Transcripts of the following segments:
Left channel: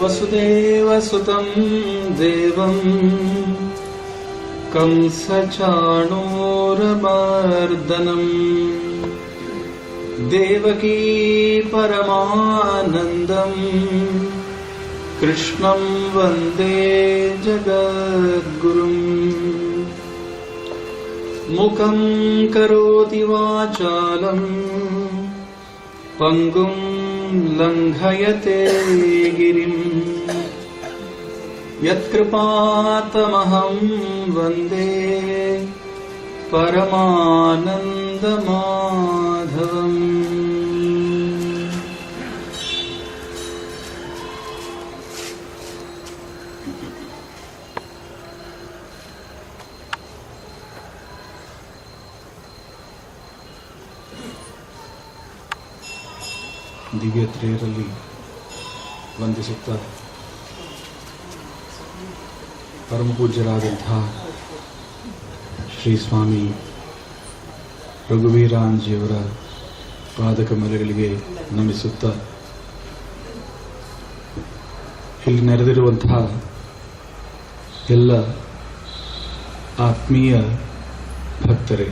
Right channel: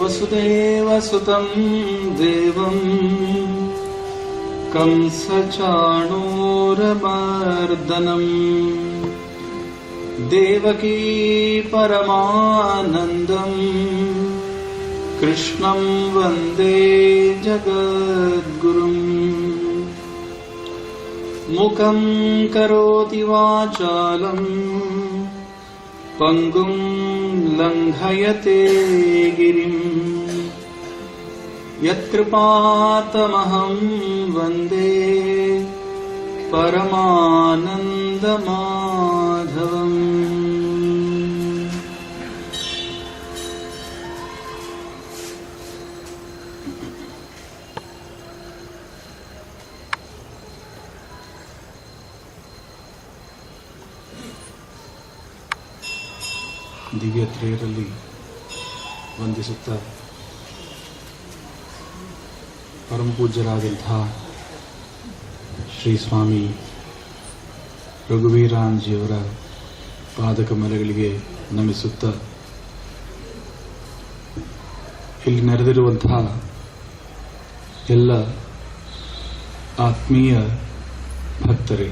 वसुदेवसुतं देवं कंसचाणूरमर्दनम् देवकी परमानन्दम् कृष्णं वन्दे जगद्गुरुम् मुखं करोति वाचालं पंगुं लंघयते गिरिं यत्कृपातमहं वन्दे परमानन्दमाधवम्। ದಿವ್ಯತ್ರಿಯರಲ್ಲಿ ವಂದಿಸುತ್ತಾ ಪರಮಪೂಜ್ಯರಾದಂತಹ ಶ್ರೀ ಸ್ವಾಮಿ ರಘುವೀರಾಂಜಿಯವರ ಪಾದಕಮಲಗಳಿಗೆ ನಮಿಸುತ್ತಾ ಇಲ್ಲಿ ನೆರೆದಿರುವಂತಹ ಎಲ್ಲ ಆತ್ಮೀಯ ಭಕ್ತರೇ,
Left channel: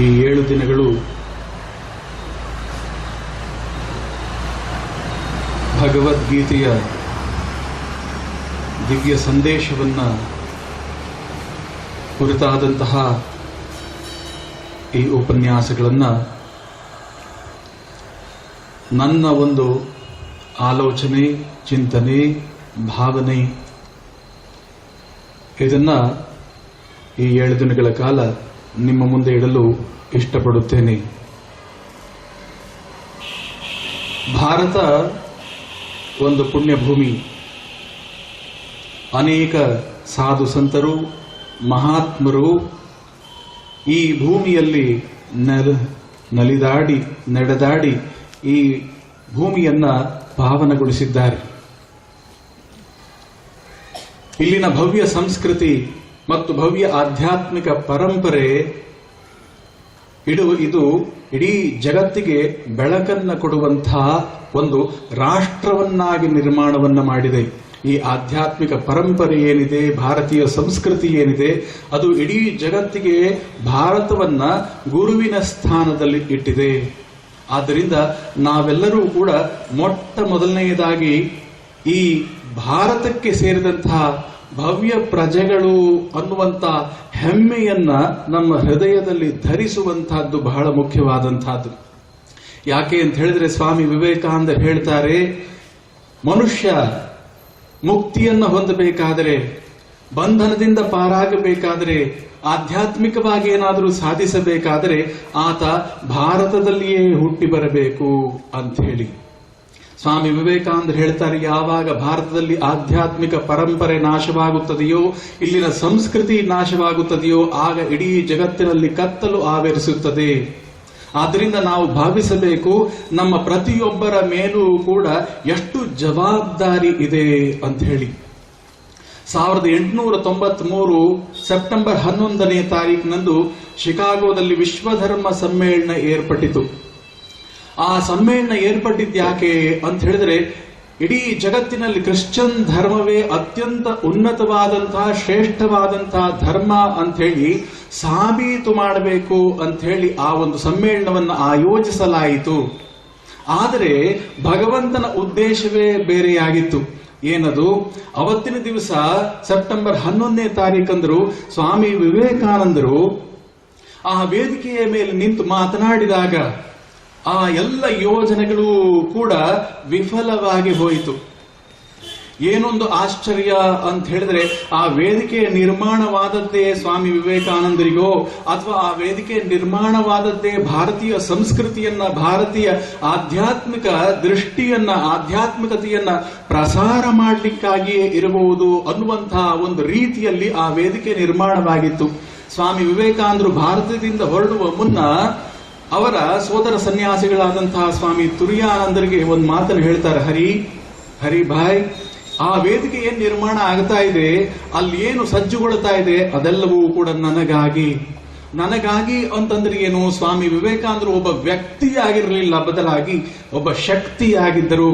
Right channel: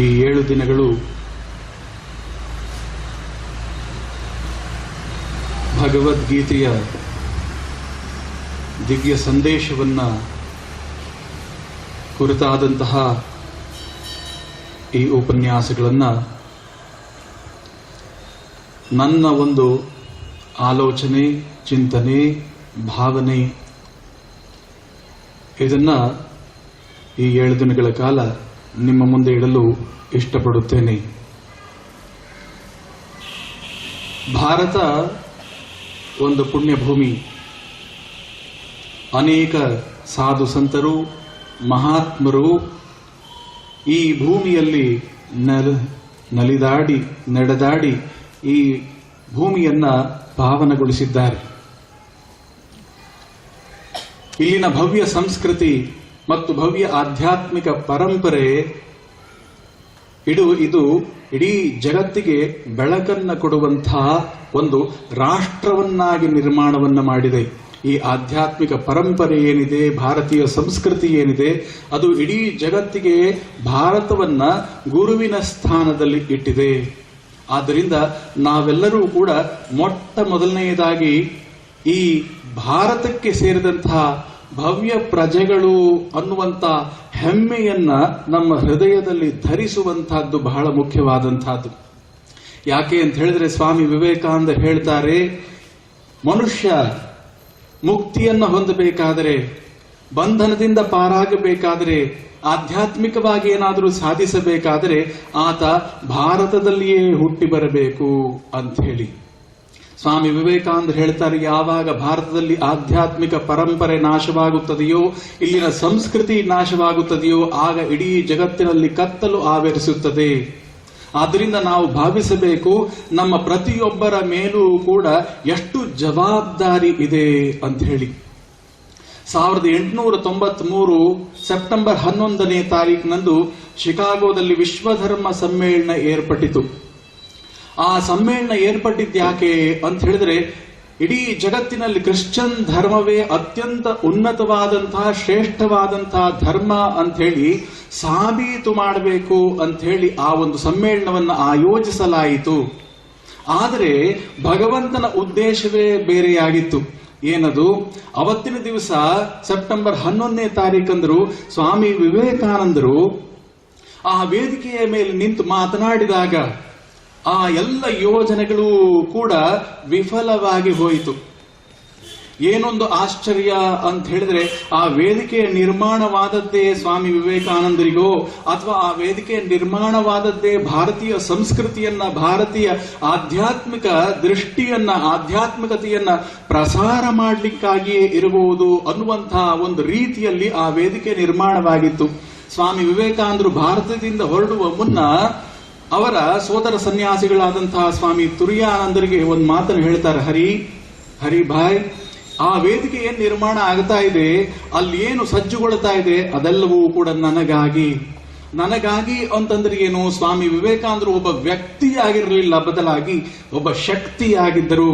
ಈ 7 ದಿನಗಳು ಭಗವದ್ಗೀತೆಯ ದಿವ್ಯ ಸಂದೇಶವನ್ನ ಕುರಿತಾದಂತಹ ಈ ಉಪನ್ಯಾಸಗಳನ್ನು ನನ್ನ ಒಂದು ಆಲೋಚನೆ, ಚಿಂತನೆ, ಭಾವನೆ ಇದನ್ನ ಈ 7 ದಿನಗಳ ಕಾಲ ನಿಮ್ಮ ಮುಂದೆ ಇಡಲು ಇಷ್ಟಪಡುತ್ತೇನೆ. ಭಾರತ ಒಂದು ಪುಣ್ಯಭೂಮಿ. ಅನೇಕ ಸಾಧು ಸಂತರು, ಮಹಾತ್ಮರು ಈ ಭೂಮಿಯಲ್ಲಿ ನಲಿದಾಡಿ ನಡೆದಾಡಿ ಈ ಭೂಮಿಯನ್ನ ಪಾವನಗೊಳಿಸಿದ್ದಾರೆ. ಇಲ್ಲಿನ ಭವ್ಯ ಸಂಸ್ಕೃತಿ ಮತ್ತು ಭವ್ಯ ಆಧ್ಯಾತ್ಮಿಕ ಪರಂಪರೆ ಇದು ಇಡೀ ಜಗತ್ತಿಗೆ ಬೆಳಕನ್ನು ಕೊಡುವಂತಹ ಒಂದು ರಾಷ್ಟ್ರವನ್ನಾಗಿ ನಿರ್ಮಾಣವನ್ನ ಮಾಡಿದೆ. ಈ ಆಧ್ಯಾತ್ಮಿಕ ಪರಂಪರೆ ಏನಿದೆ, ಭಾರತೀಯ ಸಂಸ್ಕೃತಿ ಏನಿದೆ, ಅದು ಇಡೀ ಜಗತ್ತಿಗೆ ಭಾರತವನ್ನ ಗುರುವಿನ ಸ್ಥಾನದಲ್ಲಿ ಇಟ್ಟಿದೆ. ಆದ್ದರಿಂದ ನಾವೆಲ್ಲರೂ ಕೂಡ ಮೊಟ್ಟ ಮೊದಲನೆಯದಾಗಿ ಈ ಭಾರತಕ್ಕೆ ಸೇರಿದಂತಹ ಭವ್ಯ ಪ್ರಜೆಗಳು ಅನ್ನುವಂಥ ಹೆಮ್ಮೆಯನ್ನ ನಮ್ಮ ಹೃದಯದಲ್ಲಿ ಧರಿಸುವಂತಹದ್ದು ಬಹಳ ಮುಖ್ಯವಾದಂತಹದ್ದು. ಯಾಕೆ ಅಂತ ಹೇಳಿದ್ರೆ ಸ್ವಾಮಿ ವಿವೇಕಾನಂದ ಹೇಳ್ತಾರೆ, ಮನುಷ್ಯ ಮುಕ್ತಿಯನ್ನು ಹೊಂದಬೇಕಾದರೆ, ಬಂಧನದಿಂದ ಪಾರಾಗಬೇಕಾದರೆ, ಆಧ್ಯಾತ್ಮಿಕವಾಗಿ ಏನಾದರೂ ಸಾಧಿಸಬೇಕಾದರೆ ಆತ ಭಾರತದಲ್ಲಿಯೇ ಹುಟ್ಟಿ ಬರಬೇಕು ಅಂತ ಹೇಳಿ ಸ್ವಾಮಿ ವಿವೇಕಾನಂದ ಹೇಳ್ತಾರೆ, ಯಾವಾಗ ಭಾರತದಲ್ಲಿ ಆಧ್ಯಾತ್ಮಿಕ ಪರಂಪರೆ ನಾಶವಾಗುತ್ತದೆಯೋ, ಇಲ್ಲಿನ ಸಂಸ್ಕೃತಿ ನಾಶವಾಗುತ್ತದೆಯೋ, ಆಗ ಇಡೀ ಜಗತ್ತಿನಲ್ಲಿ ಕತ್ತಲು ಆವರಿಸುತ್ತದೆ. ಆದ್ದರಿಂದ ನಾವು ಭಾವಿಸಬೇಕು, ನಮ್ಮ ಪ್ರತಿಯೊಬ್ಬರ ಮೇಲೂ ಕೂಡ ಎಷ್ಟು ಜವಾಬ್ದಾರಿ ಇದೆ ಅಂತ ಹೇಳಿ. 1893 ಸೆಪ್ಟೆಂಬರ್ 11ನೇ ತಾರೀಕಿನಂದು ಶಿಕಾಗೋದಲ್ಲಿ ವಿಶ್ವಧರ್ಮ ಸಮ್ಮೇಳನ ಏರ್ಪಟ್ಟಿತು. ಆ ಸಮ್ಮೇಳನ ಏರ್ಪಟ್ಟಿದ್ಯಾಕೆ ಅಂತ ಹೇಳಿದ್ರೆ, ಇಡೀ ಜಗತ್ತಿನಲ್ಲಿ ಕ್ರಿಶ್ಚಿಯನ್ ಧರ್ಮವೇ ಅತ್ಯಂತ ಉನ್ನತವಾದಂತಹ ಶ್ರೇಷ್ಠವಾದಂತಹ ಧರ್ಮ ಅಂತ ಹೇಳಿ ಸಾಬೀತು ಮಾಡಬೇಕು ಅಂತ ಹೇಳಿ ಆ ಒಂದು ಸಮ್ಮೇಳನವನ್ನು ಆಯೋಜಿಸಲಾಯಿತು. ಆದರೆ ಭಗವಂತನ ಉದ್ದೇಶವೇ ಬೇರೆಯಾಗಿತ್ತು. ಏನದು? ಅವತ್ತಿನ ದಿವಸ ಸೆಪ್ಟೆಂಬರ್ 11ನೇ ತಾರೀಕಂದ್ರು ಸ್ವಾಮಿ ವಿವೇಕಾನಂದರು ಆ ವೇದಿಕೆಯ ಮೇಲೆ ನಿಂತು ಮಾತನಾಡಿದಾಗ ಆ ಎಲ್ಲ ಯೋಜನೆಗಳು ಕೂಡ ವಿಫಲವಾಗಿ ಹೋಯಿತು. ಏನೊಂದು ಆಶ್ಚರ್ಯ ಅಂತ ಹೇಳಿದ್ರೆ, ಆ ವೇದಿಕೆಯ ನಿರ್ಮಾಣವಾದದ್ದೇ ಸ್ವಾಮಿ ವಿವೇಕಾನಂದರಿಗೋ ಅಥವಾ ಆ ವೇದಿಕೆ ನಿರ್ಮಾಣವಾದದ್ದೇ ಭಾರತೀಯ ಸಂಸ್ಕೃತಿಯನ್ನ, ಭಾರತೀಯ ಆಧ್ಯಾತ್ಮಿಕ ದೃಷ್ಟಿಯನ್ನ, ಆಧ್ಯಾತ್ಮಿಕತೆಯನ್ನ ಪ್ರಸಾರ ಮಾಡಲಿಕ್ಕಾಗಿಯೇ ಇರಬಹುದು ಅನ್ನುವಂತಹ ಒಂದು ರೀತಿಯಲ್ಲಿ ಆ ವೇದಿಕೆ ನಿರ್ಮಾಣವಾಗಿತ್ತು. ಸ್ವಾಮಿ ವಿವೇಕಾನಂದರು ಭಾರತದಿಂದ ಹೊರಡುವ ಮುನ್ನ ಅವರ ಸೋದರ ಸನ್ಯಾಸಿಗಳಾದಂತಹ ಸ್ವಾಮಿ ತುರಿಯಾನಂದರಿಗೆ ಒಂದು ಮಾತನ್ನು ಹೇಳ್ತಾರೆ, ಹರಿ ಭಾಯ್, ಆ ವೇದಿಕೆ ಏನ್ ನಿರ್ಮಾಣ ಆಗ್ತಾ ಇದೆ, ಅಲ್ಲಿ ಏನು ಸಜ್ಜುಗೊಳ್ತಾ ಇದೆ, ಅದೆಲ್ಲವೂ ಕೂಡ ನನಗಾಗಿ ಅಂತಂದ್ರೆ ಏನು, ಸ್ವಾಮಿ ವಿವೇಕಾನಂದರು ಒಬ್ಬ ವ್ಯಕ್ತಿಯಾಗಿರಲಿಲ್ಲ, ಬದಲಾಗಿ ಒಬ್ಬ ಶಕ್ತಿಯಾಗಿದ್ರು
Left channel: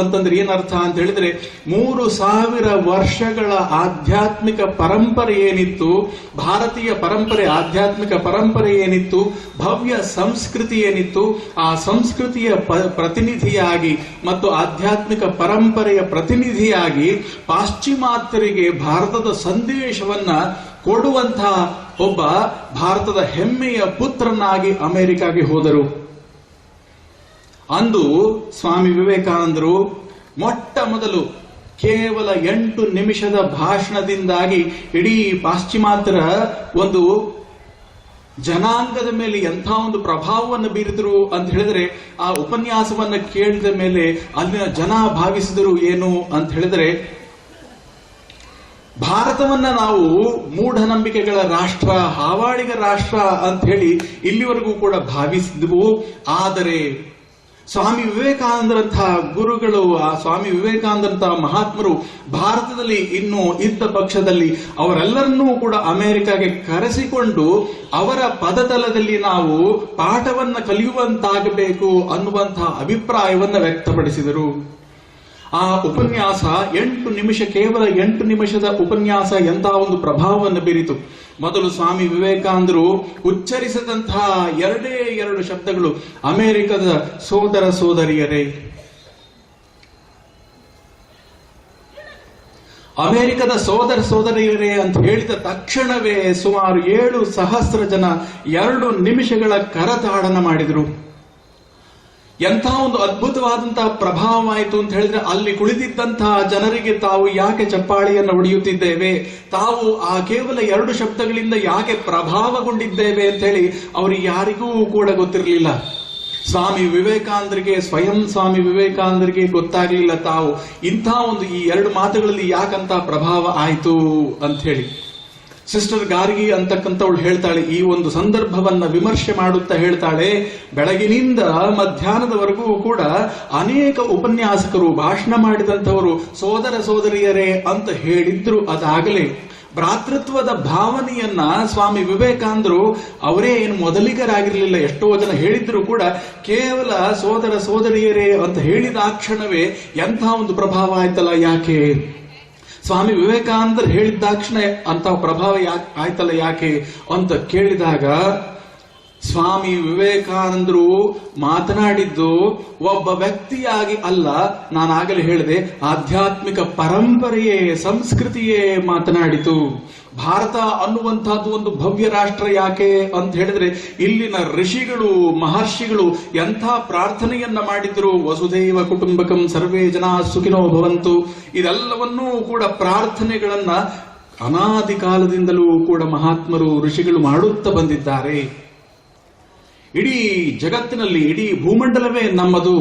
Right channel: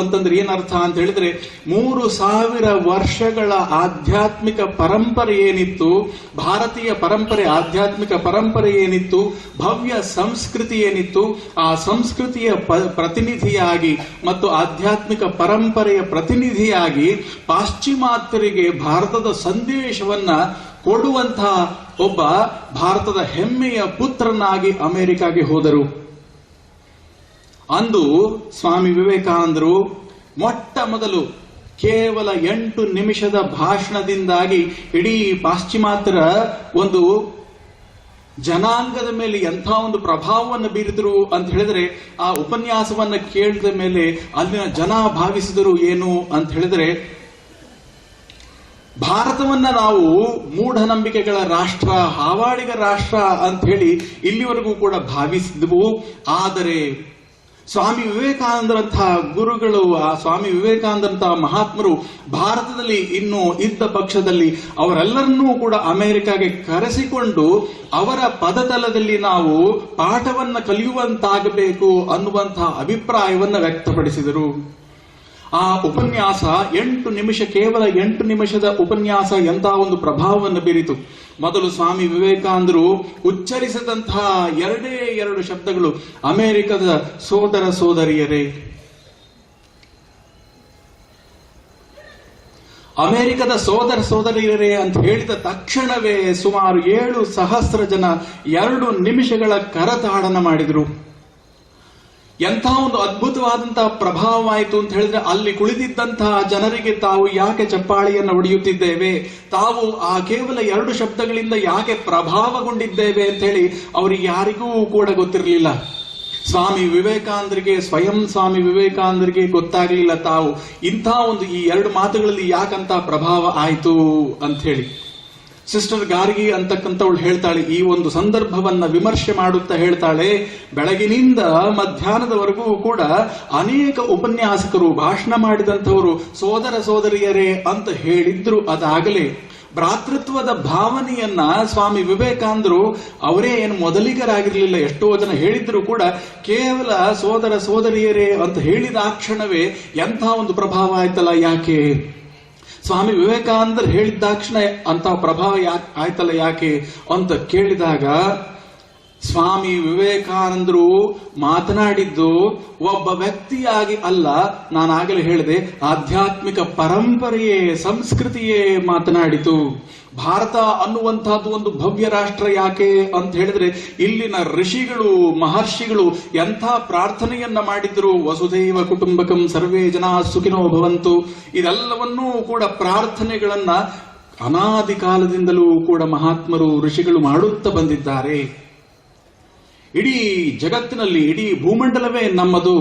ಅಂತಂದ್ರೆ ಏನರ್ಥ ಅಂತ ಹೇಳಿದ್ರೆ 3000 ವರ್ಷಗಳ ಆಧ್ಯಾತ್ಮಿಕ ಪರಂಪರೆ ಏನಿತ್ತು, ಭಾರತೀಯ ಪರಂಪರೆ, ಆಧ್ಯಾತ್ಮಿಕ ಪರಂಪರೆ ಏನಿತ್ತು, ಭವ್ಯ ಸಂಸ್ಕೃತಿ ಏನಿತ್ತು, ಆ ಸಂಸ್ಕೃತಿಯ ಪ್ರತಿನಿಧಿಯಾಗಿ ಮತ್ತು ಆಧ್ಯಾತ್ಮಿಕ ಪರಂಪರೆಯ ಪ್ರತಿನಿಧಿಯಾಗಿ ಪಾಶ್ಚಿಮಾತ್ಯರಿಗೆ ಭಾರತದ ಸಂದೇಶವನ್ನ ಕೊಡುವಂತಹ ಒಬ್ಬ ಭಾರತದ ಹೆಮ್ಮೆಯ ಪುತ್ರನಾಗಿ ಅಮೆರಿಕಾಗೆ ಹೋದರು. ಅಂದು ಸ್ವಾಮಿ ವಿವೇಕಾನಂದರು ಮೊಟ್ಟ ಮೊದಲು ಕೇವಲ 8 ನಿಮಿಷದ ಭಾಷಣದಿಂದಾಗಿ ಇಡೀ ಪಾಶ್ಚಿಮಾತ್ಯರ ಒಂದು ಜನಾಂಗದ ಮೇಲೆ ಎಂಥ ಒಂದು ಪ್ರಭಾವವನ್ನು ಬೀರಿದರು ಅಂತ ಹೇಳಿದ್ರೆ, ಆ ಉಪನ್ಯಾಸವನ್ನ ಕೇಳಿದ ಮೇಲೆ ಅಲ್ಲಿನ ಜನ ಭಾವಿಸಿದರು ಏನು ಅಂತ ಹೇಳಿದ್ರೆ, ಭಾರತವನ್ನ ನಾವು ಮೂಢನಂಬಿಕೆಗಳ ರಾಷ್ಟ್ರ, ಹಾವಾಡಿಗ ರಾಷ್ಟ್ರ ಅಂತ ಹೇಳಿ ಇಲ್ಲಿವರೆಗೂ ಕೂಡ ಭಾವಿಸಿದ್ವು. ಆದರೆ ಸ್ವಾಮಿ ವಿವೇಕಾನಂದರಂತಹ ಗುರುಗಳು, ಆ ಸ್ವಾಮಿ ವಿವೇಕಾನಂದರಂತಹ ಮಹಾತ್ಮರು ಭಾರತದಲ್ಲಿ ಇನ್ನೂ ಇದ್ದ ಪಕ್ಷದಲ್ಲಿ ಅವರೆಲ್ಲರನ್ನೂ ಕೂಡ ಅಮೆರಿಕಾಗೆ ಕರೆಸಿಕೊಂಡು ಅವರ ಪದತಲದಲ್ಲಿ ನಾವು ಪಾಠವನ್ನ ಕಲಿಯುವಂತಾಗಬೇಕು ಅನ್ನುವಂತಹ ಅಭಿಪ್ರಾಯವನ್ನ ವ್ಯಕ್ತಪಡಿಸಿದರು. ಆ ಉಪನ್ಯಾಸ 8 ನಿಮಿಷ, ಕೇವಲ 8 ನಿಮಿಷದ ಉಪನ್ಯಾಸ ಎಂಥ ಒಂದು ಪ್ರಭಾವವನ್ನು ಬೀರಿತು. ಮೊದಲು ಸ್ವಾಮಿ ವಿವೇಕಾನಂದರು ಉಚ್ಚರಿಸಿದಂತಹ 2 ಶಬ್ದಗಳು ಅಮೆರಿಕದ ಸೋದರ ಸೋದರಿಯರೇ. ಅಮೆರಿಕದ ಸೋದರ ಸೋದರಿಯರೇ ಅಂತ ಹೇಳಿದ ತಕ್ಷಣವೇ ಸುಮಾರು 7,000 ಜನ 2 ನಿಮಿಷಗಳ ಕರತಾಡನ ಮಾಡಿದರು. ಎಂಥ ಒಂದು ಅದ್ಭುತವಾದಂತಹ ಪ್ರಭಾವವಾಯಿತು ಅಂತ ಹೇಳಿದ್ರೆ, ಅಲ್ಲಿ ಕುಳಿತಿದ್ದಂತಹ ಜನರಿಗೆ ತಾವು ಯಾಕೆ ಚಪ್ಪಾಳಿಯನ್ನು ಹೊಡೆಯುತ್ತಿದ್ದೇವೆ, ತಾವು ಆ ಕೇವಲ 2 ಶಬ್ದಗಳಿಂದ ಯಾಕೆ ಪ್ರಭಾವಗೊಂಡಿದ್ದೇವೆ ಅಂತ ಹೇಳಿ ಅವರಿಗೆ ಯಾರಿಗೂ ಕೂಡ ಗೊತ್ತಿರಲಿಲ್ಲ. ಸ್ವಯಂ ಸ್ವಾಮಿ ವಿವೇಕಾನಂದರಿಗೆ ಗೊತ್ತಾಗಲಿಲ್ಲ ತಾವು ಇಂಥ ಒಂದು ಈ 2 ಮಾತುಗಳಲ್ಲಿ ಯಾಕಂತ ಪ್ರಭಾವ ಆಯಿತು ಅಂತ ಹೇಳಿ. ಸಿಸ್ಟರ್ ಗಾರ್ಗಿ ಅಂತಕ್ಕಂಥವಳು ಹೇಳ್ತಾಳೆ, ಈ ಒಂದು ಸಂದರ್ಭವನ್ನ ವಿಮರ್ಶೆ ಮಾಡುತ್ತಾ ಹೇಳ್ತಾಳೆ, ಬೆಳಗಿನಿಂದ ಮಧ್ಯಾಹ್ನದವರೆಗೂ ಕೂಡ ಅನೇಕ ಉಪನ್ಯಾಸಕರು ಭಾಷಣ ಮಾಡಿದಂಥವರು ಸೋದರ ಸೋದರಿಯರೇ ಅಂತ ಹೇಳಿದ್ರು. ಅದಾಗಲೇ ಭ್ರಾತೃತ್ವದ ಭಾವನೆಯನ್ನ ಸ್ವಾಮಿ ವಿವೇಕಾನಂದರು ಅವರೇ ಏನು ಮೊದಲಿಗರಾಗಿರ್ಲಿಲ್ಲ, ಎಷ್ಟೋ ಜನ ಹೇಳಿದ್ರು ಕೂಡ ಕೇವಲ ಸೋದರ ಸೋದರಿಯರೇ ಅಂತ ಹೇಳಿದ ಆ ಕ್ಷಣವೇ ಎಂಥ ಒಂದು ಪ್ರಭಾವ ಆಯ್ತಲ್ಲ, ಯಾಕೆ ಸ್ವಾಮಿ ವಿವೇಕಾನಂದರು ಹೇಳಿದಾಕ್ಷಣ ಅಂತ ಪ್ರಭಾವ ಆಯ್ತಲ್ಲ ಯಾಕೆ ಅಂತ ಕೇಳಿದಾಗ, ಸ್ವಾಮಿ ವಿವೇಕಾನಂದರು ಮಾತನಾಡಿದ್ದು ಒಬ್ಬ ವ್ಯಕ್ತಿಯಾಗಿ ಅಲ್ಲ, ನಾನಾಗಲೇ ಹೇಳಿದೆ, ಆಧ್ಯಾತ್ಮಿಕ ಪರಂಪರೆಯೇ, ಸಂಸ್ಕೃತಿಯೇ ಮಾತನಾಡಿತು. ಭಾರತ ಅನ್ನುವಂತಹದ್ದು ಒಂದು ಭವ್ಯ ರಾಷ್ಟ್ರ ಯಾಕೆ ಅಂತ ಹೇಳಿದ್ರೆ, ಇಲ್ಲಿನ ಋಷಿಗಳು ಮಹರ್ಷಿಗಳು ಎಂಥ ಪ್ರಾರ್ಥನೆಯನ್ನ ಮಾಡಿದ್ರು, ವಸುಧೈವ ಕುಟುಂಬಕಂ ಸರ್ವೇ ಜನ ಸುಖಿನೋ ಭವಂತು. ಇದೆಲ್ಲವನ್ನೂ ಕೂಡ ಪ್ರಾರ್ಥನೆಗಳನ್ನ ಅನಾದಿ ಕಾಲದಿಂದಲೂ ಕೂಡ ಮಹಾತ್ಮರು ಋಷಿಗಳು ಮಾಡುತ್ತಾ ಬಂದಿದ್ದಾರೆ. ಇಡೀ ಜಗತ್ತಿನಲ್ಲಿ ಇಡೀ ಭೂಮಂಡಲವೇ ನಮ್ಮದು,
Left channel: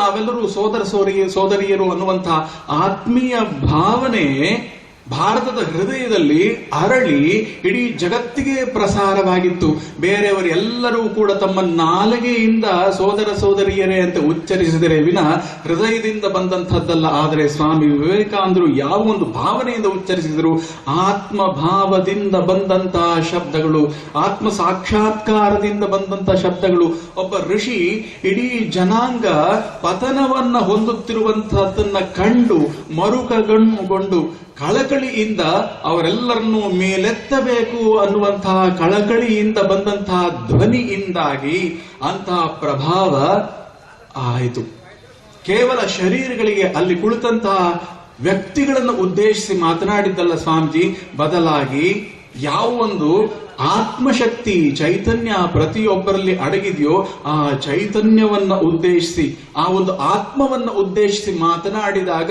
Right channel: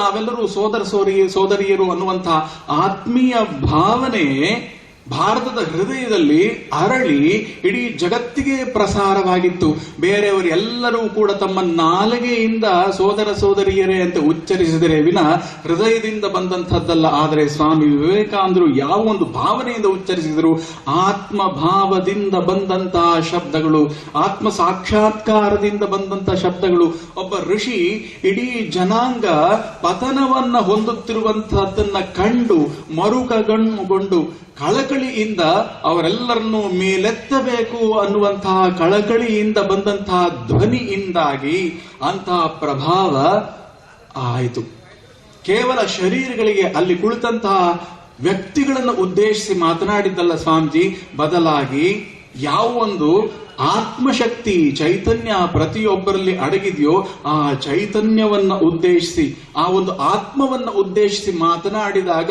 ನಾವೆಲ್ಲರೂ ಸೋದರ ಸೋದರಿಯರು ಅನ್ನುವಂತಹ ಆತ್ಮೀಯ ಭಾವನೆ ಭಾರತದ ಹೃದಯದಲ್ಲಿ ಅರಳಿ ಇಡೀ ಜಗತ್ತಿಗೆ ಪ್ರಸಾರವಾಗಿತ್ತು. ಬೇರೆಯವರು ಎಲ್ಲರೂ ಕೂಡ ತಮ್ಮ ನಾಲಿಗೆಯಿಂದ ಸೋದರ ಸೋದರಿಯರೇ ಅಂತ ಉಚ್ಚರಿಸಿದರೆ ವಿನ ಹೃದಯದಿಂದ ಬಂದಂಥದ್ದಲ್ಲ. ಆದರೆ ಸ್ವಾಮಿ ವಿವೇಕಾನಂದರು ಯಾವ ಒಂದು ಭಾವನೆಯಿಂದ ಉಚ್ಚರಿಸಿದರು, ಆತ್ಮಭಾವದಿಂದ ಬಂದಂತಹ ಶಬ್ದಗಳು, ಆತ್ಮ ಸಾಕ್ಷಾತ್ಕಾರದಿಂದ ಬಂದಂತಹ ಶಬ್ದಗಳು. ಒಬ್ಬ ಋಷಿ ಇಡೀ ಜನಾಂಗ ಪತನವನ್ನ ಹೊಂದುತ್ತಿರುವಂತಹದ್ದನ್ನ ಕಂಡು ಮರುಕಗೊಂಡು ಕಳಕಳಿಯಿಂದ ಅವರೆಲ್ಲರನ್ನೂ ಮೇಲೆತ್ತಬೇಕು ಅನ್ನುವಂತಹ ಕಳಕಳಿಯಿಂದ ಬಂದಂತಹ ಧ್ವನಿಯಿಂದಾಗಿ ಅಂತಹ ಪ್ರಭಾವ ಆಯಿತು. ಕೇವಲ ಶರೀರಗಳಿಗೆ ಅಲ್ಲಿ ಕುಳಿತಂತಹ ವ್ಯಕ್ತಿಗಳನ್ನು ಉದ್ದೇಶಿಸಿ ಮಾತನಾಡಿದ್ದಲ್ಲ ಸ್ವಾಮೀಜಿ, ಬದಲಾಗಿ ಯಾವ ಒಂದು ಆತ್ಮಶಕ್ತಿ ಚೈತನ್ಯ ಪ್ರತಿಯೊಬ್ಬರಲ್ಲಿ ಅಡಗಿದೆಯೋ ಆ ಚೈತನ್ಯವನ್ನ ಉದ್ದೇಶಿಸಿ, ಆ ಒಂದು ಆತ್ಮವನ್ನ ಉದ್ದೇಶಿಸಿ ಮಾತನಾಡಿದಾಗ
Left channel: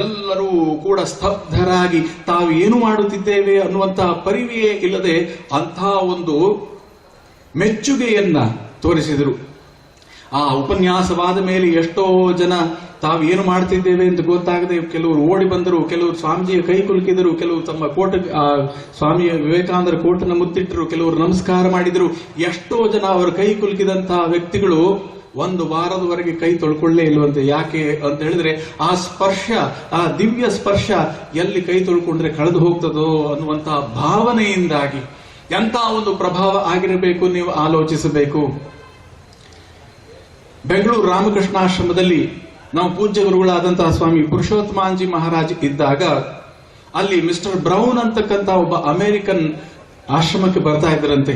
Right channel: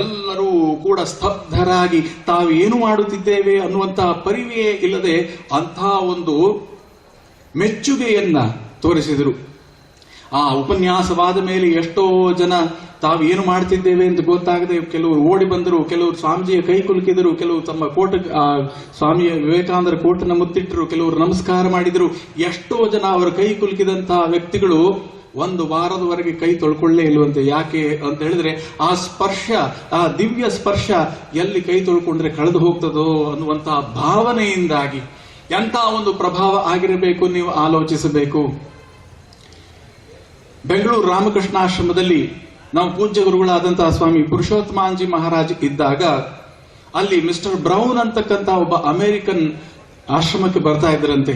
ಎಲ್ಲರೂ ಕೂಡ ಸ್ತಬ್ಧರಾಗಿ ತಾವೇನು ಮಾಡುತ್ತಿದ್ದೇವೆ ಅನ್ನುವಂತಹ ಪರಿವೆಯೇ ಇಲ್ಲದೆ ಅಂತಹ ಒಂದು ಮೆಚ್ಚುಗೆಯನ್ನ ತೋರಿಸಿದರು. ಆ ಉಪನ್ಯಾಸವಾದ ಮೇಲೆ ಎಷ್ಟೋ ಜನ ತಾವು ಏನು ಮಾಡ್ತಿದ್ದೇವೆ ಅಂತ ಗೊತ್ತಾಗದೆ ಕೆಲವರು ಓಡಿ ಬಂದರು, ಕೆಲವರು ಸ್ವಾಮೀಜಿಯ ಕೈ ಕುಲುಕಿದರು, ಕೆಲವರು ತಮ್ಮ ಸ್ವಾಮಿ ವಿವೇಕಾನಂದರ ಕೋಟನ್ನು ಮುತ್ತಿಟ್ಟರು, ಕೆಲವರು ನಮಸ್ಕಾರ ಮಾಡಿದರು. ಎಷ್ಟೋ ಜನ ಅವರ ಕೈ ಕುಲುಕಿದಂತಹ ವ್ಯಕ್ತಿಗಳು ಒಂದು ವಾರದವರೆಗೆ ಕೈ ತೊಳ್ಕೊಳ್ಳೇ ಇಲ್ವಂತೆ. ಯಾಕೆ ಅಂತ ಹೇಳಿದ್ರೆ ಆ ಸ್ಪರ್ಶ, ಆ ದಿವ್ಯ ಸ್ಪರ್ಶ ಎಲ್ಲಿ ಕೈ ತೊಳ್ಕೊಂಡ್ರೆ ಕಳೆದು ಹೋಗ್ತದೋ ಅನ್ನುವಂತಹ ಭಾವನೆಯಿಂದಾಗಿ ಎಂಥ ಒಂದು ಪ್ರಭಾವ ಆಗಿರಬೇಕು ನೀವು ಆಲೋಚಿಸಬೇಕು. ಬೆಂಗಳೂರು ರಾಮಕೃಷ್ಣಾಶ್ರಮದಲ್ಲಿ ನಾವು ಪೂಜ್ಯ ಗುರುಗಳಾದಂತಹ ಸ್ವಾಮಿ ಪುರುಷೋತ್ತಮಾಂಜಿ ಮಹಾರಾಜ್ ಇದ್ದಾಗ ಅಲ್ಲಿ ಮಿಸ್ಟರ್ ಬ್ರೌನ್ ಅಂತಕ್ಕಂಥ ಒಬ್ಬ ಅಮೆರಿಕನ್ ಆಶ್ರಮಕ್ಕೆ ಬರ್ತಾ ಇದ್ದರಂತೆ.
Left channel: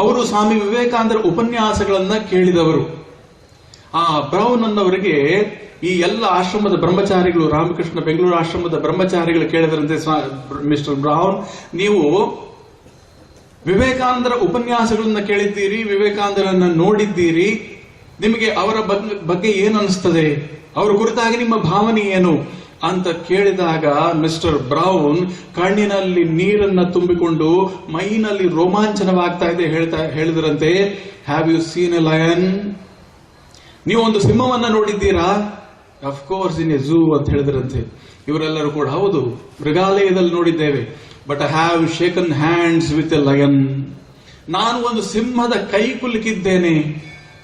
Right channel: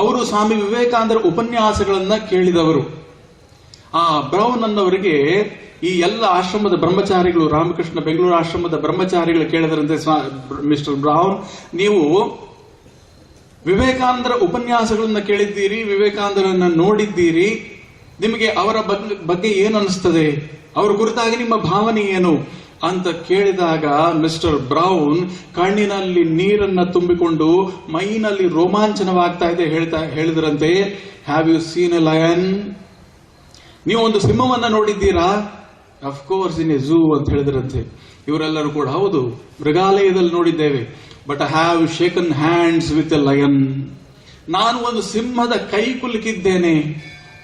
ಅವರು ಸ್ವಾಮಿ ವಿವೇಕಾನಂದರ ಉಪನ್ಯಾಸಗಳನ್ನ ಕೇಳಿದವರು. ಆ ಬ್ರೌನ್ ಅನ್ನವರಿಗೆ ಈ ಎಲ್ಲ ಆಶ್ರಮದ ಬ್ರಹ್ಮಚಾರಿಗಳು, ರಾಮಕೃಷ್ಣ ಬೆಂಗಳೂರು ಆಶ್ರಮದ ಬ್ರಹ್ಮಚಾರಿಗಳು ಕೇಳಿದರಂತೆ, ಮಿಸ್ಟರ್ ಬ್ರೌನ್, ನೀವು ವಿವೇಕಾನಂದರ ಉಪನ್ಯಾಸಗಳನ್ನ ಕೇಳಿದ್ದೀರಿ, ವಿವೇಕಾನಂದರನ್ನ ನೋಡಿದ್ದೀರಿ, ನಿಮಗೆ ಅವರ ಬಗ್ಗೆ ಏನು ಅನಿಸ್ತದೆ, ಅವರ ಕುರಿತಾಗಿ ನಿಮ್ಮ ಭಾವನೆ ಏನು ಅಂತ ಕೇಳಿದಾಗ ಮಿಸ್ಟರ್ ಬ್ರೌನ್ ಕಣ್ಣಿನಲ್ಲಿ ನೀರನ್ನ ತುಂಬಿಕೊಂಡು ಮೈನಲ್ಲಿ ರೋಮಾಂಚನವಾಗ್ತಾ ಇದೆ ಹೇಳಿದ್ರಂತೆ, have you seen a lion? ನೀವು ಒಂದು ಸಿಂಹವನ್ನ ನೋಡಿದ್ದೀರಾ? Of course in a zoo ಅಂತ ಹೇಳಿದ್ರಂತೆ. ಇವರೆಲ್ಲರೂ ಕೂಡ ಹೌದು, ಮೃಗಾಲಯದಲ್ಲಿ ನೋಡಿದ್ದೇವೆ. But I have shaken hands with a lion. ನಾನು ಒಂದು ಸಿಂಹದ ಕೈ ಕುಲುಕಿದ್ದೇನೆ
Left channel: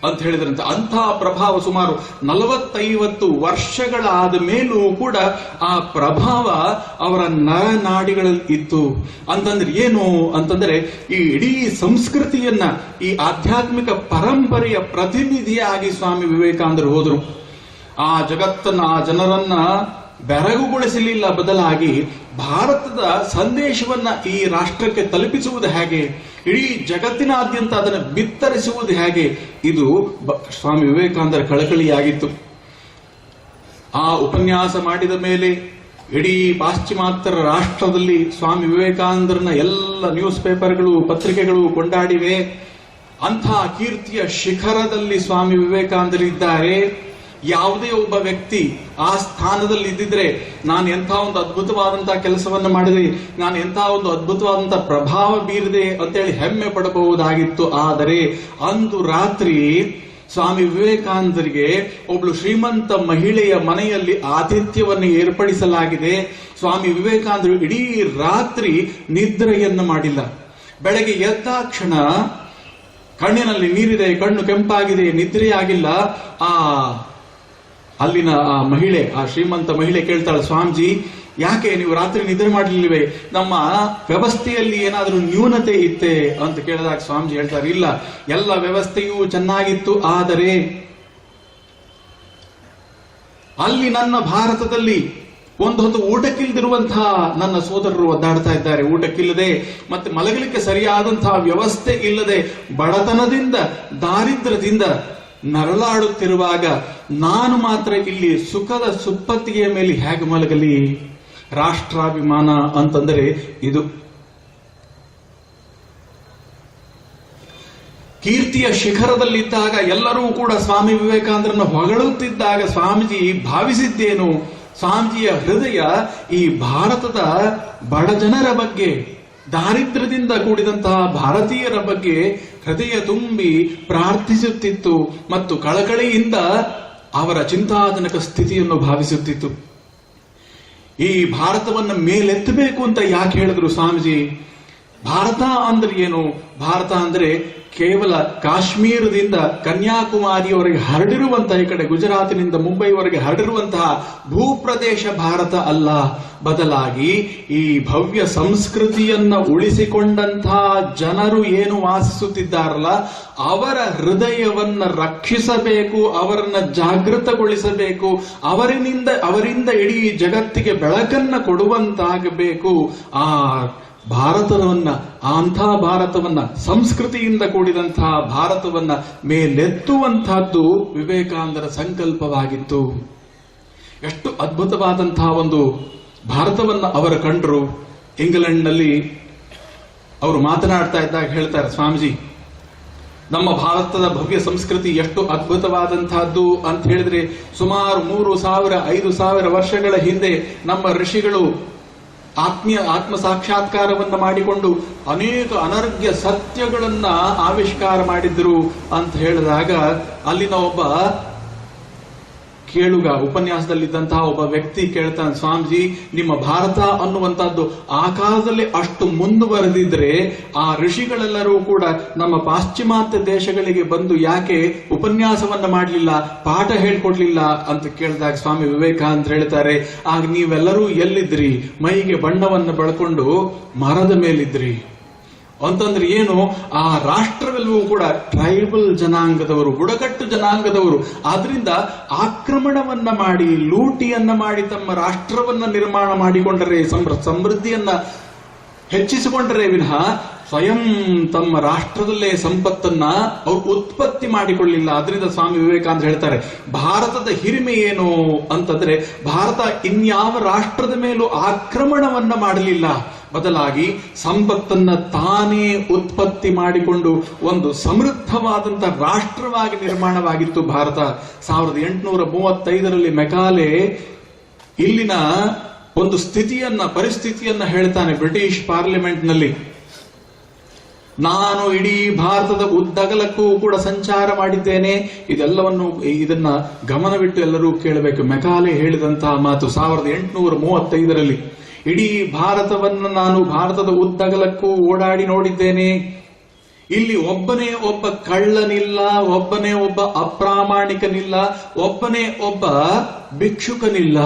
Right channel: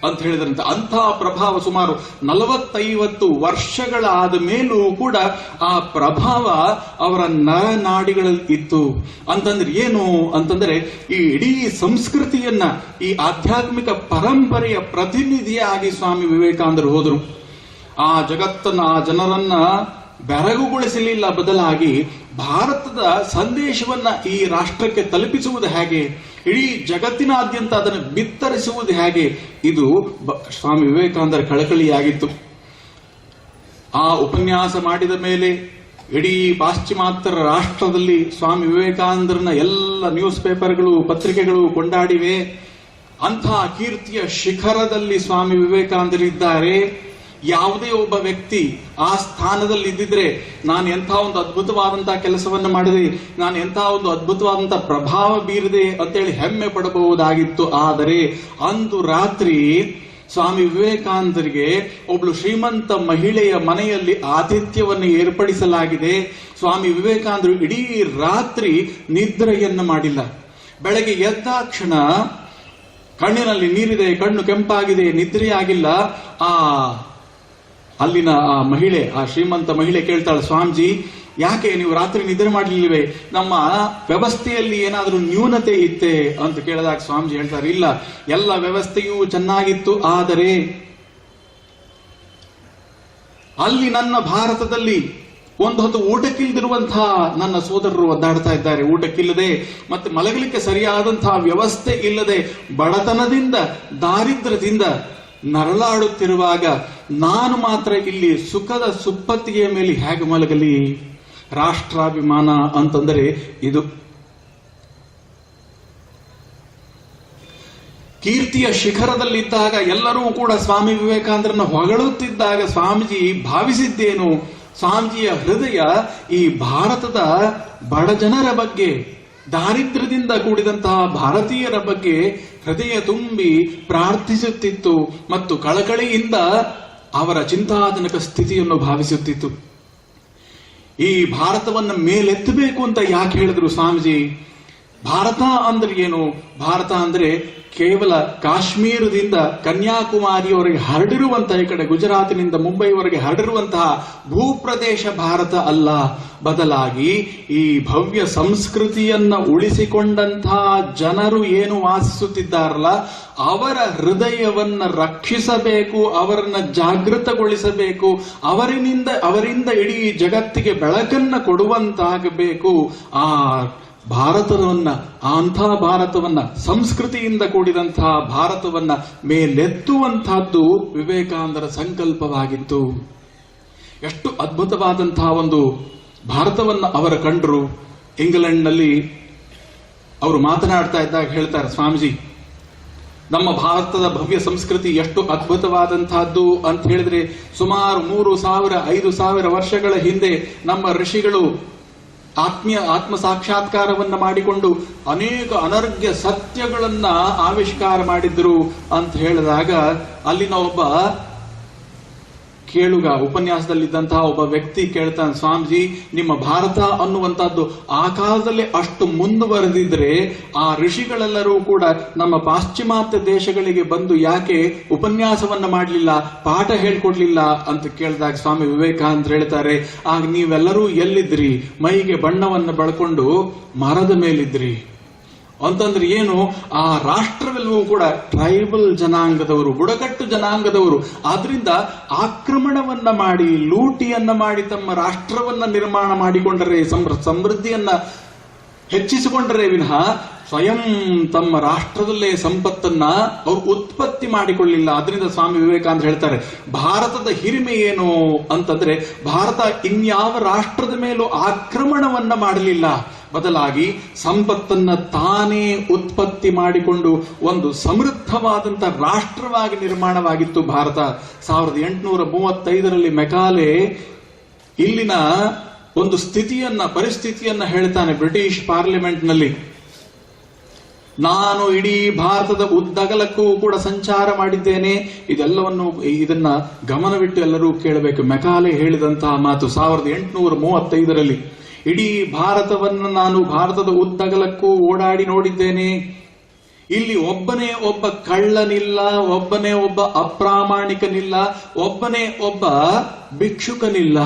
ಅಂತ ಹೇಳಿದ್ರಂತೆ. ಅಂಥ ಪ್ರಭಾವ ಸುಮಾರು 40-50 ವರ್ಷಗಳಾದ ಮೇಲೂ ಕೂಡ ಆ ಪ್ರಭಾವ ಅವರ ನರನಾಡಿಗಳಲ್ಲಿ ಇತ್ತು. ಅಂತಂದ್ರೆ ಏನು ಅಂತಂದ್ರೆ ಈ ಇಡೀ ಸಂಸ್ಕೃತಿಯನ್ನ, ಈ ಆಧ್ಯಾತ್ಮಿಕ ಪರಂಪರೆಯ ಪ್ರತಿನಿಧಿಯಾಗಿ ಸ್ವಾಮಿ ವಿವೇಕಾನಂದರು ಹೋದರು. ಆ ಜಗತ್ತನ್ನ, ಆ ಜನರನ್ನ ಬೆರಗುಗೊಳಿಸಲಿಲ್ಲ, ಬದಲಾಗಿ ಭಾರತದ ಸಂದೇಶವನ್ನ ಈ ರಾಷ್ಟ್ರಕ್ಕೆ ತಲುಪಿಸುವುದು ಹೇಗೆ, ಇಡೀ ಜಗತ್ತಿನಾದ್ಯಂತ ಅದನ್ನು ಬಿತ್ತರಿಸುವುದು ಹೇಗೆ, ಇದು ಸ್ವಾಮಿ ವಿವೇಕಾನಂದರ ಕಳಕಳಿಯಾಗಿತ್ತು. ಆ ಉಪನ್ಯಾಸ ಮಾಡಿದ ಮೇಲೆ ಇಡೀ ಪಾಶ್ಚಿಮಾತ್ಯ ರಾಷ್ಟ್ರದಲ್ಲಿ ಸ್ವಾಮಿ ವಿವೇಕಾನಂದರನ್ನ ಎಲ್ಲ ನ್ಯೂಸ್ ಪೇಪರ್ಗಳು, ಪತ್ರಿಕೆಗಳು ಕೊಂಡಾಡಿವೆ. ಅಂಥ ಕೀರ್ತಿಯ ಶಿಖರದಲ್ಲಿ ಸ್ವಾಮಿ ವಿವೇಕಾನಂದರಿದ್ದಾರೆ. ಯಾವುದೇ ಒಬ್ಬ ವ್ಯಕ್ತಿ ಆ ಸ್ಥಾನದಲ್ಲಿ ಇದ್ದಿದ್ರೆ ನಾನು ಎಂಥ ಒಂದು ಅದ್ಭುತವಾದಂತಹ ಕೆಲಸವನ್ನು ಮಾಡಿದೆ, ನಾನು ಎಂಥ ಒಂದು ಅದ್ಭುತವಾದಂತಹ ಪ್ರಭಾವ ಬೀರಿದೆ ಅಂತೇಳಿ ಹೆಮ್ಮೆ ಪಡಬಹುದಾಗಿತ್ತು. ಆದರೆ ಅಂದು ರಾತ್ರಿ ಸ್ವಾಮಿ ವಿವೇಕಾನಂದರಿಗೆ ಒಬ್ಳು ಶ್ರೀಮಂತ ಮಹಿಳೆಯ ಮನೆಯಲ್ಲಿ ಆತಿಥ್ಯವನ್ನು ಏರ್ಪಡಿಸಲಾಗಿದೆ. ಸ್ವಾಮಿ ವಿವೇಕಾನಂದರು ಇಡೀ ರಾತ್ರಿ ನಿದ್ರೆಯನ್ನು ಮಾಡಿಲ್ಲ. ಬೆಳಗ್ಗೆ ಎದ್ದಾಕ್ಷಣ ಕಣ್ಣಿನಲ್ಲಿ ನೀರಿದೆ, ಕಣ್ಣು ಕೆಂಪಾಗಿದೆ, ನಿದ್ರೆಯಾಗಿಲ್ಲ. ಅಲ್ಲಿನ ಆ ಮಹಿಳೆ, ಆ ಶ್ರೀಮಂತ ಮಹಿಳೆ ಕೇಳ್ತಾಳೆ, ಸ್ವಾಮೀಜಿ ಯಾಕೆ ನೀವು ರಾತ್ರಿ ನಿದ್ರೆ ಮಾಡಲಿಲ್ವೇ, ನಮ್ಮ ವ್ಯವಸ್ಥೆಯಲ್ಲಿ ಏನಾದರೂ ನ್ಯೂನತೆ ಇತ್ತೆ ಅಂತ ಕೇಳಿದಾಗ ಸ್ವಾಮೀಜಿ ಹೇಳ್ತಾರೆ, ಇಲ್ಲ, ಎಲ್ಲ ವ್ಯವಸ್ಥೆಯೂ ಚೆನ್ನಾಗಿತ್ತು, ಆದರೆ ಅಲ್ಲಿ ನನ್ನ ಭಾರತದಲ್ಲಿ ಒಂದು ಹೊತ್ತು ಊಟಕ್ಕಿಲ್ದಿರುವಂತಹ ನನ್ನ ಸೋದರರು ಒದ್ದಾಡ್ತಾ ಇದ್ದಾರೆ. ಊಟಕ್ಕಿಲ್ಲದೆ ಮತ್ತೆ ಮಲಗಲಿಕ್ಕೆ ಸರಿಯಾದಂತಹ ವ್ಯವಸ್ಥೆ ಇಲ್ಲದೆ ಬಡತನದಿಂದ, ದಾರಿದ್ರ್ಯದಿಂದ ನರಳಾಡುತ್ತಿರುವಾಗ ನಾನು ಮಾತ್ರ ಇಲ್ಲಿ ಸುಖದ ಸುಪ್ಪತ್ತಿಗೆಯ ಮೇಲೆ ಹೇಗೆ ಮಲಗಲಿ? ರಾಷ್ಟ್ರಾಭಿಮಾನ ಅಂತಂದರೆ ಇದು. ಕೀರ್ತಿಯ ಶಿಖರದಲ್ಲಿದ್ದಾಗ ಎಲ್ಲರೂ ಕೂಡ ಸ್ವಾಮಿ ವಿವೇಕಾನಂದರನ್ನು ಹೊಗಳುತ್ತಿದ್ದಾಗ ಸ್ವಾಮೀಜಿ ಭಾವಿಸಿದ್ದೇನು? ಸ್ವಾಮೀಜಿಯ ಹೃದಯ ಈ ಭಾರತದ ಬಡ ಜನರ ಬಗ್ಗೆ, ದಾರಿದ್ರ್ಯದಿಂದ ಕೂಡಿದಂತಹ ಭಾರತೀಯರ ಬಗ್ಗೆ ಹೃದಯ ತುಂಬಿ ಪ್ರಾರ್ಥಿಸುತ್ತಿತ್ತು ಮತ್ತು ಕಳಕಳಿಯಿಂದ ಅವರ ಚಿಂತಾಜನಕ ಸ್ಥಿತಿಯನ್ನು ಭಾವಿಸುತ್ತಿತ್ತು. ಈ ಭಾರತವನ್ನು ಮೇಲೆತ್ತಬೇಕು ಅಂತ ಯಾಕೆ ಹೇಳಿದ್ರು ಸ್ವಾಮೀಜಿ? ಭಾರತ ಅಂದ್ರೆ ಏನು? ಭಾರತ ಅಂದ್ರೆ ಕೇವಲ ಕಾಶ್ಮೀರದಿಂದ ಕನ್ಯಾಕುಮಾರಿಯವರೆಗೆ ಹರಡಿರುವಂತಹ, ಈ ಕಡೆ ಗುಜರಾತಿನಿಂದ ಮುಂಬೈವರೆಗೆ ಹರಡಿರುವಂತಹ ಭೂಪ್ರದೇಶ ಭಾರತ ಅಲ್ಲ. ಬದಲಾಗಿ ಈ ಭವ್ಯ ಸಂಸ್ಕೃತಿಯನ್ನ ಉಳಿಸಿಕೊಂಡಂತಹ ಜನರು ಏನು ವಾಸಿಸುತ್ತಿದ್ದಾರಲ್ಲ, ಅವರ ಹೃದಯವನ್ನ ರಕ್ಷಿಸಬೇಕು, ಅವರನ್ನ ಜಾಗೃತಗೊಳಿಸಬೇಕು, ಅವರಿಂದ ಇಡೀ ಜಗತ್ತಿಗೆ ಬೆಳಕನ್ನ ಕೊಡುವಂತಾಗಬೇಕು. ಆ ಭಾರತವನ್ನ, ಅಂಥ ಭಾರತವನ್ನ, ಸಂಸ್ಕೃತಿಯಿಂದ ಕೂಡಿದಂತಹ ಭಾರತವನ್ನ ಮೇಲೆತ್ತುವಂತಹದ್ದು ವಿವೇಕಾನಂದರ ಸಂಕಲ್ಪವಾಗಿತ್ತು. ಎಷ್ಟು ಅದ್ಭುತವಾದಂತಹ ಒಂದು ಭಾರತವನ್ನ ಅವರು ಕಂಡರು. ಇಂಗ್ಲೆಂಡ್ನಲ್ಲಿ ಅವರು ಮಾತನಾಡ್ತಾ ಇದ್ದಾಗ ಹೇಳ್ತಾರೆ, ಸ್ವಾಮೀಜಿ ನಮ್ಮ ಭಾರತದ ಭವ್ಯ ಸಂಸ್ಕೃತಿ ಎಷ್ಟು ಅದ್ಭುತವಾದಂತಹದ್ದು ಅಂತ ಹೇಳಿದ್ರೆ, ಸುಮಾರು 3000-5000 ವರ್ಷಗಳ ಹಿಂದೆ ನಮ್ಮ ಋಷಿಗಳು ಆತ್ಮ ಸಾಕ್ಷಾತ್ಕಾರವನ್ನ ಮಾಡಿಕೊಂಡು ಅನೇಕ ಅನರ್ಘ್ಯ ಸತ್ಯಗಳನ್ನ ಆವಿಷ್ಕಾರ ಮಾಡಿದ್ರು ಅಂತ ಹೇಳಿದಾಗ, ಅಲ್ಲಿನ ಒಬ್ಬ ಕೇಳುಗ ಉಪನ್ಯಾಸದಲ್ಲಿದ್ದಂತಹ ಒಬ್ಬ ವ್ಯಕ್ತಿ ಕೇಳ್ತಾನೆ, ಸ್ವಾಮೀಜಿ ನಿಮ್ಮ ಭಾರತ ಅನ್ನುವಂತಹದ್ದು ಆ ಕಾಲದಲ್ಲಿ ಅಷ್ಟು ಮುಂದುವರೆದಿದ್ರೆ ಆ ಋಷಿಗಳೆಲ್ಲರೂ ಕೂಡ ನಮ್ಮ ಪಾಶ್ಚಿಮಾತ್ಯ ದೇಶಗಳಿಗೆ ಬಂದು ಯಾಕೆ ಉಪನ್ಯಾಸವನ್ನ ಮಾಡಲಿಲ್ಲ, ಪಾಠ ಹೇಳ್ಕೊಡ್ಲಿಲ್ಲ ಅಂತ ಕೇಳಿದಾಗ ಸ್ವಾಮಿ ವಿವೇಕಾನಂದ ಹೇಳ್ತಾರೆ, ಆಗ ನೀವೆಲ್ಲರೂ ಎಲ್ಲಿದ್ರಿ? ಮೈಗೆ ಬಣ್ಣವನ್ನು ಬಳ್ಕೊಂಡು ಮರದ ಮೇಲಿದ್ರಿ. ಅಂತಂದ್ರೆ ಏನು? ಆ ರಾಷ್ಟ್ರವೆಲ್ಲವೂ ಕೂಡ ಟ್ರೈಬಲ್ ಜನಾಂಗದವರು, ಬುಡಕಟ್ಟು ಜನಾಂಗದವರು. ಆದ್ರಿಂದ ಆಕ್ರಮಣವನ್ನ ಮಾಡಿ, ಲೂಟಿಯನ್ನ ಮಾಡಿ ತಮ್ಮ ರಾಷ್ಟ್ರವನ್ನ ನಿರ್ಮಾಣ ಮಾಡಿಕೊಂಡರೆ, ಸಮೃದ್ಧಿಯನ್ನ ಹೆಚ್ಚಿಸಿಕೊಂಡರೆ ವಿನಃ ಸ್ವಯಂ ತಮ್ಮ ರಾಷ್ಟ್ರದಲ್ಲೇ ಸಂಪತ್ತನ್ನ ಅವರು ಉತ್ಪತ್ತಿ ಮಾಡಿಕೊಳ್ಳಿಲ್ಲ. ಅದರಿಂದ ಸ್ವಾಮಿ ವಿವೇಕಾನಂದ ಹೇಳ್ತಾರೆ, ಭಾರತದ ಹಿರಿಮೆ ಏನು ಅಂತಂದ್ರೆ ಭಾರತ ಇನ್ಯಾವ ರಾಷ್ಟ್ರದ ಮೇಲೂ ಆಕ್ರಮಣವನ್ನ ಮಾಡಲಿಲ್ಲ, ಬದಲಾಗಿ ಸಂಪತ್ತನ್ನ ತಾನೇ ಉತ್ಪತ್ತಿ ಮಾಡಿಕೊಂಡು ಒಂದು ಸಮೃದ್ಧವಾದಂತ ರಾಷ್ಟ್ರವಾಗಿ ನಿರ್ಮಾಣವಾಗಿತ್ತು ಭಾರತ. 1835ರಲ್ಲಿ ಮೆಕಾಲೆ ಇಲ್ಲಿನ ಒಂದು ಪರಿಸ್ಥಿತಿಯನ್ನ ಹೇಳ್ತಾನೆ ಬ್ರಿಟಿಷ್ ಪಾರ್ಲಿಮೆಂಟ್ ನಲ್ಲಿ. ನಾನು ಇಡೀ ಭಾರತದ ಉದ್ದಗಲಕ್ಕೂ ಕೂಡ ಸಂಚಾರ ಮಾಡಿದ್ದೇನೆ. ಇದನ್ನ ಗಮನವಿಟ್ಟು ಎಲ್ಲರೂ ಕೇಳಬೇಕು. ಮೆಕಾಲೆ ಹೇಳಿದಂತಹ ಮಾತು 1835ರಲ್ಲಿ. ಇಡೀ ಭಾರತವನ್ನ ನಾನು ಭಾರತದ ಉದ್ದಗಲಕ್ಕೂ ಓಡಾಡಿ ನೋಡಿದ್ದೇನೆ. ಇಲ್ಲಿ ಒಬ್ಬನೇ ಒಬ್ಬ ಕಳ್ಳನಿಲ್ಲ, ಒಬ್ಬನೇ ಒಬ್ಬ ಅಪ್ರಾಮಾಣಿಕನಿಲ್ಲ, ಒಬ್ಬನೇ ಒಬ್ಬ ಭಿಕ್ಷುಕನಿಲ್ಲ.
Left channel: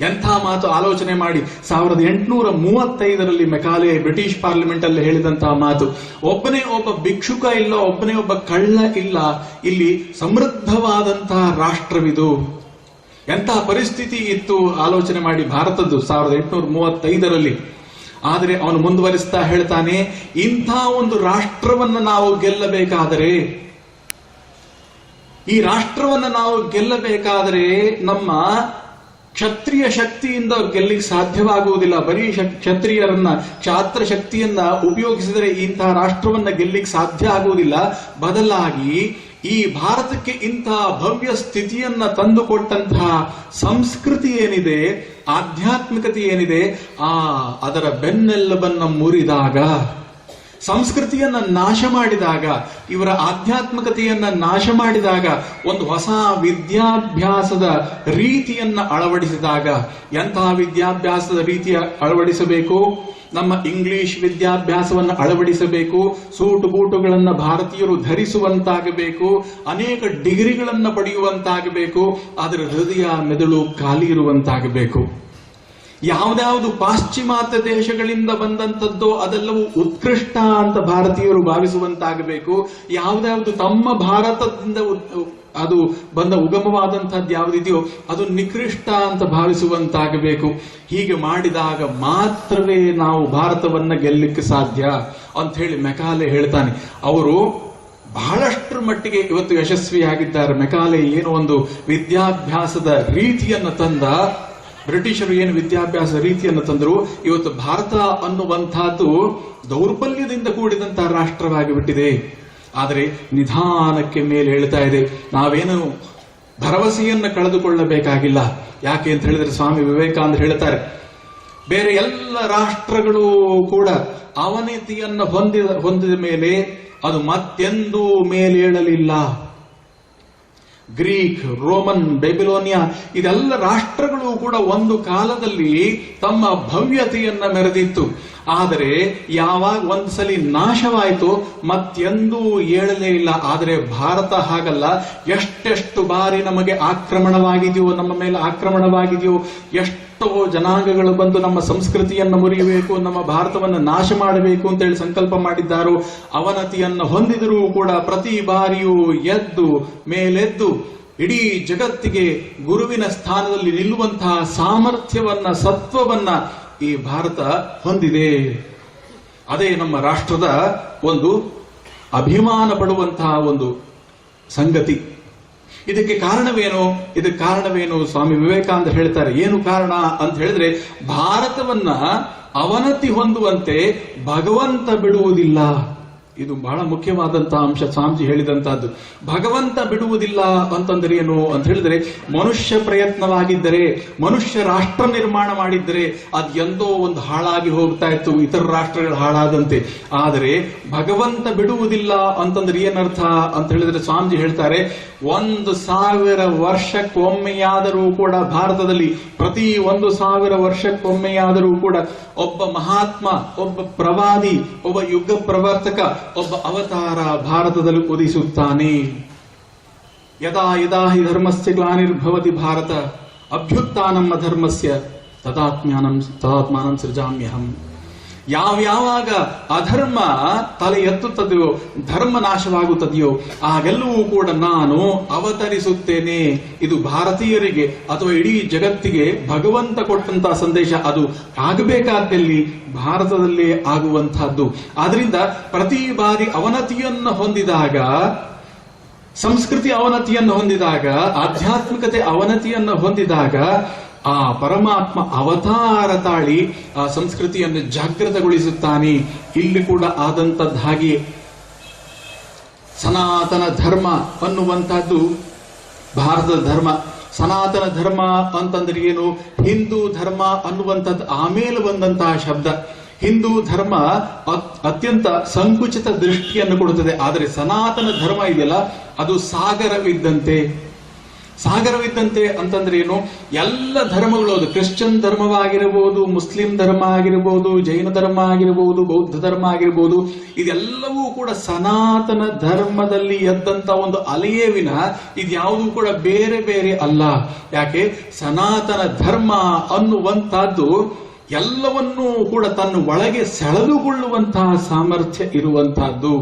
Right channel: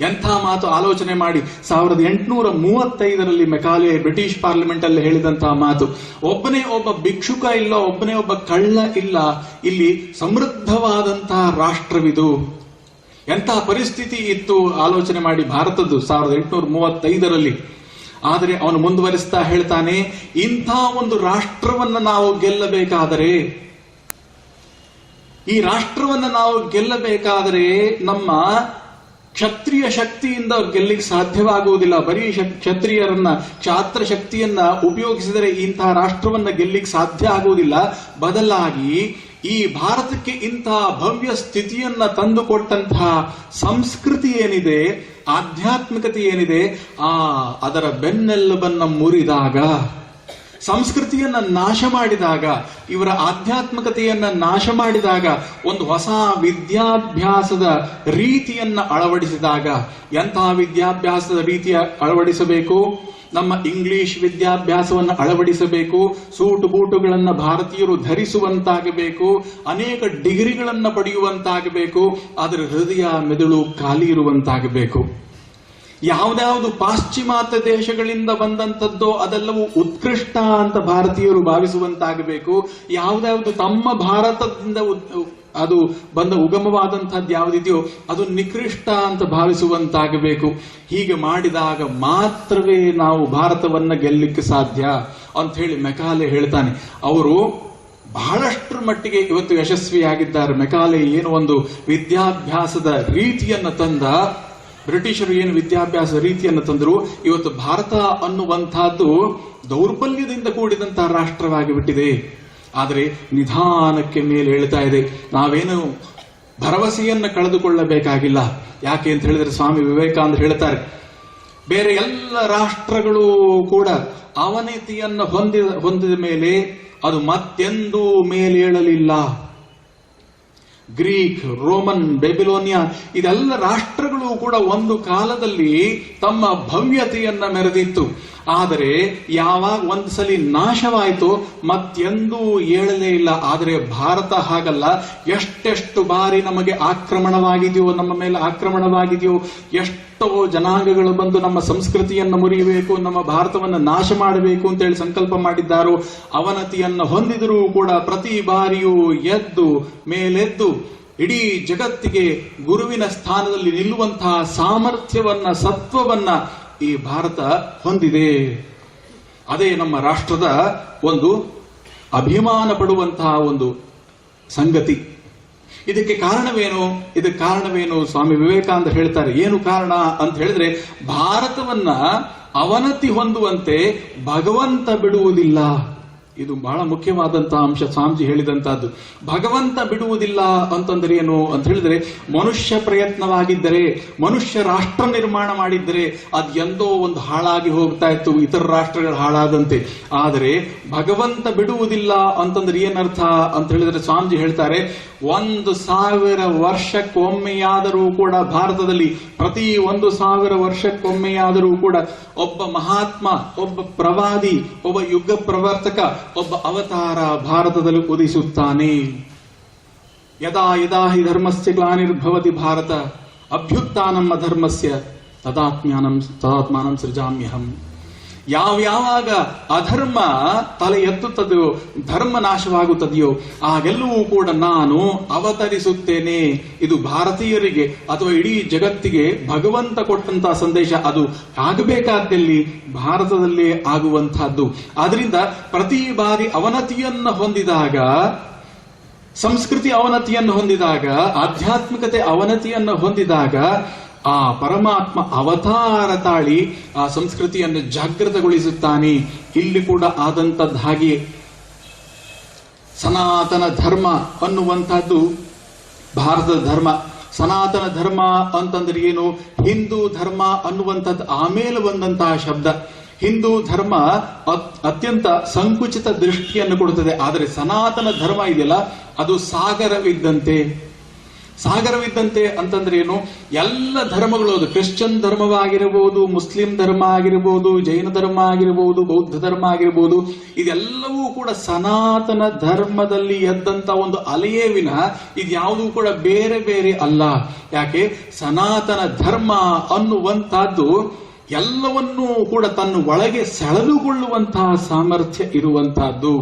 ಎಂಥ ಮಾತು ಆಲೋಚನೆ ಮಾಡಿ. 1835ರಲ್ಲಿ ಮೆಕಾಲೆ ಬ್ರಿಟಿಷ್ ಪಾರ್ಲಿಮೆಂಟ್ ಅಲ್ಲಿ ಹೇಳಿದಂತಹ ಮಾತು. ಒಬ್ಬನೇ ಒಬ್ಬ ಭಿಕ್ಷುಕ ಇಲ್ಲ, ಒಬ್ಬನೇ ಒಬ್ಬ ಕಳ್ಳ ಇಲ್ಲ, ಇಲ್ಲಿ ಸಮೃದ್ಧವಾದಂತಹ ರಾಷ್ಟ್ರವಿದು. ಎಂತಹ ಪರಿಸ್ಥಿತಿ ಇತ್ತು ಆಲೋಚನೆ ಮಾಡಿ ಭಾರತದ್ದು 1835ರಲ್ಲಿ. ಆದರೆ ಅವನು ಮುಂದುವರಿಸ್ತಾ ಹೇಳ್ತಾನೆ, ಇಂಥ ಒಂದು ರಾಷ್ಟ್ರವನ್ನ ನಾವು ಗೆಲ್ಲಬೇಕಾದರೆ, ಈ ರಾಷ್ಟ್ರವನ್ನ ನಾವು ಗೆಲ್ಲಬೇಕಾದರೆ ನಮ್ಮ ಕ್ಷತ್ರಿಯ ಶಕ್ತಿಯಿಂದ ಗೆಲ್ಲಿಗೆ ಸಾಧ್ಯವಾಗುವುದಿಲ್ಲ. ಬರೀ ಕ್ಷಾತ್ರ ಶಕ್ತಿಯನ್ನ ಉಪಯೋಗಿಸಿದರೆ ಇಂತಹ ರಾಷ್ಟ್ರವನ್ನ ಗೆಲ್ಲಿಗೆ ಸಾಧ್ಯ ಆಗುವುದಿಲ್ಲ. ಬದಲಾಗಿ ಈ ಭಾರತಕ್ಕೆ ಇಂತಹ ಭವ್ಯ ಸ್ಥಿತಿಯನ್ನ ತಂದುಕೊಟ್ಟಂತಹ ಸಂಸ್ಕೃತಿ ಏನಿದೆ, ಆಧ್ಯಾತ್ಮಿಕತೆ ಏನಿದೆ, ಅದರ ಬೆನ್ನೆಲುಬನ್ನ ಮುರಿದಾಗ, ಸಂಸ್ಕೃತಿಯನ್ನ ನಾಶ ಮಾಡಿದಾಗ, ಇವರ ಆಧ್ಯಾತ್ಮಿಕತೆಯನ್ನ ನಾಶ ಮಾಡಿದಾಗ, ಒಂದು ಹೊಸ ವಿದ್ಯಾಭ್ಯಾಸದ ರೀತಿಯನ್ನ ಅಳವಡಿಸಿದಾಗ, ಎಂತಹ ವಿದ್ಯಾಭ್ಯಾಸದ ರೀತಿಯ ಅಳವಡಿಸಬೇಕು? ನಮ್ಮ ಇಂಗ್ಲಿಷ್ ವಿದ್ಯಾಭ್ಯಾಸವನ್ನು ಅಳವಡಿಸಬೇಕು. ಸೂಟು ಬೂಟುಗಳನ್ನು ಭಾರತೀಯರು ಧರಿಸುವಂತಾಗಬೇಕು. ಅನೇಕ ಡಿಗ್ರಿಗಳನ್ನು ಪಡೆಯುವಂತಾಗಬೇಕು. ಅದರ ಹೃದಯ ಮೆದುಳು ಖಾಲಿ ಇರುವಂತಾಗಬೇಕು. ಯಾವ್ದಾವುದು ಪಾಶ್ಚಿಮಾತ್ಯ ದೇಶಗಳಿಂದ ಬಂದಂಥದ್ದೋ ಅದೆಲ್ಲವೂ ಉತ್ಕೃಷ್ಟ ಅಂತ ಭಾರತೀಯರು ಭಾವಿಸುವಂತಾಗಬೇಕು. ಯಾವ್ದಾವುದು ತಮ್ಮ ಭಾರತದಿಂದ ಅದು ಬಂದ ಉಗಮವಾದಂತಹದ್ದು ಯಾವುದಿದೆಯೋ ಅದು ನಿಕೃಷ್ಟ ಅಂತ ಭಾವಿಸುವಂತಾಗಬೇಕು. ಹೀಗೆ ಮಾಡಿದಾಗ ಮಾತ್ರವೇ ನಾವು ಭಾರತವನ್ನ ಗೆಲ್ಲಲಿಕ್ಕೆ ಸಾಧ್ಯ ಅಂತ ಹೇಳಿ ಮೆಕಾಲೆ ಹೇಳ್ತಾನೆ. ಅವರು ಬಹಳಷ್ಟರ ಮಟ್ಟಿಗೆ ಇವತ್ತು ಯಶಸ್ವಿಯಾಗಿದ್ದಾರೆ. ಮೆಕಾಲೆ ಏನು ಒಂದು ವಿದ್ಯಾಭ್ಯಾಸದ ರೀತಿಯನ್ನು ತಂದ, ಬ್ರಿಟಿಷರು ಏನು ವಿದ್ಯಾಭ್ಯಾಸ ರೀತಿಯನ್ನು ತಂದರು, ಇವತ್ತು ಭಾರತ ಅನ್ನುವಂತಹದ್ದು ದೌರ್ಬಲ್ಯದಿಂದ ಕೂಡಿದಂತಹ ರಾಷ್ಟ್ರವಾಗಿ ಬಿಟ್ಟಿದೆ. ಆದರೆ ನಿಧಾನಕ್ಕೆ ಮೇಲೆ ಹೇಳ್ತಾ ಇದೆ. ನಾವೇನು ಭರವಸೆಯನ್ನು ಕಳೆದುಕೊಳ್ಳಬೇಕಾಗಿಲ್ಲ. ಯಾಕೆ ಅಂತ ಹೇಳಿದ್ರೆ ಸ್ವಾಮಿ ವಿವೇಕಾನಂದ ಹೇಳ್ತಾರೆ, ಬೇರೆ ಎಲ್ಲ ರಾಷ್ಟ್ರಗಳು ಕೂಡ ಅವನತಿಯನ್ನು ಹೊಂದಿದ ಮೇಲೆ ಅದು ಮತ್ತೆಂದೂ ಮೇಲೇಳಲಿಲ್ಲ. ಗ್ರೀಕ್, ರೋಮನ್, ಬೆಬಿಲೋನಿಯಾ ಇದೆಲ್ಲ ರಾಷ್ಟ್ರಗಳು ಕೂಡ ಒಂದು ಕಾಲದಲ್ಲಿ ತಮ್ಮ ಭವ್ಯತೆಯನ್ನ ಮೆರೆದಿತ್ತು. ಆದರೆ ಯಾವಾಗ ಒಂದ್ಸಲಿ ನಾಶವಾಯಿತು ಮತ್ತೆಂದೂ ಏಳಲೇ ಇಲ್ಲ. ಆದರೆ ಭಾರತ ಹಾಗಲ್ಲ. ಎಷ್ಟೆಷ್ಟು ಬಾರಿ ನಮಗೆ ಆಕ್ರಮಣವಾಗಿದೆಯೋ, ನಮ್ಮ ಮೇಲೆ ಆಕ್ರಮಣವಾಗಿದೆಯೋ, ಎಷ್ಟೋ ಜನಾಂಗಗಳು ಬಂದು ನಮ್ಮ ಸಂಸ್ಕೃತಿಯನ್ನು ಮುರಿಯಬೇಕು, ನಮ್ಮ ಭಾರತವನ್ನು ನಾಶ ಮಾಡಬೇಕು ಅಂತೇಳಿ ಸಂಕಲ್ಪ ಮಾಡಿದ್ದಾರೋ, ಅವನತಿಯನ್ನು ಹೊಂದಿದರೂ ಕೂಡ ಪ್ರತಿ ಬಾರಿಯೂ ಎದ್ದು ಮೇಲೆದ್ದು ಇಡೀ ಜಗತ್ತಿಗೆ ಗುರುವಿನ ಸ್ಥಾನದಲ್ಲಿ ನಿಲ್ಲುವಂತಹ ಸಾಮರ್ಥ್ಯವನ್ನ, ಸತ್ವವನ್ನ ಈ ಭಾರತ ಹೊಂದಿದೆ. ಅದೇ ನಮ್ಮ ರಾಷ್ಟ್ರದ ಒಂದು ಅಭಿಮಾನ ಪಡುವಂತಹ ಒಂದು ಸಂಗತಿ. ಇದಕ್ಕೆ ಕಾರಣವೇನು? ಸ್ವಾಮಿ ವಿವೇಕಾನಂದ ಹೇಳ್ತಾರೆ. ಏನು ಕಾರಣ ಅಂತ ಹೇಳಿದ್ರೆ, ಭಾರತವನ್ನ ಅವನತಿ ಹೊಂದುವಂತೆ ಭಗವಂತ ಬಿಡುವುದಿಲ್ಲ. ಇದು ಬಹಳ ಮುಖ್ಯವಾದಂತಹ ಅಂಶ ಸ್ವಾಮೀಜಿ ಹೇಳಿದಂತಹದ್ದು. ಭಗವಂತ ಬಿಡುವುದಿಲ್ಲ ಅಂತಂದ್ರೆ ಏನು ಅಂತ ಹೇಳಿದ್ರೆ, ಮನುಷ್ಯ ಪ್ರಯತ್ನವಾಗಿದ್ದರೆ, ಮನುಷ್ಯ ರಾಷ್ಟ್ರ ನಿರ್ಮಾಣ ಮಾಡಿದ್ದರೆ ಅದು ಎಂದೋ ಒಂದು ಹಾಳಾಗಿ ಹೋಗ್ತಾ ಇತ್ತು, ಇತರ ರಾಷ್ಟ್ರಗಳು ಹಾಳಾದಂತೆ. ಆದರೆ ಭಗವಂತ ಬಿಡುವುದಿಲ್ಲ ಅಂತಂದ್ರೆ ಏನರ್ಥ ಅಂತ ಹೇಳಿದ್ರೆ, ಸ್ವಾಮೀಜಿ ಹೇಳ್ತಾರೆ 1000 ವರ್ಷಕ್ಕೊಮ್ಮೆಯಾದರೂ ಕೂಡ ಭಾರತದಲ್ಲಿ, ಪ್ರತಿ 1000 ವರ್ಷಕ್ಕೊಮ್ಮೆಯಾದರೂ ಕೂಡ ಒಬ್ಬ ಮಹಾತ್ಮ, ಒಬ್ಬ ಪ್ರವಾದಿ, ಒಬ್ಬ ಯುಗ ಪ್ರವರ್ತಕ, ಒಬ್ಬ ಅವತಾರ ಭಾರತದಲ್ಲಿ ಉದಿಸುತ್ತಾನೆ. ಯದಾ ಯದಾ ಹಿ ಧರ್ಮಸ್ಯ ಗ್ಲಾನಿರ್ಭವತಿ ಭಾರತ ಅಭ್ಯುತ್ಥಾನಂ ಅಧರ್ಮಸ್ಯ ತದಾತ್ಮಾನಂ ಸೃಜಾಮ್ಯಹಂ. ಯಾವಾಗ ಅಧರ್ಮ ತಲೆ ಎತ್ತುತ್ತದೆಯೋ, ಧರ್ಮ ನಾಶವಾಗುತ್ತದೆಯೋ, ಆಗೆಲ್ಲವೂ ಕೂಡ ನಾನು ಅವತರಿಸುತ್ತೇನೆ. ಇದು ಭಾರತೀಯರಿಗೆ ಅಥವಾ ಇಡೀ ಜಗತ್ತಿಗೆ ಭಗವಂತ ಕೊಟ್ಟಂತಹ ಸಂದೇಶ. ಅದು ಆಗಬೇಕಾದಲ್ಲಿ ಭಾರತದಲ್ಲೇ ಆಗುವಂತಹದ್ದು. ಆದ್ರಿಂದ ಪ್ರತಿ ಬಾರಿ ಅವನತಿಯನ್ನು ಹೊಂದಿದಾಗ, ಸಂಸ್ಕೃತಿ ಅವನತಿಯನ್ನು ಹೊಂದಿದಾಗ, ಆಧ್ಯಾತ್ಮಿಕತೆ ಅವನತಿಯನ್ನು ಹೊಂದಿದಾಗ, ಆ ಪರಮಾತ್ಮ ಅವತಾರ ತಾಳಿ ಆ ಸಂಸ್ಕೃತಿಯನ್ನು ಜಾಗೃತಗೊಳಿಸುತ್ತಾನೆ. ಇಲ್ಲಿ ಕೂಡ ಆದಂತದ್ದು ಹಾಗೆ. ಸನಾತನ ಧರ್ಮ ಅನ್ನುವಂಥದ್ದು ಭಾರತದ ಧರ್ಮ. ಸನಾತನ ಧರ್ಮ ಅಂತಂದ್ರೆ ಏನು? ಹಿಂದೂ ಧರ್ಮ ಅನ್ನುವಂಥದ್ದು ಆಮೇಲೆ ಬಂದಂತಹ ಶಬ್ದ. ಹಿಂದೂ ಧರ್ಮ ಅತ್ಯಂತ ಸಂಕುಚಿತ ದೃಷ್ಟಿಯನ್ನು ಕೊಡುತ್ತದೆ. ಆದರೆ ಸನಾತನ ಧರ್ಮ ಇದೆಯಲ್ಲ, ಅದು ಸಾಗರವಿದ್ದಂತೆ. ಸಾಗರವಿದ್ದಂತೆ ಅಂತಂದ್ರೆ ಏನು? ಎಲ್ಲ ಧರ್ಮಗಳು, ಅದು ಕ್ರಿಶ್ಚಿಯನ್ ಧರ್ಮವಾಗಿರಬಹುದು, ಮುಸ್ಲಿಂ ಧರ್ಮ ಆಗಿರಬಹುದು, ಜೈನ ಧರ್ಮ ಆಗಿರಬಹುದು, ಬೌದ್ಧ ಧರ್ಮ ಆಗಿರಬಹುದು, ಇದೆಲ್ಲವೂ ಕೂಡ ಸನಾತನ ಧರ್ಮದಲ್ಲಿ ಎದ್ದಂತ ಒಂದು ಅಲೆಯೇ ವಿನಃ ಇದ್ಯಾವುದೂ ಕೂಡ ಬೇರೆ ಬೇರೆ ಅಲ್ಲ. ಯಾಕೆ? ಸನಾತನ ಧರ್ಮ ಅನ್ನುವಂತಹದ್ದು ಎಲ್ಲವನ್ನೂ ಕೂಡ ತನ್ನ ಒಳಗೆ ಸೆಳೆದುಕೊಳ್ಳುವಂತಹ ಸಾಮರ್ಥ್ಯ ಇರುವಂತಹದ್ದು.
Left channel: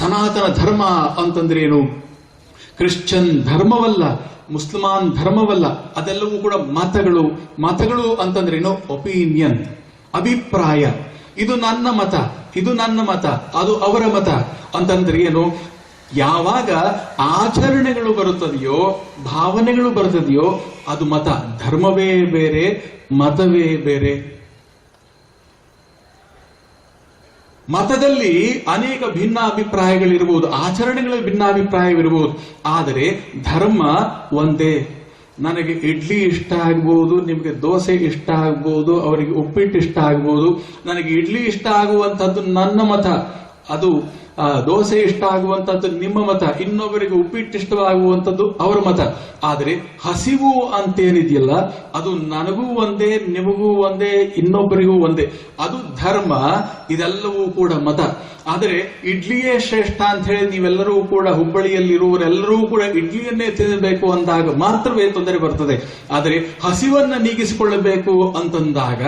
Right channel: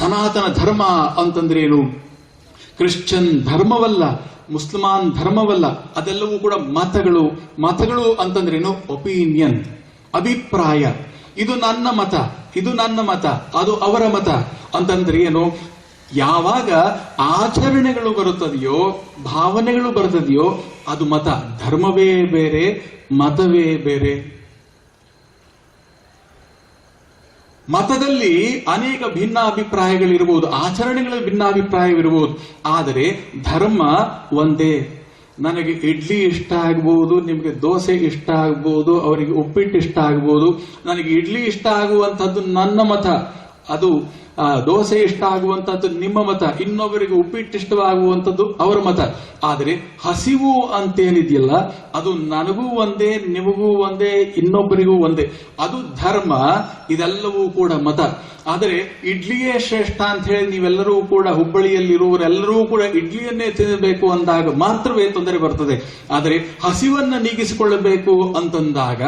ಸನಾತನ ಧರ್ಮ ಅಂತಂದ್ರೆ ಏನು? ಕ್ರಿಶ್ಚಿಯನ್ ಧರ್ಮವಲ್ಲ, ಮುಸ್ಲಿಮಾನ್ ಧರ್ಮವಲ್ಲ, ಅದೆಲ್ಲವೂ ಕೂಡ ಮತಗಳು. ಮತಗಳು ಅಂತಂದ್ರೇನು? ಒಪಿನಿಯನ್, ಅಭಿಪ್ರಾಯ. ಇದು ನನ್ನ ಮತ, ಇದು ನನ್ನ ಮತ, ಅದು ಅವರ ಮತ ಅಂತಂದ್ರೆ ಏನು? ಯಾವಾಗ ಆಚರಣೆಗಳು ಬರುತ್ತದೆಯೋ, ಭಾವನೆಗಳು ಬರುತ್ತದೆಯೋ, ಅದು ಮತ. ಧರ್ಮವೇ ಬೇರೆ, ಮತವೇ ಬೇರೆ. ಮತದಲ್ಲಿ ಅನೇಕ ಭಿನ್ನಾಭಿಪ್ರಾಯಗಳಿರಬಹುದು, ಆಚರಣೆಗಳ ಭಿನ್ನಾಭಿಪ್ರಾಯವಿರಬಹುದು, ಆದರೆ ಧರ್ಮ ಒಂದೇ. ನನಗೆ ಇಡ್ಲಿ ಇಷ್ಟ ಆಗ್ಬಹುದು, ನಿಮಗೆ ದೋಸೆ ಇಷ್ಟ ಆಗ್ಬಹುದು, ಅವರಿಗೆ ಉಪ್ಪಿಟ್ಟು ಇಷ್ಟ ಆಗ್ಬಹುದು. ನನಗೆ ಇಡ್ಲಿ ಇಷ್ಟ ಆಗುವಂತದ್ದು ನನ್ನ ಮತ, ಅದು ದೋಸೆ ಇಷ್ಟ ಆಗುವಂತದ್ದು ನಿಮ್ಮ ಮತ, ಇನ್ನೊಬ್ಬರಿಗೆ ಉಪ್ಪಿಟ್ಟು ಇಷ್ಟವಾಗುವಂಥದ್ದು ಅವರ ಮತ. ಆದರೆ ಹಸಿವು ಅಂತೇನಿದೆಯಲ್ಲ, ಅದು ನನಗೂ ಒಂದೇ, ನಿಮಗೂ ಒಂದೇ, ಇನ್ನೊಬ್ಬರಿಗೂ ಒಂದೇ. ಅದು ಧರ್ಮ. ಇದೆಲ್ಲವೂ ಕೂಡ ಮತ. ಆದರೆ ಇಡ್ಲಿಯೇ ಶ್ರೇಷ್ಠ ಅಂತ ಹೇಳಿ ನೀವೆಲ್ಲರೂ ಕೂಡ, ಹುಬ್ಬಳ್ಳಿಯಲ್ಲಿರುವವರೆಲ್ಲರೂ ಕೂಡ ಇಡ್ಲಿಯನ್ನೇ ತಿನ್ನಬೇಕು ಅಂದಾಗ ಮಾತ್ರವೇ ತೊಂದರೆ ಬರ್ತದೆ. ಆದರೆ ಹಸಿವನ್ನ ನೀಗಿಸಿಕೊಳ್ಳಬೇಕು ಅಂತಂದಾಗ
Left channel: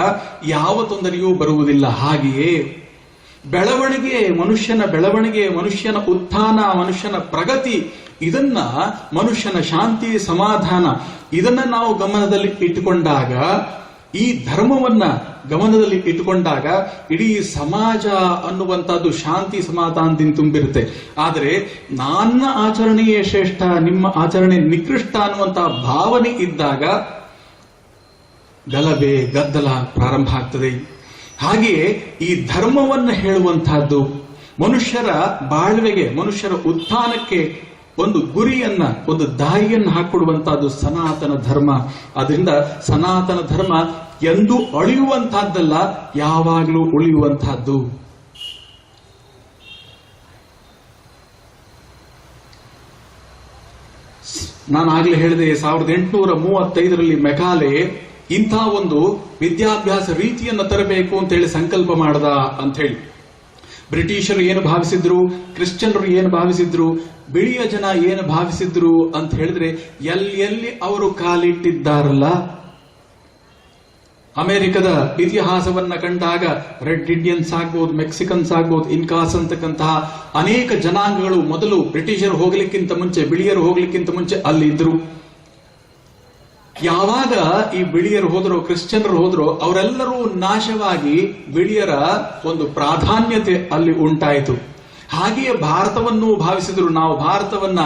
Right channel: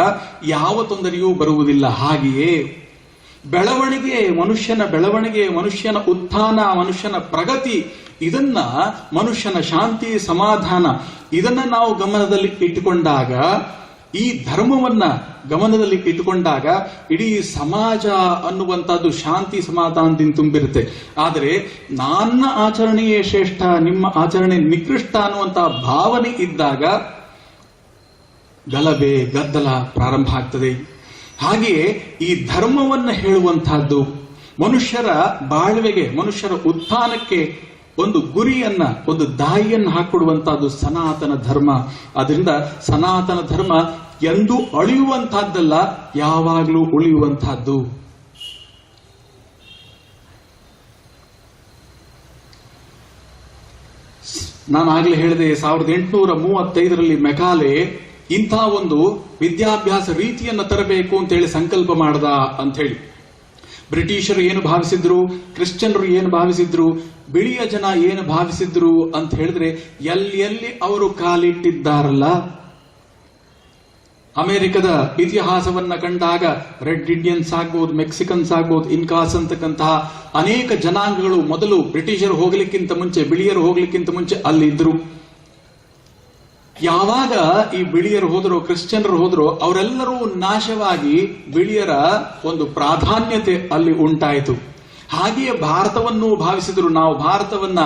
ಯಾವ ತೊಂದರೆಯೂ ಬರುವುದಿಲ್ಲ. ಹಾಗೆಯೇ ಬೆಳವಣಿಗೆ, ಮನುಷ್ಯನ ಬೆಳವಣಿಗೆ, ಮನುಷ್ಯನ ಉತ್ಥಾನ, ಮನುಷ್ಯನ ಪ್ರಗತಿ, ಇದನ್ನ ಮನುಷ್ಯನ ಶಾಂತಿ, ಸಮಾಧಾನ, ಇದನ್ನ ನಾವು ಗಮನದಲ್ಲಿ ಇಟ್ಟುಕೊಂಡಾಗ, ಈ ಧರ್ಮವನ್ನ ಗಮನದಲ್ಲಿ ಇಟ್ಟುಕೊಂಡಾಗ ಇಡೀ ಸಮಾಜ ಅನ್ನುವಂಥದ್ದು ಶಾಂತಿ ಸಮಾಧಾನದಿಂದ ತುಂಬಿರುತ್ತೆ. ಆದರೆ ನನ್ನ ಆಚರಣೆಯೇ ಶ್ರೇಷ್ಠ, ನಿಮ್ಮ ಆಚರಣೆ ನಿಕೃಷ್ಟ ಅನ್ನುವಂತಹ ಭಾವನೆ ಇದ್ದಾಗ ಗಲಭೆ, ಗದ್ದಲ ಪ್ರಾರಂಭ ಆಗ್ತದೆ. ಹಾಗೆಯೇ ಈ ಧರ್ಮವನ್ನು ಹೇಳುವಂತಹದ್ದು ಮನುಷ್ಯರ ಬಾಳ್ವೆಗೆ, ಮನುಷ್ಯರ ಉತ್ಥಾನಕ್ಕೆ ಒಂದು ಗುರಿಯನ್ನ, ಒಂದು ದಾರಿಯನ್ನು ಹಾಕೊಡುವಂತಹದ್ದು ಸನಾತನ ಧರ್ಮ. ಅದರಿಂದ ಸನಾತನ ಧರ್ಮ ಎಂದೂ ಅಳಿಯುವಂತಹದ್ದಲ್ಲ, ಯಾವಾಗಲೂ ಉಳಿಯುವಂತಹದ್ದು. ನಾನು ಆಗ್ಲೇ ಹೇಳಿದೆ, 1835ರಲ್ಲಿ ಮೆಕಾಲೆ ಇಂಥ ಒಂದು ವಿದ್ಯಾಭ್ಯಾಸ ರೀತಿಯನ್ನು ತರಬೇಕು ಅಂತ ಹೇಳಿ ಸಂಕಲ್ಪ ಮಾಡದ ಅಂತ ಹೇಳಿ. ಬ್ರಿಟಿಷರು ಏನು ಭಾವಿಸಿದ್ರು, ಕ್ರಿಶ್ಚಿಯನ್ರು ಏನು ಭಾವಿಸಿದ್ರು, ಬಿಳಿಯ ಜನ ಏನು ಭಾವಿಸಿದ್ರು ಅಂತ ಹೇಳಿದ್ರೆ, ಎಲ್ಲಿ ಅವರು ಕಾಲಿಟ್ಟಿದ್ದಾರಲ್ಲ, ಅಮೆರಿಕದ ಇತಿಹಾಸವನ್ನ ಕಂಡಾಗ ರೆಡ್ ಇಂಡಿಯನ್ಸ್ ಆಗ್ಬೋದು, ಮೆಕ್ಸಿಕನ್ಸ್ ಆಗ್ಬೋದು, ಇನ್ಕಾಸ್ ಅಂತಕ್ಕಂತಹ ಅನೇಕ ಜನಾಂಗಗಳು ಮೊದಲು ಬ್ರಿಟಿಷರು ಹೋಗ್ಲಿಕ್ಕಿಂತ ಮುಂಚೆ, ಬಿಳಿಯರು ಹೋಗ್ಲಿಕ್ಕಿಂತ ಮುಂಚೆ ಅಲ್ಲಿ ಇದ್ರು. ಯಾವಾಗ ಈ ಬಿಳಿಯರು ಹೋದ್ರು, ಕ್ರಿಶ್ಚಿಯನ್ರು ಹೋದ್ರು, ಅವರೆಲ್ಲರೂ ನಾಶವಾಗಿ ಬಿಳಿಯರ ಒಂದು ಪ್ರಾಧಾನ್ಯತೆ ಅಲ್ಲಿ ಉಂಟಾಯಿತು. ಹಾಗೆಯೇ ಭಾರತವನ್ನು ಭಾವಿಸಿದ್ರು. ನಾವು ಭಾರತವನ್ನ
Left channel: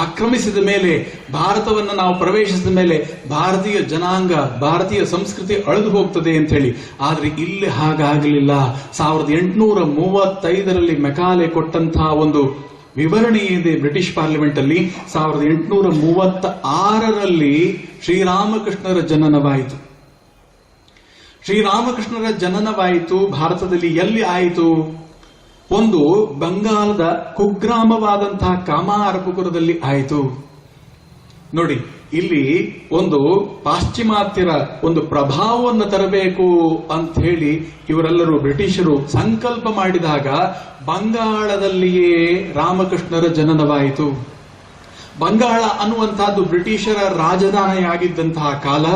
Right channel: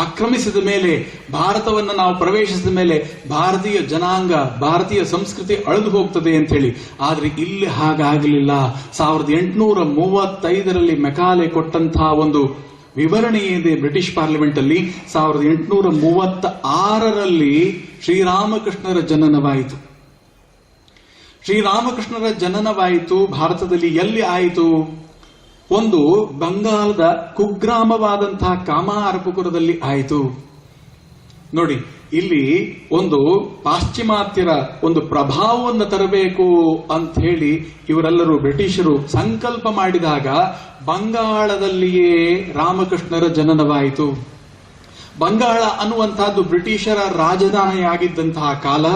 ಆಕ್ರಮಿಸಿದ ಮೇಲೆ, ಭಾರತವನ್ನು ನಾವು ಪ್ರವೇಶಿಸಿದ ಮೇಲೆ ಭಾರತೀಯ ಜನಾಂಗ, ಭಾರತೀಯ ಸಂಸ್ಕೃತಿ ಅಳಿದು ಹೋಗ್ತದೆ ಅಂತ ಹೇಳಿ. ಆದ್ರೆ ಇಲ್ಲಿ ಹಾಗಾಗಲಿಲ್ಲ. 1835ರಲ್ಲಿ ಮೆಕಾಲೆ ಕೊಟ್ಟಂತಹ ಒಂದು ವಿವರಣೆ ಇದೆ ಬ್ರಿಟಿಷ್ ಪಾರ್ಲಿಮೆಂಟ್ ಅಲ್ಲಿ. 1836ರಲ್ಲಿ ಶ್ರೀರಾಮಕೃಷ್ಣರ ಜನನವಾಯಿತು. ಶ್ರೀರಾಮಕೃಷ್ಣರ ಜನನವಾಯಿತು ಭಾರತದಲ್ಲಿ. ಎಲ್ಲಿ ಆಯಿತು? ಒಂದು ಬಂಗಾಳದ ಕುಗ್ರಾಮವಾದಂತಹ ಕಾಮಾರಪುಕುರದಲ್ಲಿ ಆಯಿತು. ನೋಡಿ, ಇಲ್ಲಿ ಒಂದು ಪಾಶ್ಚಿಮಾತ್ಯರ ಒಂದು ಪ್ರಭಾವವನ್ನು ತರಬೇಕು ಅಂತ ಹೇಳಿ ಇವರೆಲ್ಲರೂ ಬ್ರಿಟಿಷರು ಸಂಕಲ್ಪ ಮಾಡಿದಾಗ ಬಂಗಾಳದಲ್ಲಿಯೇ ರಾಮಕೃಷ್ಣರ ಜನನವಾಯಿತು. ಬಂಗಾಳ ಅನ್ನುವಂತಹದ್ದು ಬ್ರಿಟಿಷರ ರಾಜಧಾನಿಯಾಗಿದ್ದಂತಹ ಕಾಲ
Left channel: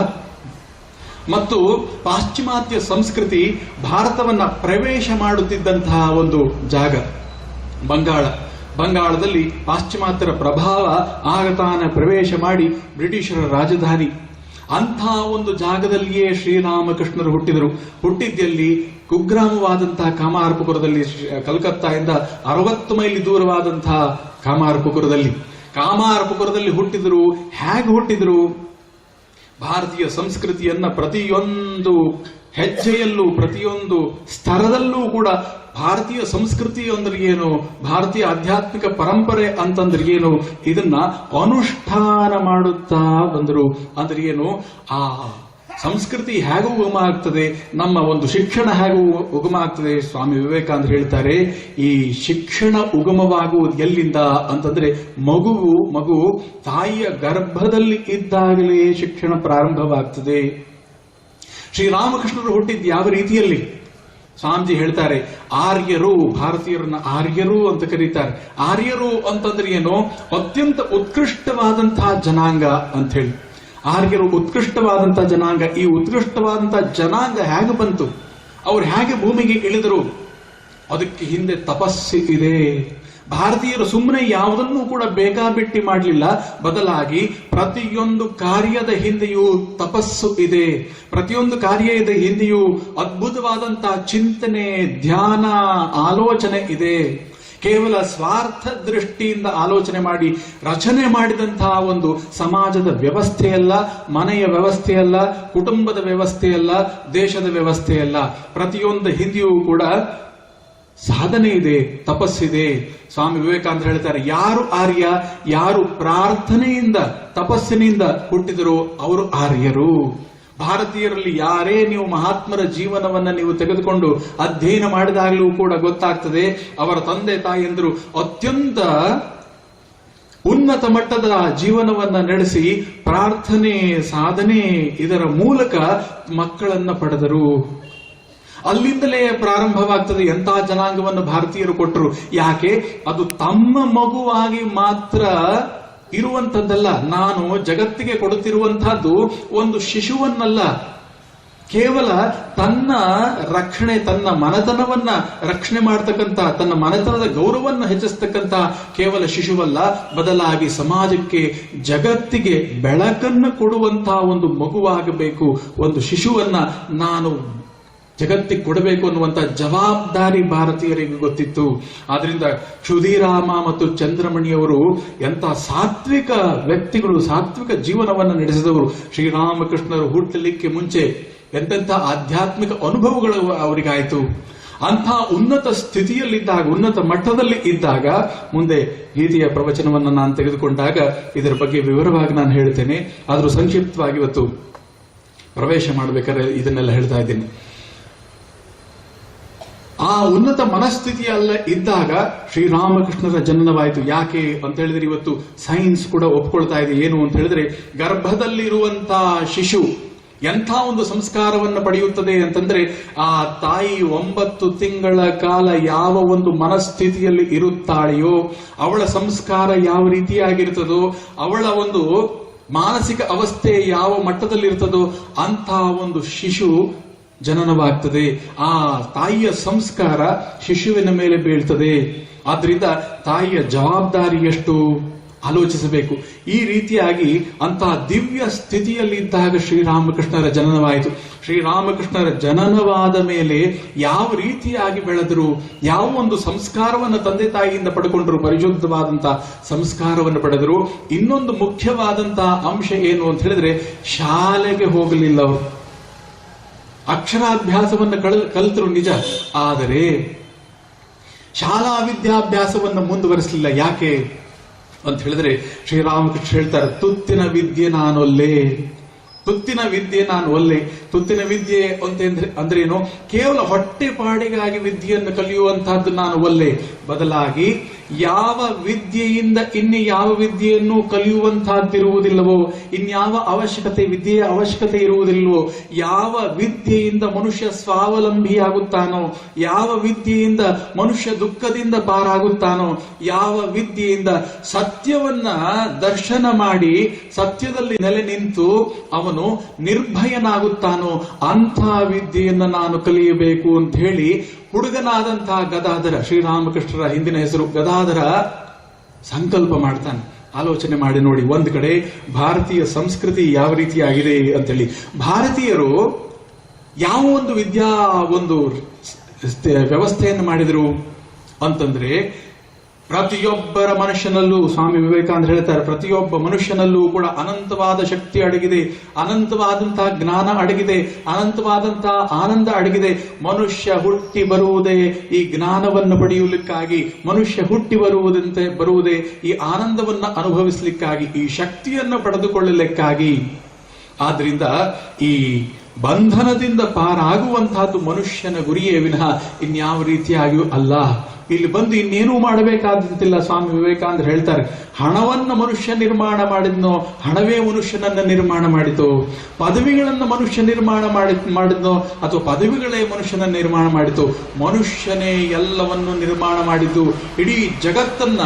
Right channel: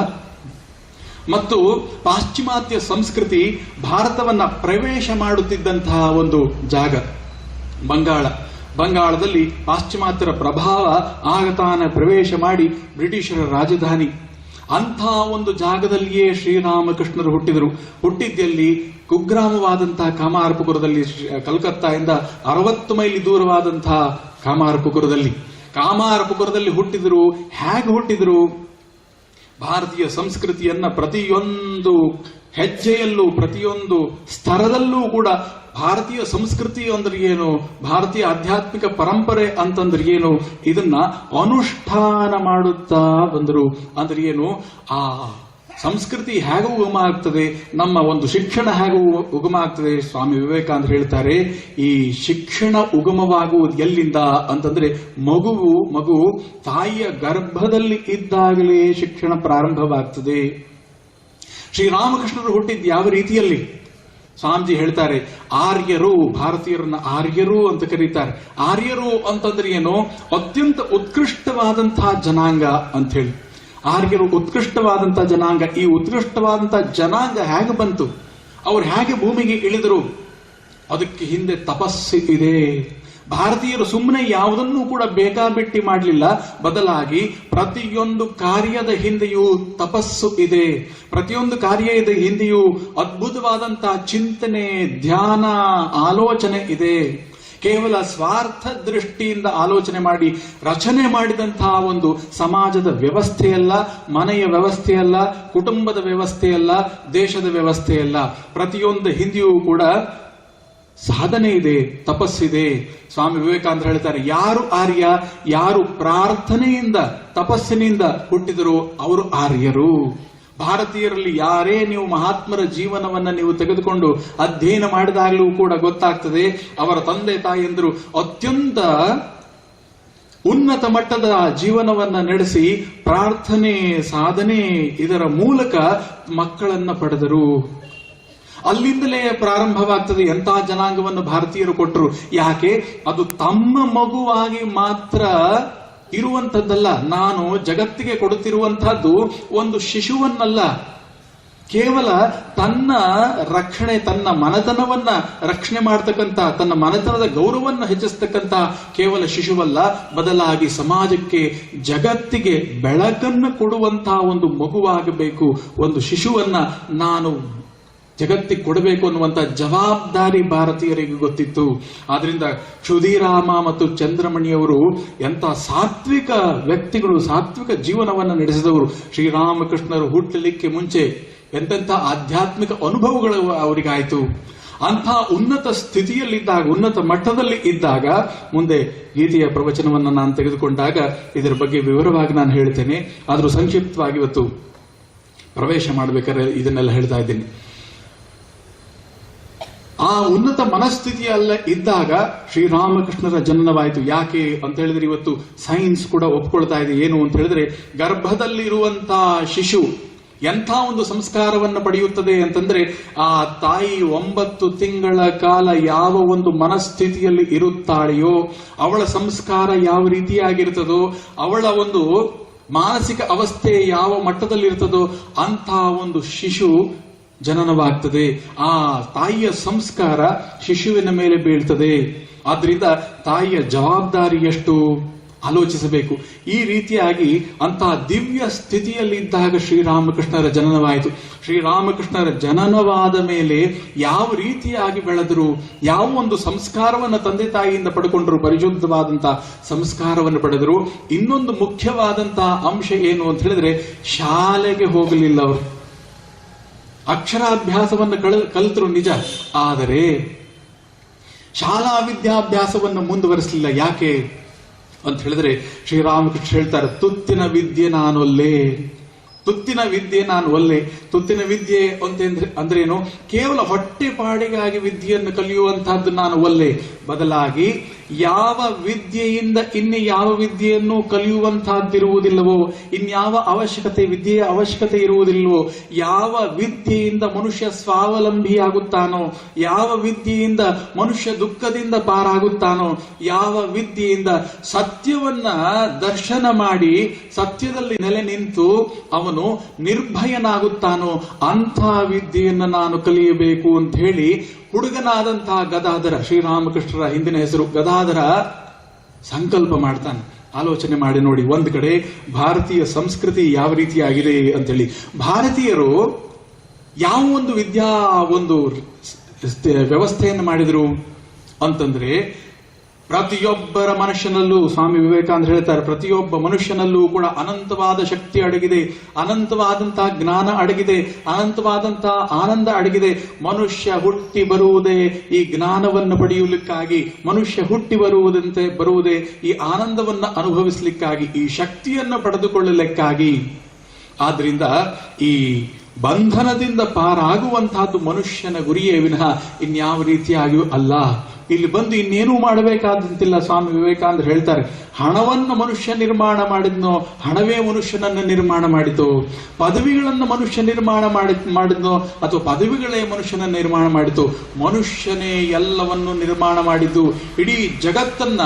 ಮತ್ತು ಪಾಶ್ಚಿಮಾತ್ಯ ಸಂಸ್ಕೃತಿ ಭಾರತವನ್ನ ಪ್ರವೇಶ ಮಾಡುತ್ತಿದ್ದಂತಹ ಒಂದು ಜಾಗ ಬಂಗಾಳದಲ್ಲಿ ಪಾಶ್ಚಿಮಾತ್ಯರ ಪ್ರಭಾವ ಆಗತಾನ ಪ್ರವೇಶ ಮಾಡಿ ಬ್ರಿಟಿಷರ ರಾಜಧಾನಿ. ಅಂಥ ಒಂದು ಜಾಗದಲ್ಲಿಯೇ ಶ್ರೀರಾಮಕೃಷ್ಣರು ಹುಟ್ಟಿದ್ದಲ್ಲಿ ಕುಗ್ರಾಮವಾದಂತಹ ಕಾಮಾರಪುಕುರದಲ್ಲಿ, ಕಲ್ಕತ್ತಾದಿಂದ 60 ಮೈಲಿ ದೂರವಾದಂತಹ ಕಾಮಾರಪುಕುರದಲ್ಲಿ ಹುಟ್ಟಿದರು. ಹೇಗೆ ಹುಟ್ಟಿದರು? ಭಾರತೀಯ ಸಂಸ್ಕೃತಿಯನ್ನ ಪ್ರತಿಯೊಂದು ಹೆಜ್ಜೆಯಲ್ಲೂ, ಪ್ರತಿಯೊಂದು ಸ್ತರದಲ್ಲೂ ಕೂಡ ಭಾರತೀಯ ಸಂಸ್ಕೃತಿ ಅಂದ್ರೆ ಏನು, ಭಾರತೀಯ ಆಧ್ಯಾತ್ಮಿಕ ಪರಂಪರೆ ಅಂತಂದ್ರೆ ಏನು, ಇದನ್ನ ಅನುಷ್ಠಾನ ಮಾಡುತ್ತಾ ಬಂದರು. ಅಂದ್ರೆ ಏನು? ಆ ಸಂಸ್ಕೃತಿ ಹೇಗೆ ಉಗಮ ಆಗ್ತದೆ, ನಮ್ಮ ಒಂದು ಶಿಕ್ಷಣ ಹೇಗೆ ಉಗಮ ಆಗ್ತದೆ. ಸ್ವಾಮಿ ವಿವೇಕಾನಂದ ಹೇಳ್ತಾರೆ, ಈ ಶಿಕ್ಷಣ ಉಗಮವಾಗುವುದು ಎಲ್ಲಿಂದ ಅಂತಂದ್ರೆ ಮಗು ತಾಯಿಯ ಗರ್ಭದಲ್ಲಿ ಇದ್ದಾಗಲೇ ಶಿಕ್ಷಣ ಪ್ರಾರಂಭವಾಗ್ತದೆ. ಶ್ರೀರಾಮಕೃಷ್ಣರು ಹುಟ್ಟಿದ್ದು ಯಾವ ರೀತಿಯಲ್ಲಿ? ಸ್ವಾಮೀಜಿ ಹೇಳ್ತಾರೆ, ಆರ್ಯರು, ಭಾರತೀಯರನ್ನ ಆರ್ಯರು ಅಂತ ಕರೀತಾರೆ. ಆರ್ಯರು ಅಂತಂದ್ರೆ ಏನು? ಅತ್ಯಂತ ಉತ್ಕೃಷ್ಟವಾದಂತಹ ಜನಾಂಗ ಅಂತ ಹೇಳಿ. ಆರ್ಯರು ಉತ್ಕೃಷ್ಟವಾದಂತಹ ಜನಾಂಗ. ಈ ಉತ್ಕೃಷ್ಟವಾದಂತಹ ಜನಾಂಗ ಹೇಗೆ ಬಂತು? ಅವ್ರು ಹೇಗೆ ಭೂಮಿಗೆ ಇಳಿದರು? ಅದಕ್ಕೆ ಹಿಂದೆ ತಪಸ್ಸು ಇದೆ. ಭಾರತೀಯರು ಸುಮ್ಮನೆ ಯಾವುದನ್ನೂ ಕೂಡ ಬೇಕಾಬಿಟ್ಟಿ ಮಾಡಲಿಲ್ಲ. ಬದಲಾಗಿ ಪ್ರತಿಯೊಂದು ಕಾರ್ಯದ ಹಿಂದೆಯೂ ತಪಸ್ಸು ಇದೆ. ಪ್ರತಿಯೊಂದು ಕಾರ್ಯದ ಹಿಂದೆಯೂ ಅದ್ಭುತವಾದಂತಹ ಚಿಂತನೆ, ಧ್ಯಾನ, ಆಲೋಚನೆ ಇದೆ. ಕೇವಲ ಸ್ವಾರ್ಥ ದೃಷ್ಟಿಯಿಂದ ಆಲೋಚನೆ ಮಾಡಿ ರಚನೆ ಮಾಡಿದಂತಹ ಒಂದು ಸಮಾಜದ ವ್ಯವಸ್ಥೆಯಲ್ಲ, ಮನೆಯ ವ್ಯವಸ್ಥೆಯಲ್ಲ, ಕುಟುಂಬದ ವ್ಯವಸ್ಥೆಯಲ್ಲ, ದೇಶದ ವ್ಯವಸ್ಥೆಯಲ್ಲ. ಪ್ರತಿಯೊಂದು ಹಿಂದೆಯೂ ಕೂಡ ಸಾಧನೆ ಇದೆ, ತಪಸ್ಸಿದೆ. ಸ್ವಾಮಿ ವಿವೇಕಾನಂದ ಹೇಳ್ತಾರೆ, ಯಾರು ಆರ್ಯ, ಯಾರು ಪ್ರಾರ್ಥನೆಯಿಂದ, ತಪಸ್ಸಿನಿಂದ ಹುಟ್ಟಿದರೋ ಅವರು ಆರ್ಯರು. ಭಾರತೀಯರಲ್ಲಿ ಯಾರೇ ನೀವು ಮಹಾತ್ಮರ ಜೀವನವನ್ನ ನೀವು ತೆಗೆದುಕೊಂಡು ಅಧ್ಯಯನ ಮಾಡಿದಾಗಲೂ ಕೂಡ ಗೊತ್ತಾಗ್ತದೆ, ಅವರ ತಂದೆ ತಾಯಿಯಂದರು ಅತ್ಯಂತ ಉನ್ನತ ಮಟ್ಟದ ಜೀವನವನ್ನ ನಡೆಸಿ ಪ್ರಾರ್ಥನೆ, ಸಾಧನೆ ಇದರ ಮೂಲಕ ಮಕ್ಕಳನ್ನ ಪಡೆದರು. ಅಲ್ಲಿಂದಲೇ ಪ್ರಾರಂಭವಾಗ್ತದೆ. ಎಂಥ ಜನಾಂಗವನ್ನು ಭಾರತೀಯರು ಕೊಟ್ಟರು. ಯಾಕೆ? ಅದು ತಮ್ಮ ಮಗುವಾಗಿ ಮಾತ್ರ ಇರುವಂತದ್ದಲ್ಲ. ನಾನು ಜಗತ್ತಿಗೆ ಕೊಡುತ್ತಿರುವಂತಹದ್ದು ಒಂದು ಶಿಶುವನ್ನಲ್ಲ, ಕೇವಲ ತನ್ನ ರಕ್ಷಣೆ, ತನ್ನ ಮನೆತನವನ್ನ ರಕ್ಷಣೆ ಮಾಡತಕ್ಕಂತ, ತನ್ನ ಮನೆತನದ ಗೌರವವನ್ನು ಹೆಚ್ಚಿಸ್ತಕ್ಕಂತ ಕೇವಲ ಶಿಶುವಲ್ಲ, ಬದಲಾಗಿ ಸಮಾಜಕ್ಕೆ, ಜಗತ್ತಿಗೆ ಬೆಳಕನ್ನು ಕೊಡುವಂತಹ ಒಂದು ಮಗುವಾಗಬೇಕು. ಒಂದು ಶಿಶುವನ್ನ ನಾನು ಜಗತ್ತಿಗೆ ಕೊಡಬೇಕು ಅನ್ನುವಂಥ ಜವಾಬ್ದಾರಿ ಭಾರತೀಯರಿಗೆ ಗೊತ್ತಿತ್ತು. ಆದ್ರಿಂದ ಕ್ಷುದಿರಾಮ ಮತ್ತು ಚಂದ್ರಮಣಿಯವರು ಎಂಥ ಸಾತ್ವಿಕ ವ್ಯಕ್ತಿಗಳು, ಸಾತ್ವಿಕ ಜೀವನವನ್ನು ನಡೆಸಿದವರು. ಶ್ರೀರಾಮಕೃಷ್ಣರು ಹುಟ್ಟಲಿಕ್ಕೆ ಮುಂಚೆ ಎಂತೆಂಥ ಆಧ್ಯಾತ್ಮಿಕ ಅನುಭವಗಳು ಅವರಿಗಾಯಿತು. ಅಂಥ ಉನ್ನತ ಸ್ಥಿತಿಯಲ್ಲಿದ್ದಾಗ, ಉನ್ನತ ಮಟ್ಟದಲ್ಲಿ ಇದ್ದಾಗ, ಮುಂದೆ ಗೀತೆಯ ಪ್ರವಚನವನ್ನು ನಾನು ತೆಗೆದುಕೊಂಡಾಗ ಇದರ ಬಗ್ಗೆ ವಿವರವಾಗಿ ನಾನು ಹೇಳ್ತೇನೆ. ಆದರೂ ಸಂಕ್ಷಿಪ್ತವಾಗಿ ಇವತ್ತು ಪ್ರವೇಶ ಮಾಡಬೇಕಾದ್ರೆ ಇದನ್ನೆಲ್ಲ ಹೇಳ್ತಾ ಇದ್ದೀನಿ. ಆ ಉನ್ನತ ಮನಸ್ಥಿತಿಯಲ್ಲ ಇದ್ದಾಗ ಶ್ರೀರಾಮಕೃಷ್ಣರ ಜನನವಾಯಿತು. ಯಾಕೆ ಅಂತ ಹೇಳಿದ್ರೆ ಇವತ್ತು ಸೈನ್ಸ್ ಕೂಡ ಒಪ್ಕೊಳ್ತಾ ಇದೆ. ಏನು ಅಂತ ಹೇಳಿದ್ರೆ, ಗರ್ಭದಲ್ಲಿರುವಂತಹ ಶಿಶು ಎಂಥ ಒಂದು ಸಂಸ್ಕಾರವನ್ನು ಪಡೆಯುತ್ತದೆ ಅಂತಂದ್ರೆ, ಆ ತಾಯಿ 9 ತಿಂಗಳ ಕಾಲ ಯಾವ ಒಂದು ಮನಸ್ಥಿತಿಯಲ್ಲಿ ಇರುತ್ತಾಳೆಯೋ, ಅವಳ ಸಂಸ್ಕಾರ ಯಾವ ರೀತಿಯಾಗಿರ್ತದೋ, ಅವಳ ಒಂದು ಮಾನಸಿಕ ಅವಸ್ಥೆ ಯಾವ ಮಟ್ಟದಲ್ಲಿರ್ತದೋ ಅಂಥ ಒಂದು ಶಿಶು ಜನನವಾಗ್ತದೆ. ಆ ತಾಯಿಯ ಸಂಸ್ಕಾರ ಶಿಶುವಿನ ಮೇಲೆ ಬೀಳ್ತದೆ. ಆದ್ರಿಂದ ತಾಯಿಯ ಜವಾಬ್ದಾರಿ ಎಷ್ಟು? ಆಲೋಚಿಸಬೇಕು. ಈ ರೀತಿಯಾಗಿ ಅಂತಹ ದಿವ್ಯ ಸ್ಥಿತಿಯಲ್ಲಿದ್ದಾಗ ಶ್ರೀರಾಮಕೃಷ್ಣರ ಜನನವಾಯಿತು. ಶ್ರೀರಾಮಕೃಷ್ಣರ ಜನನವಾದ ಮೇಲೆ ಯಾವ ರೀತಿಯಾಗಿ ಬೆಳೆದರು, ಯಾವ ಒಂದು ಸಂಸ್ಕಾರವನ್ನು ತಂದೆ ತಾಯಿಯಿಂದ ಪಡ್ಕೊಂಡ್ರು, ಪರಿಶುದ್ಧವಾದಂತಹ ಸಂಸ್ಕಾರವನ್ನು ಪಡೆದರು. ಇನ್ನೊಂದು ಮುಖ್ಯವಾದಂತಹ ಅಂಶ ಏನು ಅಂತ ಹೇಳಿದ್ರೆ, ಶಾಲೆಗೆ ಹೋಗಲಿಲ್ಲ ಅವರು. ಅಕ್ಷರಾಭ್ಯಾಸವನ್ನು ಕಲಿತರು ನಿಜ, ಆದರೆ ಶಾಲಾ ವಿದ್ಯಾಭ್ಯಾಸವನ್ನು ಮುಂದುವರಿಸಲಿಲ್ಲ. ಯಾಕೆ ಅಂತ ಹೇಳಿದ್ರೆ, ಶ್ರೀರಾಮಕೃಷ್ಣ ಹೇಳ್ತಾರೆ, ತುತ್ತಿನ ವಿದ್ಯೆ ನಾನೊಲ್ಲೆ, ತುತ್ತಿನ ವಿದ್ಯೆ ನಾನು ಒಲ್ಲೆ. ತುತ್ತಿನ ವಿದ್ಯೆ ಅಂದ್ರೇನು? ಕೇವಲ ಹೊಟ್ಟೆಪಾಡಿಗಾಗಿ ವಿದ್ಯೆಯನ್ನು ಕಲಿಯುವಂತಹದ್ದು ನಾನು ಒಲ್ಲೆ. ಬದಲಾಗಿ ಯಾವ ವಿದ್ಯೆಯಿಂದ ಇನ್ನು ಯಾವ ವಿದ್ಯೆಯನ್ನು ಕಲಿಯುವಂತಹದ್ದಿರುವುದಿಲ್ಲವೋ, ಇನ್ಯಾವ ವಿದ್ಯೆಯ ಅವಶ್ಯಕತೆ ಇರುವುದಿಲ್ಲವೋ, ಯಾವ ವಿದ್ಯೆಯಿಂದ ಮನುಷ್ಯ ಸ್ವಾವಲಂಬಿಯಾಗುತ್ತಾನೋ, ಯಾವ ವಿದ್ಯೆಯಿಂದ ಮನುಷ್ಯ ದುಃಖದಿಂದ ಪಾರಾಗುತ್ತಾನೋ, ಯಾವ ವಿದ್ಯೆಯಿಂದ ಸತ್ಯವನ್ನ ದರ್ಶನ ಮಾಡಿ ಸತ್ಯದಲ್ಲಿ ನೆಲೆ ನಿಂತು ಅವನು ನಿರ್ಭಯನಾಗುತ್ತಾನೋ, ಅಂಥ ವಿದ್ಯೆಯನ್ನು ನಾನು ಕಲಿಯಬೇಕು ಅಂತ ಹೇಳಿ ಹುಡುಗನಾದಂತಹ ಗದಾಧರ, ಶ್ರೀರಾಮಕೃಷ್ಣರ ಹಿಂದಿನ ಹೆಸರು ಗದಾಧರ, ಸಂಕಲ್ಪ ಮಾಡ್ತಾನೆ. ಆಲೋಚನೆ ಮಾಡಿ ನೋಡಿ, ಒಂದು ಕಡೆ ಭಾರತೀಯ ಸಂಸ್ಕೃತಿ ಯಾವ ರೀತಿಯಾಗಿದೆ ಅಂತೇಳಿ, ಭಾರತೀಯರು ಯಾವ ಒಂದು ವ್ಯವಸ್ಥೆಯನ್ನು ಮಾಡಿದರು ಅಂತಂದ್ರೆ, ಪ್ರತಿಯೊಬ್ಬರ ಮನುಷ್ಯನಲ್ಲೂ, ಸ್ವಾಮಿ ವಿವೇಕಾನಂದ ಹೇಳ್ತಾರೆ, ಪ್ರತಿಯೊಬ್ಬ ಮನುಷ್ಯನಲ್ಲೂ ಕೂಡ ಅನಂತವಾದ ಶಕ್ತಿ ಅಡಗಿದೆ, ಅನಂತವಾದಂತಹ ಜ್ಞಾನ ಅಡಗಿದೆ, ಅನಂತವಾದಂತಹ ಆನಂದ ಅಡಗಿದೆ. ಮನುಷ್ಯ ಹುಟ್ಟಿ ಬರುವುದೇ ಈ ಜ್ಞಾನವನ್ನು ಪಡೆಯಲಿಕ್ಕಾಗಿ, ಮನುಷ್ಯ ಹುಟ್ಟಿ ಬರುವುದೇ ಈ ಆನಂದವನ್ನು ಅನುಭವಿಸಲಿಕ್ಕಾಗಿ, ಈ ಶಕ್ತಿಯನ್ನು ಪಡೆದುಕೊಳ್ಳಲಿಕ್ಕಾಗಿ. ಆದ್ರಿಂದ ಈ ಬಂಧನದಿಂದ ಪಾರಾಗುವಂತಹದ್ದು ಮನುಷ್ಯನ ಗುರಿಯೇ ವಿನಃ ಇನ್ಯಾವ ರೀತಿಯಾಗಿಯೂ ಅಲ್ಲ. ಇಲ್ಲಿ ಬಂದು ಇನ್ನೇನೂ ಮಾಡಬೇಕಾದಂತಿಲ್ಲ. ಸ್ವಾಮಿ ವಿವೇಕಾನಂದ ಹೇಳ್ತಾರೆ, ಹಣವನ್ನು ಮನುಷ್ಯ ನಿರ್ಮಾಣ ಮಾಡಿದ್ನೋ, ಹಣವೇ ಮನುಷ್ಯನನ್ನು ನಿರ್ಮಾಣ ಮಾಡಿತು. ಪದವಿಗಳನ್ನು ಮನುಷ್ಯ ನಿರ್ಮಾಣ ಮಾಡಿದ್ನೋ, ಅಥವಾ ಪದವಿಗಳೇ ಮನುಷ್ಯನ ನಿರ್ಮಾಣ ಮಾಡಿತು. ಮನುಷ್ಯನೇ ಎಲ್ಲವನ್ನು ನಿರ್ಮಾಣ ಮಾಡಿದ್ದು. ಇಡೀ ಜಗತ್ತನ್ನ,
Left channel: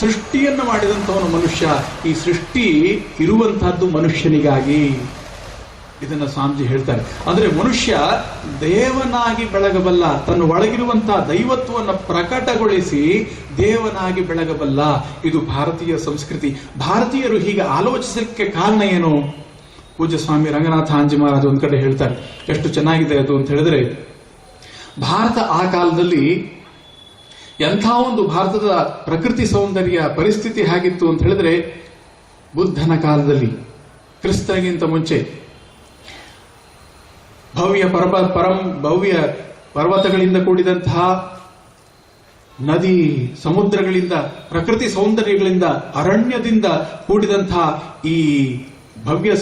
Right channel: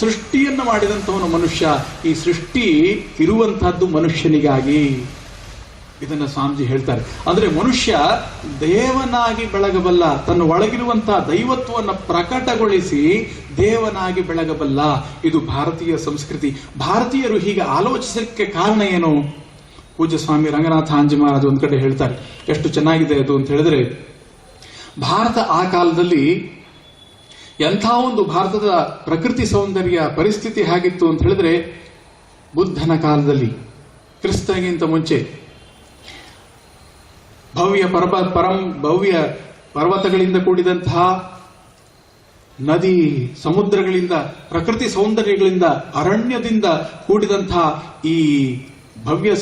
ಸೃಷ್ಟಿಯನ್ನು ಮಾಡಿದಂಥವನು ಮನುಷ್ಯ. ಈ ಸೃಷ್ಟಿ ಇರುವಂತಹದ್ದು ಮನುಷ್ಯನಿಗಾಗಿ. ಇದನ್ನ ಸ್ವಾಮೀಜಿ ಹೇಳ್ತಾರೆ. ಅಂದ್ರೆ ಮನುಷ್ಯ ದೇವನಾಗಿ ಬೆಳಗಬಲ್ಲ, ತನ್ನ ಒಳಗಿರುವಂತಹ ದೈವತ್ವವನ್ನು ಪ್ರಕಟಗೊಳಿಸಿ ದೇವನಾಗಿ ಬೆಳಗಬಲ್ಲ. ಇದು ಭಾರತೀಯ ಸಂಸ್ಕೃತಿ. ಭಾರತೀಯರು ಹೀಗೆ ಆಲೋಚಿಸಲಿಕ್ಕೆ ಕಾರಣ ಏನು? ಪೂಜ್ಯ ಸ್ವಾಮಿ ರಂಗನಾಥ ಆಂಜಿ ಮಹಾರಾಜ್ ಒಂದ್ ಕಡೆ ಹೇಳ್ತಾರೆ, ಎಷ್ಟು ಚೆನ್ನಾಗಿದೆ ಅದು ಅಂತ ಹೇಳಿದ್ರೆ, ಭಾರತ ಆ ಕಾಲದಲ್ಲಿ ಎಂಥ ಒಂದು ಭಾರತದ ಪ್ರಕೃತಿ ಸೌಂದರ್ಯ ಪರಿಸ್ಥಿತಿ ಹೇಗಿತ್ತು ಅಂತ ಹೇಳಿದ್ರೆ, ಬುದ್ಧನ ಕಾಲದಲ್ಲಿ, ಕ್ರಿಸ್ತನಿಗಿಂತ ಮುಂಚೆ ಭವ್ಯ ಪರ್ವತಗಳಿಂದ ಕೂಡಿದಂತಹ, ನದಿ ಸಮುದ್ರಗಳಿಂದ, ಪ್ರಕೃತಿ ಸೌಂದರ್ಯಗಳಿಂದ, ಅರಣ್ಯದಿಂದ ಕೂಡಿದಂತಹ ಈ ಭವ್ಯ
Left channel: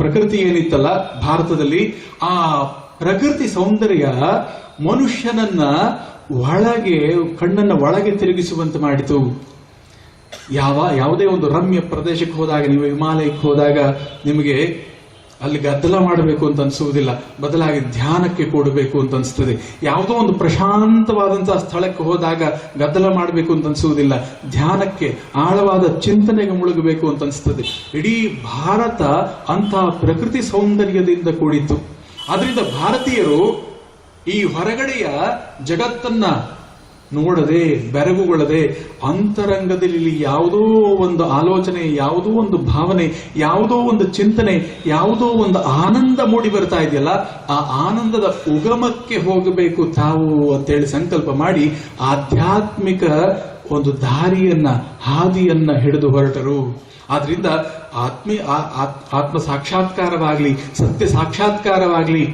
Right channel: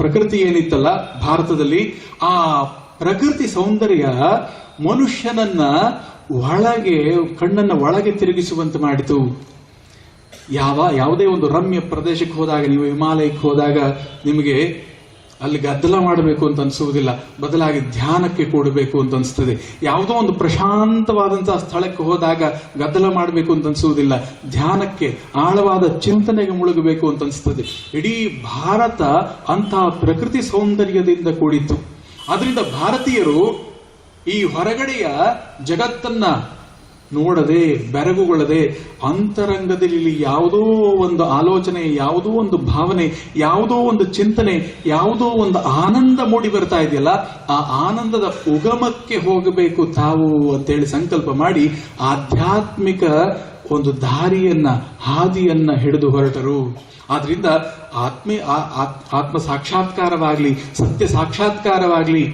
ಪ್ರಕೃತಿ ಏನಿತ್ತಲ್ಲ ಭಾರತದಲ್ಲಿ, ಆ ಪ್ರಕೃತಿ ಸೌಂದರ್ಯ ಮನುಷ್ಯನನ್ನ ಕಣ್ಣನ್ನ ಒಳಗೆ ತಿರುಗಿಸುವಂತೆ ಮಾಡಿತು. ಯಾವುದೇ ಒಂದು ರಮ್ಯ ಪ್ರದೇಶಕ್ಕೆ ಹೋದಾಗ, ನೀವು ಹಿಮಾಲಯಕ್ಕೆ ಹೋದಾಗ ನಿಮಗೆ ಅಲ್ಲಿ ಗದ್ದಲ ಮಾಡಬೇಕು ಅಂತ ಅನ್ಸುವುದಿಲ್ಲ, ಬದಲಾಗಿ ಧ್ಯಾನಕ್ಕೆ ಕೂಡಬೇಕು ಅಂತ ಅನಿಸ್ತದೆ. ಯಾವುದೋ ಒಂದು ಪ್ರಶಾಂತವಾದಂತಹ ಸ್ಥಳಕ್ಕೆ ಹೋದಾಗ ಗದ್ದಲ ಮಾಡಬೇಕು ಅಂತ ಅನ್ಸುವುದಿಲ್ಲ, ಧ್ಯಾನಕ್ಕೆ, ಆಳವಾದ ಚಿಂತನೆಗೆ ಮುಳುಗಬೇಕು ಅಂತ ಅನಿಸ್ತದೆ. ಇಡೀ ಭಾರತ ಅಂತಹ ಪ್ರಕೃತಿ ಸೌಂದರ್ಯದಿಂದ ಕೂಡಿತ್ತು. ಆದ್ರಿಂದ ಭಾರತೀಯರು ಈ ಹೊರಗಡೆಯ ಜಗತ್ತನ್ನ ನೋಡದೆ, ಬೆರಗುಗೊಳ್ಳದೆ, ಅಂತರಂಗದಲ್ಲಿ ಯಾವುದೋ ಒಂದು ಆಲೋಚನೆ, ಯಾವುದೋ ಒಂದು ಭಾವನೆ, ಯಾವುದೋ ಒಂದು ಚಿಂತನೆ, ಯಾವುದೋ ಒಂದು ಆನಂದ ಮೂಡಿ ಬರ್ತಾ ಇದೆಯಲ್ಲ, ಆ ಆನಂದದ ಉಗಮಕ್ಕೆ ಹೋಗಬೇಕು ತಾವು ಅಂತೇಳಿ ಸಂಕಲ್ಪ ಮಾಡಿ ಆಧ್ಯಾತ್ಮಿಕ ಒಂದು ಹಾದಿಯನ್ನ ಹಿಡಿದು ಹೊರಟರು. ಆದ್ರಿಂದ ಆತ್ಮ ಸಾಕ್ಷಾತ್ಕಾರವಾಗ್ಲಿ, ಸತ್ಯ ಸಾಕ್ಷಾತ್ಕಾರವಾಗ್ಲಿ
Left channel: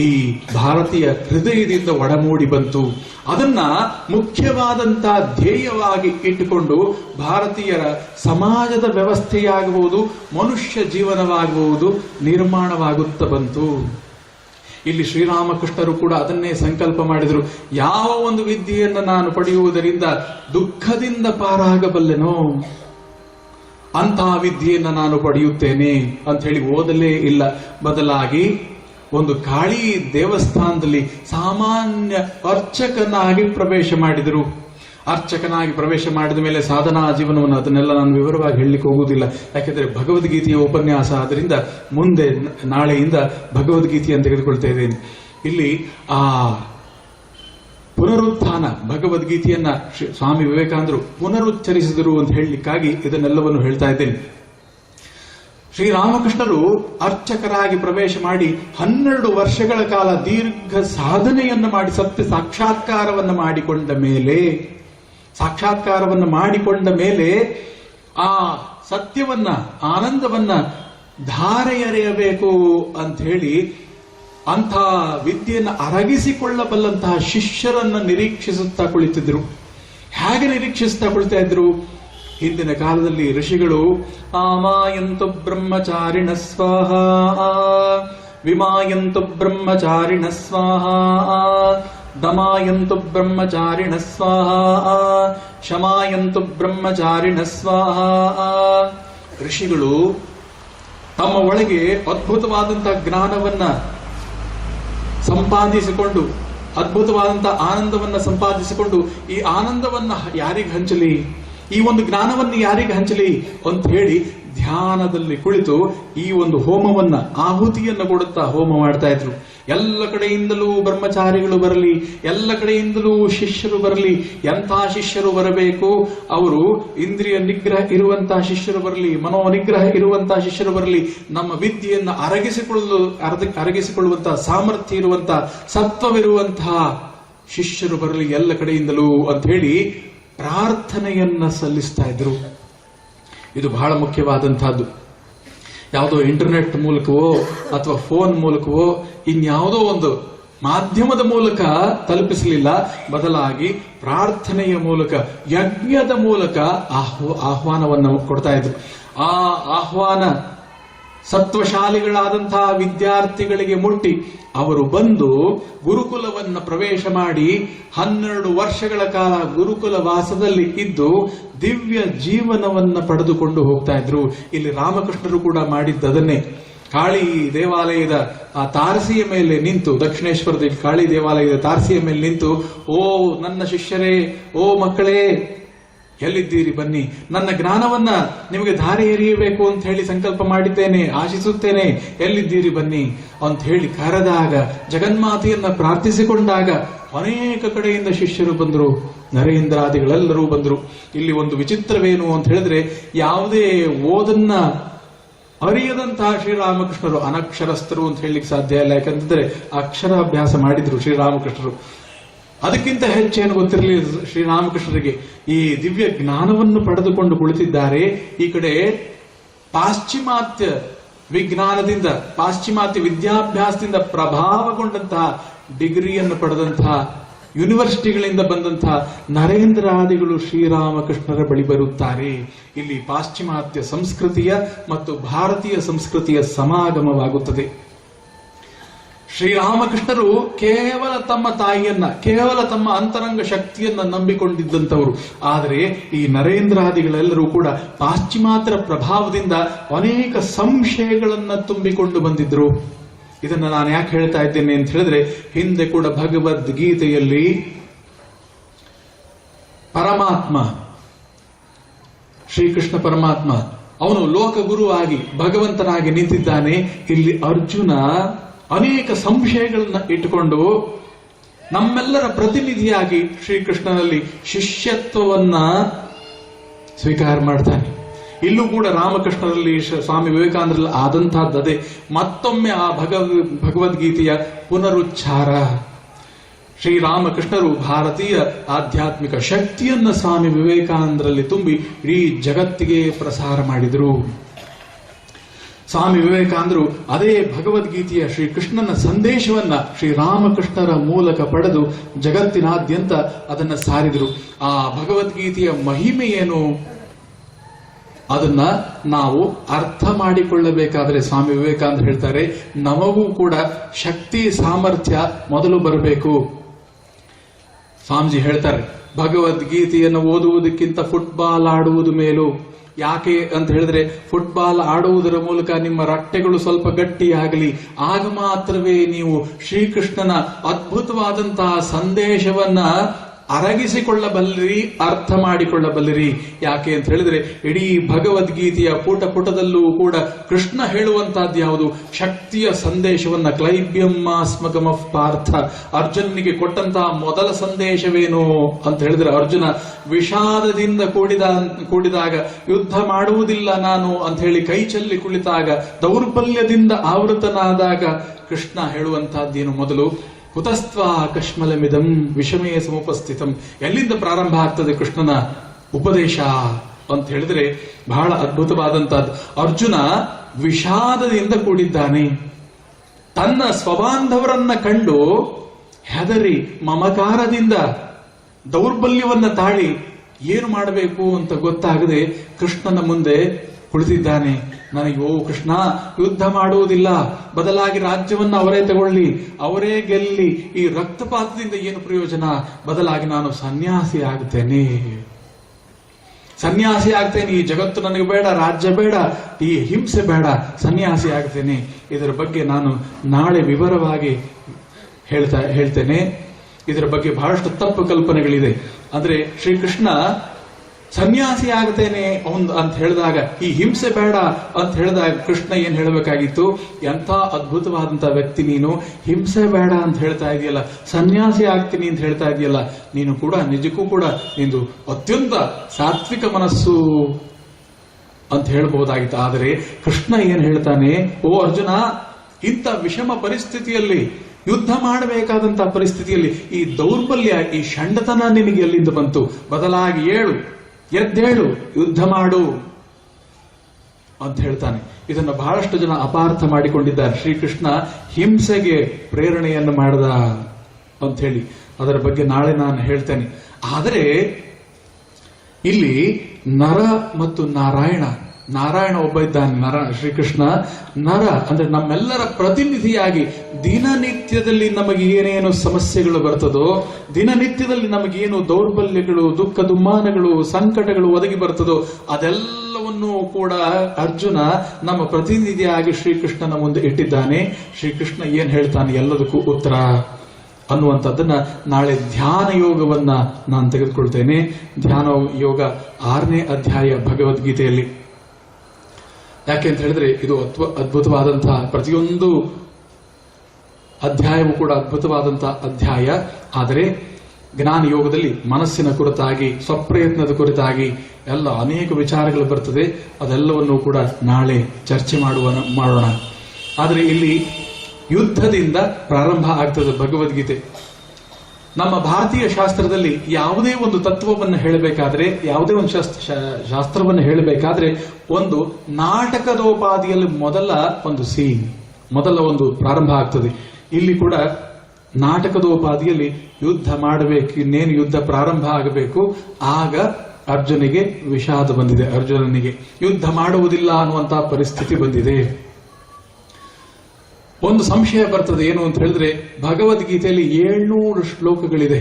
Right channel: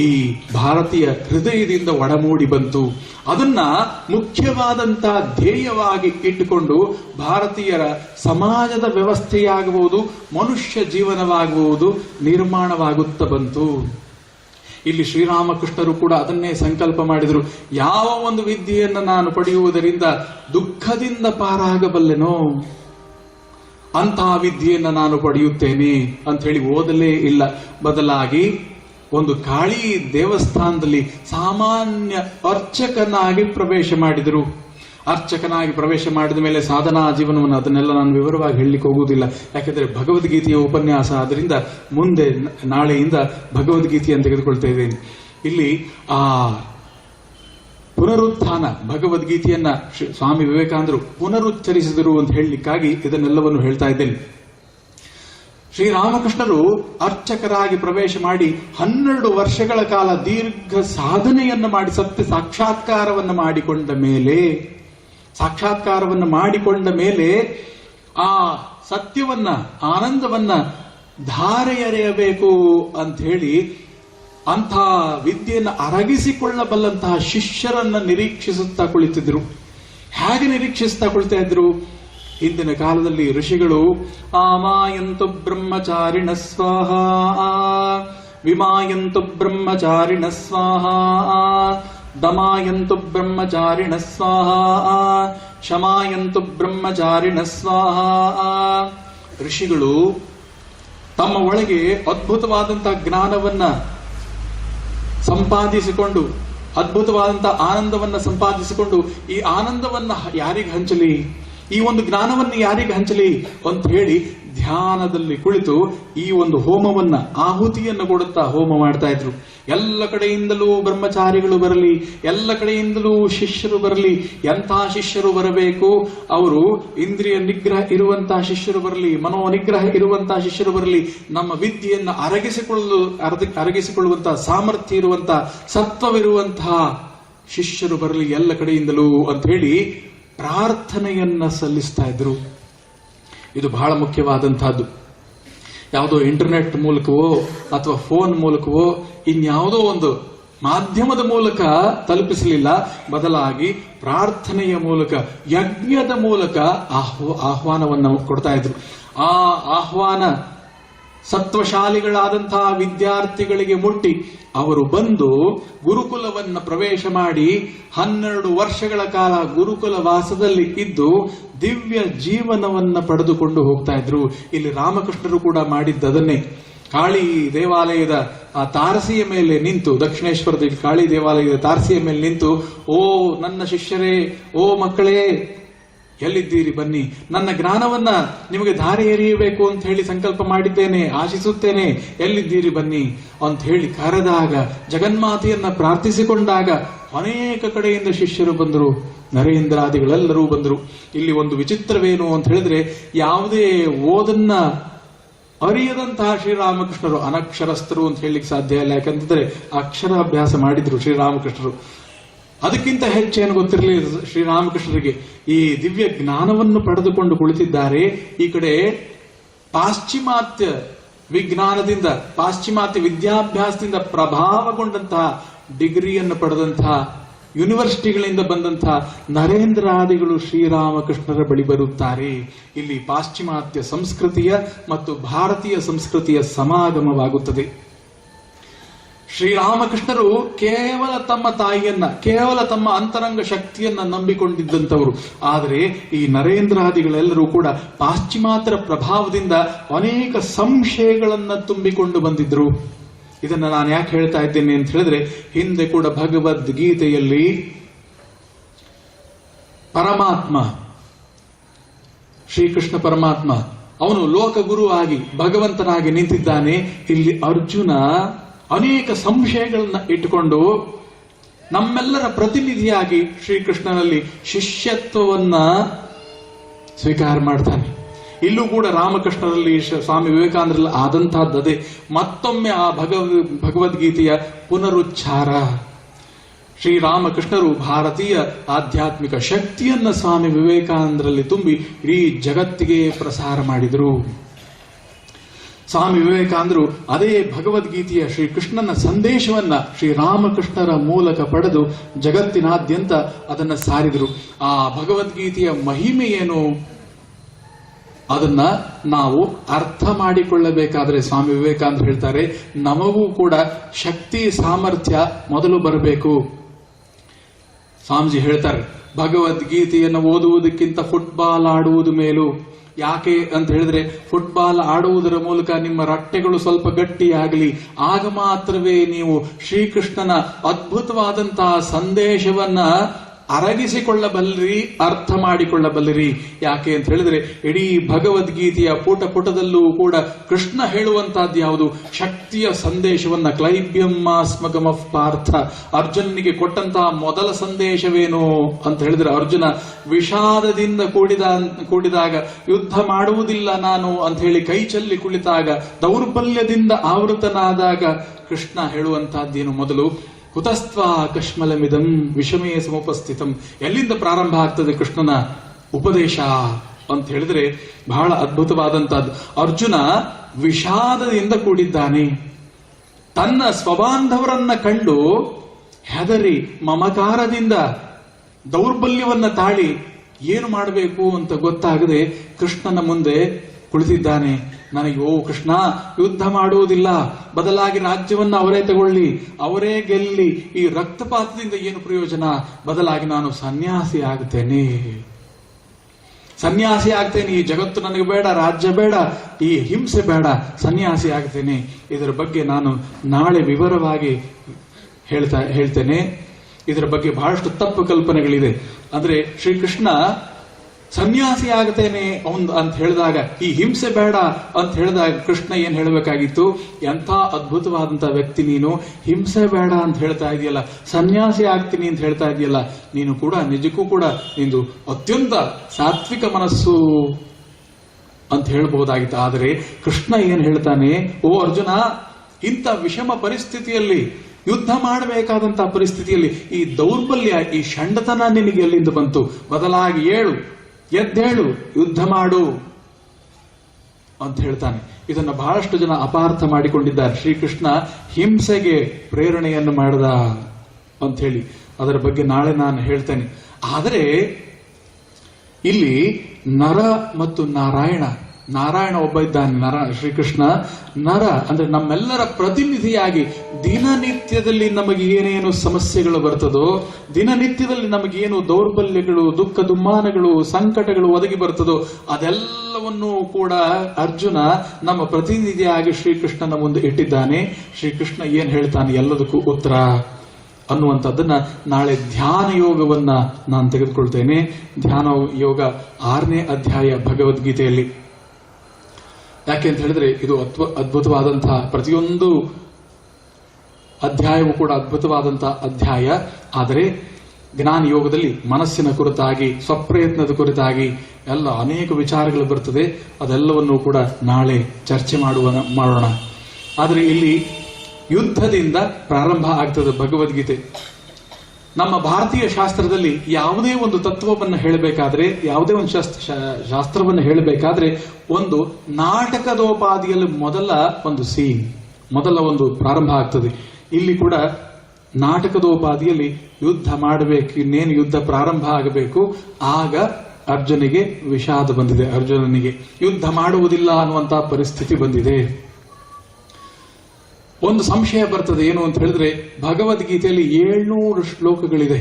ಈ ಭಾರತೀಯ ಹೃದಯದಿಂದ ಒಡಮೂಡಿ ಬಂತು. ಅದನ್ನ ಮುಖ್ಯವಾದಂತಹ ಧ್ಯೇಯವಾಗಿ ಇಟ್ಟುಕೊಂಡು ಭಾರತೀಯರ ಸಮಾಜದ ವ್ಯವಸ್ಥೆಯಾಗಬಹುದು, ಮನುಷ್ಯ ಜೀವನವಾಗಬಹುದು ನಿರ್ಮಾಣವಾಗುತ್ತಾ ಬಂತು. ಇಲ್ಲಿ ಶ್ರೀರಾಮಕೃಷ್ಣರು ಕೂಡ ಅದನ್ನೇ ಸಂಕಲ್ಪ ಮಾಡಿದರು. ಯಾವ ಒಂದು ವಿದ್ಯೆಯನ್ನು ನಾನು ಪಡೆಯುವುದರಿಂದ ದುಃಖದಿಂದ ಪಾರಾಗಬಲ್ಲೆನೋ ಅಂತಹ ವಿದ್ಯೆಯನ್ನು ನಾನು ಪಡೆಯುತ್ತೇನೆ ಅಂತ ಹೇಳಿ ಓದಲೇ ಇಲ್ಲ. ಬದಲಾಗಿ ಒಂದು ಕಾಳಿ ದೇವಸ್ಥಾನದಲ್ಲಿ ಸಾಮಾನ್ಯ ಅರ್ಚಕನಾಗಿ ಪ್ರವೇಶ ಮಾಡಿದರು. ಅರ್ಚಕನಾಗಿ ಪ್ರವೇಶ ಮಾಡಿದ ಮೇಲೆ ಸಾಧನಾ ಜೀವನವನ್ನು, ಅದನ್ನೆಲ್ಲ ನಾನು ವಿವರವಾಗಿ ಹೇಳಲಿಕ್ಕೆ ಹೋಗುವುದಿಲ್ಲ, ಯಾಕೆಂದ್ರೆ ಭಗವದ್ಗೀತೆಯ ಉಪನ್ಯಾಸ. ಅದರಿಂದ ಮುಂದೆ ನಾಳೆಯಿಂದ ಭಗವದ್ಗೀತೆಯನ್ನು ತೆಗೆದುಕೊಳ್ತಾ ಇದ್ದೇನೆ. ಇಲ್ಲಿ ಆ ಪುನರುತ್ಥಾನ ಭಗವದ್ಗೀತೆಯನ್ನ ಸ್ವಾಮಿ ವಿವೇಕಾನಂದರು ಪುನರುಚ್ಚರಿಸಿದರು ಅಂತ ಹೇಳಲಿಕ್ಕಾಗಿ ಇದನ್ನೆಲ್ಲವನ್ನು ಹೇಳ್ತಾ ಇದ್ದೇನೆ. ಶ್ರೀರಾಮಕೃಷ್ಣರು ಅರ್ಚಕರಾಗಿ ಪ್ರವೇಶ ಮಾಡಿ 12 ವರ್ಷಗಳ ಕಾಲ ದೀರ್ಘ ಸಾಧನೆಯನ್ನು ಮಾಡಿ ಸತ್ಯ ಸಾಕ್ಷಾತ್ಕಾರವನ್ನು ಮಾಡಿಕೊಂಡ ಮೇಲೆ ಆ ಸತ್ಯವನ್ನ ಆನಂದವನ್ನ ಧಾರೆ ಎರೆಯಬೇಕು ಅಂತ ಹೇಳಿ ಅಂಥ ವಿದ್ಯೆಯನ್ನು ಅರಗಿಸಿಕೊಳ್ಳಬಲ್ಲಂತಹ ಶಿಷ್ಯರನ್ನ ನಿರೀಕ್ಷಿಸುತ್ತಾ ಕುಳಿತಿದ್ರು. ಹೇಗೆ ನಿರೀಕ್ಷಿಸುತ್ತಾ ಕುಳಿತಾ ಇದ್ರು? ಹಿಂದಿನ ಕಾಲದಲ್ಲಿ ಋಷಿಗಳು ಆಮಾಯಂತು ಬ್ರಹ್ಮಚಾರಿಣ ಸ್ವಾಹ, ವಿಮಾಯಂತು ಬ್ರಹ್ಮಚಾರಿಣ ಸ್ವಾಹ, ದಮಾಯಂತು ಬ್ರಹ್ಮಚಾರಿಣ ಸ್ವಾಹ, ಶಮಾಯಂತು ಬ್ರಹ್ಮಚಾರಿಣ ಸ್ವಾಹ. ಋಷಿಗಳು ತಮ್ಮ ಒಳಗೆ ಅದ್ಭುತವಾದಂತಹ ಜ್ಞಾನವನ್ನ ಸಂಪಾದಿಸಿಕೊಂಡು, ಅದ್ಭುತವಾದಂತಹ ಆನಂದವನ್ನ ಸಂಪಾದಿಸಿಕೊಂಡು, ಈ ಆನಂದವನ್ನ ಯಾರಿಗೆ ಹಂಚಲಿ, ಈ ಒಂದು ಜ್ಞಾನವನ್ನು ಯಾರಿಗೆ ಹಂಚಲಿ ಅಂತ ಹೇಳಿ ಧ್ಯಾನದಲ್ಲಿ ಕುಳಿತು ಈ ಒಂದು ಹೋಮವನ್ನ, ಆಹುತಿಯನ್ನು ಕೊಡುತ್ತಾ ಹೋಮ ಮಾಡ್ತಾ ಇದ್ರು. ಎಲ್ಲ ಕಡೆಯಿಂದಲೂ ಬ್ರಹ್ಮಚಾರಿಗಳು ಬರಲಿ, ಎಲ್ಲ ಕಡೆಯಿಂದಲೂ ಶಿಷ್ಯರು ಬರಲಿ. ಎಂಥ ಶಿಷ್ಯರು ಬರಬೇಕು? ಅವರು ಇಂದ್ರಿಯ ನಿಗ್ರಹ ಇರುವಂತಹ ಶಿಷ್ಯರು ಬರಲಿ, ಮನೋನಿಗ್ರಹ ಇರುವಂತಹ ಶಿಷ್ಯರು ಬರಲಿ, ನಮ್ಮ ವಿದ್ಯೆಯನ್ನು ಅರಗಿಸಿಕೊಳ್ಳುವಂತಹ ಸಾಮರ್ಥ್ಯ ಇರುವಂತಹ, ಸತ್ವವಿರುವಂತಹ ಶಿಷ್ಯರು ಬರಲಿ ಎಲ್ಲ ಕಡೆಯಿಂದಲೂ ಅಂತ ಹೇಳಿ ಪ್ರಾರ್ಥನೆಯನ್ನ ಸಲ್ಲಿಸ್ತಾ ಇದ್ರು. ಇದು ಬಹಳ ಮುಖ್ಯವಾದಂತಹದ್ದು. ಯಾವುದೋ ಇಂಟರ್ನೆಟ್ ಮೂಲಕವೋ ಅಥವಾ ಫೋನ್ ಮೂಲಕವೋ ಇನ್ಯಾವುದೋ ಒಂದು ಮಾಧ್ಯಮದ ಮೂಲಕ ತಲುಪಿಸಲಿಲ್ಲ. ಬದಲಾಗಿ ಪ್ರಾರ್ಥನೆಯ ಮೂಲಕ, ಯಜ್ಞದ ಮೂಲಕ ಆಹ್ವಾನವನ್ನು ಕೊಡ್ತಾ ಇದ್ರು. ಆ ಆಹ್ವಾನ ಸತ್ವಶಾಲಿಗಳಾದಂತಹ ವಿದ್ಯಾರ್ಥಿಗಳಿಗೆ ಮುಟ್ಟಿ ಅವರು ಬಂದು ಗುರುಕುಲವನ್ನು ಪ್ರವೇಶ ಮಾಡಿ 12 ವರ್ಷಗಳ ಕಾಲ ಗುರುಕುಲ ವಾಸದಲ್ಲಿ ಇದ್ದು ದಿವ್ಯ ಜೀವನವನ್ನ ಪಡೆದುಕೊಂಡು ಹೋಗ್ತಾ ಇದ್ರು. ಇಲ್ಲಿ ರಾಮಕೃಷ್ಣರು ಕೂಡ ಮಾಡಿದ್ದದನ್ನೇ. ಕಾಳಿ ದೇವಾಲಯದ ಆ ತಾರಸಿಯ ಮೇಲೆ ನಿಂತು, ದಕ್ಷಿಣೇಶ್ವರದ ಕಾಳಿ ದೇವಾಲಯದ ತಾರಸಿಯ ಮೇಲೆ ನಿಂತು, ಓ ನನ್ನ ಶಿಷ್ಯರೇ, ಓ ಮಕ್ಕಳೇ, ಎಲ್ಲಿದ್ದೀರಿ ಬನ್ನಿ, ನನ್ನ ಜ್ಞಾನವನ್ನ ನಿಮಗೆ ಧಾರೆ ಎರೆಯಬೇಕು ಅಂತ ಹೇಳಿ ಸಂಕಲ್ಪ ಮಾಡಿದ್ದೇನೆ, ಆಶಿಸುತ್ತೇನೆ, ಎಲ್ಲಿದ್ದೀರಿ ಬನ್ನಿ ಅಂತ ಹೇಳಿ ಕರೆದಾಗ, ಜಗನ್ಮಾತೆಯನ್ನ ಪ್ರಾರ್ಥಿಸಿಕೊಂಡಾಗ ಅನೇಕ ಕಡೆಯಿಂದ ಶಿಷ್ಯರು ಬಂದರು, ನರೇಂದ್ರಾದಿಗಳೆಲ್ಲರೂ ಬಂದರು. ಇಲ್ಲಿ ಒಂದು ವಿಚಿತ್ರವೇನು ಅಂತ ಹೇಳಿದ್ರೆ, ಯಾವುದೇ ಓದನ್ನ ಅರಿಯದಂತಹ ಶ್ರೀರಾಮಕೃಷ್ಣರು ಅನಕ್ಷರಸ್ಥರು ಅಂತ ಹೇಳಲಿಕ್ಕೆ ಸಾಧ್ಯ ಇಲ್ಲ. ಯಾಕಂತಂದ್ರೆ ಅಕ್ಷರಾಭ್ಯಾಸ ಮಾಡಿದ್ರು ಶ್ರೀರಾಮಕೃಷ್ಣರು. ಅದಕ್ಕಿಂತ ಹೆಚ್ಚೇನು ಗೊತ್ತಿರಲಿಲ್ಲ ಶ್ರೀರಾಮಕೃಷ್ಣರಿಗೆ. ಈ ದಿವ್ಯ ಜ್ಞಾನವನ್ನು ಪಡೆದುಕೊಂಡು ಕುಳಿತಿದ್ದಾರೆ. ಈ ಕಡೆ ಪಾಶ್ಚಿಮಾತ್ಯ ವಿಜ್ಞಾನದಿಂದ, ಪಾಶ್ಚಿಮಾತ್ಯ ವಿದ್ಯಾಭ್ಯಾಸದಿಂದ ಪ್ರಭಾವಗೊಂಡಂತಹ ಡಿಗ್ರಿಯನ್ನು ಪಡೆದಂತಹ, ಯೂನಿವರ್ಸಿಟಿಗಳಿಂದ ಬಂದಂತಹ ನರೇಂದ್ರಾದಿಗಳು ಶ್ರೀರಾಮಕೃಷ್ಣರ ಬಳಿ ಬರುತ್ತಾರೆ. ಇಲ್ಲಿ ಪಾಶ್ಚಿಮಾತ್ಯ ಸಂಸ್ಕೃತಿಯ ಮತ್ತು ಭಾರತೀಯ ಸಂಸ್ಕೃತಿಯ ಸಮಾಗಮವಾಗುತ್ತದೆ. ಶ್ರೀರಾಮಕೃಷ್ಣರು ಕೇವಲ ತಮ್ಮ ತಾಯಿಯನ್ನ, ಕೇವಲ ತಮ್ಮ ಅಂತರಂಗ ಶಕ್ತಿಯನ್ನ ನಂಬಿಕೊಂಡಿದ್ದಂಥವರು. ಆದರೆ ಈ ನರೇಂದ್ರಾದಿಗಳೆಲ್ಲರೂ ಕೂಡ ಪಾಶ್ಚಿಮಾತ್ಯರ ಪ್ರಭಾವದಿಂದ ಅನೇಕ ಸಂಶಯಗಳನ್ನ ತುಂಬಿಕೊಂಡು ಬಂದಿದ್ರು. ಇದನ್ನ ನಾನು ಯಾಕೆ ಹೇಳ್ತಾ ಇದ್ದೇನೆ ಅಂತ ಹೇಳಿದ್ರೆ, ಹಿಂದೆ ಕೂಡ ಭಗವದ್ಗೀತೆಯಲ್ಲಿ ಪರಮಾತ್ಮ, ಶ್ರೀಕೃಷ್ಣ ಪರಮಾತ್ಮ, ಅವನು ಲೋಕಗುರು ಆಗಿ ಭಗವಂತನಾಗಿ ನಿಂತಿದ್ದಾನೆ. ಇಲ್ಲಿ ಅರ್ಜುನ ಅನೇಕ ಸಂಶಯಗಳನ್ನ ಇಟ್ಟುಕೊಂಡು ನಮ್ಮೆಲ್ಲರ ಪ್ರತಿನಿಧಿಯಾಗಿ ಶ್ರೀಕೃಷ್ಣನಲ್ಲಿ ಶಿಷ್ಯತ್ವವನ್ನ ಸ್ವೀಕಾರ ಮಾಡ್ತಾನೆ. ಇಲ್ಲೂ ಕೂಡ ರಾಮಕೃಷ್ಣರಲ್ಲಿ, ಸ್ವಾಮಿ ವಿವೇಕಾನಂದರಲ್ಲಿ ಆದಂತಹದ್ದೇ. ಮತ್ತೊಮ್ಮೆ ಆ ಭಗವದ್ಗೀತೆಯ ಪುನರುಚ್ಚಾರ. ಶ್ರೀರಾಮಕೃಷ್ಣರು ಭಾರತೀಯ ಆಧ್ಯಾತ್ಮಿಕ ಶಕ್ತಿಯನ್ನ ಸ್ವಾಮಿ ವಿವೇಕಾನಂದರಲ್ಲಿ ತುಂಬಿ ಇಡೀ ಜಗತ್ತಿಗೆ ಪ್ರಸಾರ ಮಾಡಿದರು. ಸ್ವಾಮಿ ವಿವೇಕಾನಂದರು ಅದೇ ಭಗವದ್ಗೀತೆಯ ಶ್ರೀಕೃಷ್ಣನ ಸಂದೇಶವನ್ನ ಶ್ರೀರಾಮಕೃಷ್ಣರ ಮೂಲಕ ಪಡೆದು ಜಗತ್ತಿನಾದ್ಯಂತ ಅದನ್ನ ಸಾರಿದರು. ಆ ಭಗವದ್ಗೀತೆಯ ಮಹಿಮೆ ಏನು, ಅದನ್ನ ನಾವು ಅರ್ಥ ಮಾಡಿಕೊಳ್ಳಬೇಕಾದ್ರೆ ಸ್ವಾಮಿ ವಿವೇಕಾನಂದರು ಹೇಳ್ತಾರೆ, ನಮಗೂ ಕೂಡ ಶಕ್ತಿ ಸಾಮರ್ಥ್ಯ ಮೊದಲು ಬರಬೇಕು. ಸ್ವಾಮೀಜಿ ಹೇಳ್ತಾರೆ, ಭಗವದ್ಗೀತೆಯನ್ನು ಓದುವುದಕ್ಕಿಂತ ಫುಟ್ಬಾಲ್ ಆಡುವುದು ಮೇಲು. ಯಾಕೆ ಅಂತ ಹೇಳಿದ್ರೆ, ಫುಟ್ಬಾಲ್ ಆಡುವುದರ ಮೂಲಕ ನಿಮ್ಮ ರಟ್ಟೆಗಳು ಸ್ವಲ್ಪ ಗಟ್ಟಿಯಾಗಲಿ, ಆಗ ಮಾತ್ರವೇ ನೀವು ಶ್ರೀಕೃಷ್ಣನ ಅದ್ಭುತವಾದಂತಹ ಸಂದೇಶವನ್ನ ಅರಗಿಸಿಕೊಳ್ಳಬಲ್ಲಿರಿ, ಅರ್ಥ ಮಾಡಿಕೊಳ್ಳಬಲ್ಲಿರಿ. ಯಾಕೆ ಅಂತ ಹೇಳಿದ್ರೆ ಇಡೀ ಭಗವದ್ಗೀತೆಯ ಪುಟ ಪುಟದಲ್ಲೂ ಕೂಡ ಕೃಷ್ಣ ಹೇಳುವಂತಹದ್ದು ಯಾವುದು? ಶಕ್ತಿಯ ಸಂದೇಶವನ್ನ ಕ್ಲೈಬ್ಯಮ್ಮಾಸ್ಮಗಮ ಪಾರ್ಥ, ಅರ್ಜುನನಿಗೆ ಕೊಟ್ಟಂತಹ ಮೊದಲ ಸಂದೇಶವೇನು ಅಂತ ಹೇಳಿದ್ರೆ, ಅರ್ಜುನ ವಿಷಾದದಿಂದ ಕೂಡಿದಾಗ, ಯುದ್ಧ ಮಾಡುವುದಿಲ್ಲ ನಾನು ಅಂತ ಹೇಳಿ ಕೈ ಚೆಲ್ಲಿ ಕುಳಿತಾಗ, ದೌರ್ಬಲ್ಯದಿಂದ ಆವೃತನಾದಾಗ ಕೃಷ್ಣ ಹೇಳುವಂತಹದ್ದೇನು? ಮೊದಲು ಕುತಸ್ತ್ವ ಕಶ್ಮಲಮಿದಂ ವಿಷಮೇ ಸಮುಪಸ್ಥಿತಂ. ಎಲ್ಲಿಂದ ಪ್ರಾರಂಭ ಆಗ್ತದೆ ಕೃಷ್ಣನ ಉಪದೇಶ ಅಂತ ಹೇಳಿದ್ರೆ ಬಹಳ ಅದ್ಭುತವಾದಂತಹದ್ದು. ಅರ್ಜುನ ವಿಷಾದದಿಂದ ಕೂಡಿದ್ದಾನೆ. ತನ್ನ ಸ್ವಬಾಂಧವರನ್ನ ಕಂಡು ಹೆದರಿ ಮಮಕಾರದಿಂದ ದೌರ್ಬಲ್ಯವನ್ನ ತಾಳಿ ಏನು ಮಾಡಬೇಕು ಅಂತ ಗೊತ್ತಾಗದೆ ಕೃಷ್ಣನ ಮುಂದೆ ಕುಳಿತಿದ್ದಾನೆ. ನನಗೆ ಓ ಕೃಷ್ಣ, ಯುದ್ಧ ಮಾಡುವುದಿಲ್ಲ, ಬದಲಾಗಿ ರಾಜ್ಯವನ್ನ ಅವರೇ ತಗೊಳ್ಳಿ, ಅವರೇ ಗೆಲ್ಲಿ, ಈ ರಕ್ತಪಾತದಿಂದ ಏನು ಪ್ರಯೋಜನ? ಬದಲಾಗಿ ನಾನು ಸನ್ಯಾಸಿ ಆಗ್ತೇನೆ, ಈ ಜಗತ್ತು ನನಗೆ ಬೇಡ, ರಾಜ್ಯ ಬೇಡ, ಈ ಹಿಂಸೆ ಬೇಡ, ಸನ್ಯಾಸಿ ಆಗ್ತೇನೆ. ಇದರ ಬಗ್ಗೆ ನಾನು ನಾಳೆ ವಿವರವಾಗಿ ಹೇಳ್ತೇನೆ. ಇದರ ಬಗ್ಗೆ ಬಹಳಷ್ಟು ತಪ್ಪು ಕಲ್ಪನೆಗಳಿದೆ. ಅಂದ್ರೆ ಶ್ರೀಕೃಷ್ಣ ಸನ್ಯಾಸಿ ಆಗ್ತೇನೆ ಅಂತ ಹೇಳಿದಾಗ, ಈ ಹಿಂಸೆ ಬೇಡ ಅಂತ ಹೇಳಿದಾಗ ಕೃಷ್ಣ ಏನ್ ಹೇಳಬೇಕಾಗಿತ್ತು? ಎಂಥ ಅದ್ಭುತವಾದಂತಹ ವ್ಯಕ್ತಿ ನೀನು, ಹಿಂಸೆ ಬೇಡ ಅಂತ ಹೇಳ್ತಾ ಇದೆಯಲ್ಲ, ಸನ್ಯಾಸಿ ಆಗ್ತೀನಿ ಅಂತ ಹೇಳ್ತಾ ಇದೆಯಲ್ಲ, ನೀನು ಕೂಡ ನಿಜಕ್ಕೂ ಕೂಡ ನಿಂದು ಅತ್ಯಂತ ಸಾತ್ವಿಕ ಮನಸ್ಸು ಅಂತ ಹೇಳ್ಬಹುದಾಗಿತ್ತು. ಆದರೆ ಕೃಷ್ಣ ಏನ್ ಹೇಳ್ತಾನೆ? ಓ ಅರ್ಜುನ, ಇಂಥ ವಿಷಮ ಪರಿಸ್ಥಿತಿಯಲ್ಲಿ, ಯುದ್ಧ ಮಾಡಬೇಕಾದಂತಹ ಪರಿಸ್ಥಿತಿಯಲ್ಲಿ ಈ ದೌರ್ಬಲ್ಯ, ಈ ಷಂಡತನ ನಿನಗೆ ಎಲ್ಲಿಂದ ಬಂತು? ಬದಲಾಗಿ ಎದ್ದೇಳು, ಯುದ್ಧ ಮಾಡು ಅಂತ ಹೇಳ್ತಾನೆ. ಇದನ್ನ ಬಹಳಷ್ಟು ಜನ ಅಪಾರ್ಥ ಮಾಡಿಕೊಂಡಿದ್ದಾರೆ. ಶ್ರೀಕೃಷ್ಣ ಹಿಂಸೆಗೆ ಪ್ರೇರಣೆಯನ್ನು ಮಾಡದ ಅಂತ ಹೇಳಿ ಅದರ ಬಗ್ಗೆ ನಾಳೆ ನಾನು ಹೇಳ್ತೇನೆ. ಆದರೆ ಇಲ್ಲಿ ನರ ಮತ್ತು ನಾರಾಯಣ ಒಬ್ಬ ಇದ್ದಾನೆ. ಶ್ರೀಕೃಷ್ಣ ನರ ಅಂದ್ರೆ ನಮ್ಮೆಲ್ಲರ ಪ್ರತಿನಿಧಿಯಾಗಿ ದಿನನಿತ್ಯದಲ್ಲಿ ನಮಗೆ ಏನೇನು ಸಮಸ್ಯೆಗಳು ಬರ್ತದೋ, ದಿನನಿತ್ಯದಲ್ಲಿ ನಮಗೇನು ದೌರ್ಬಲ್ಯಗಳು, ದುಃಖ ದುಮ್ಮಾನಗಳು, ಸಂಕಟಗಳು ಒದಗಿ ಬರ್ತದೋ, ಅದೆಲ್ಲವನ್ನೂ ಕೂಡ ಅರ್ಜುನ ನಮ್ಮ ಪ್ರತಿನಿಧಿಯಾಗಿ ಶ್ರೀಕೃಷ್ಣನ ಮುಂದೆ ಇಟ್ಟಿದ್ದಾನೆ. ಶ್ರೀಕೃಷ್ಣ ಏನ್ ಹೇಳ್ತಾನೆ ಎಲ್ಲದಕ್ಕೂ ಉತ್ತರ ಅನ್ನುವಂಥದ್ದನ್ನ ನಾಳೆ ಧ್ಯಾನ ಯೋಗವನ್ನ ನಾನು ತೆಗೆದುಕೊಳ್ತೇನೆ. ಧ್ಯಾನ ಯೋಗ 6ನೇ ಅಧ್ಯಾಯ ಭಗವದ್ಗೀತೆಯಲ್ಲಿ. ಯಾಕೆ ಅಂತ ಹೇಳಿದ್ರೆ ಇದು ಅದ್ಭುತವಾದಂತಹ, ಪ್ರತಿಯೊಂದು ಅಧ್ಯಾಯವೂ ಕೂಡ ಅದ್ಭುತವಾದಂತಹ ಅಧ್ಯಾಯ. ಆದರೆ ಜ್ಞಾನ ಯೋಗದಲ್ಲಿ ಮನಸ್ಸಿನ ಕುರಿತಾಗಿ, ಸ್ವಪ್ರಯತ್ನದ ಕುರಿತಾಗಿ ಎಲ್ಲ ಅನೇಕ ವಿಚಾರಗಳು ಬರ್ತದೆ. ಅದೆಲ್ಲವನ್ನೂ ಕೂಡ ನಾಳೆ ಚರ್ಚೆ ಮಾಡೋಣ. ಆದರೆ ಇಲ್ಲಿ ಯುದ್ಧದಿಂದ ಪ್ರಾರಂಭ ಆಗ್ತದೆ ಭಗವದ್ಗೀತೆ. ನಮ್ಮ ಭಾರತೀಯ ಶಾಸ್ತ್ರದಲ್ಲಿ ಯಾವುದೇ ಒಂದು ತತ್ವವನ್ನು ಹೇಳಬೇಕಾದ್ರೆ, ಯಾವುದೇ ಒಂದು ಶಾಸ್ತ್ರವನ್ನು ಹೇಳಬೇಕಾದ್ರೆ ಒಂದು ನಾಟಕದೋಪಾದಿಯಲ್ಲಿ ಮೊದಲ ಒಂದು ಪ್ರಾರಂಭ ಆಗ್ತದೆ. ಇಲ್ಲಿ ಕೂಡ ನಾಟಕದೋಪಾದಿಯಲ್ಲಿ ಯುದ್ಧ ಮಾಡಬೇಕು, ಇನ್ನೇನು ಯುದ್ಧ ಪ್ರಾರಂಭ ಆಗಬೇಕು. ಆಗ ಅರ್ಜುನಿಗೆ ವಿಷಾದ ಬಂದಿದೆ. ಅರ್ಜುನನಿಗೆ ಯುದ್ಧ ಮಾಡುವುದಿಲ್ಲ ಅನ್ನುವಂತಹ ಪರಿಸ್ಥಿತಿ ಬಂದಿದೆ. ಒಂದು ಸಂಶಯ ಬರ್ತದೆ, ಏನು ಅಂತ ಹೇಳಿದ್ರೆ ಭಗವದ್ಗೀತೆಯಲ್ಲಿ 700 ಶ್ಲೋಕಗಳಿದೆ.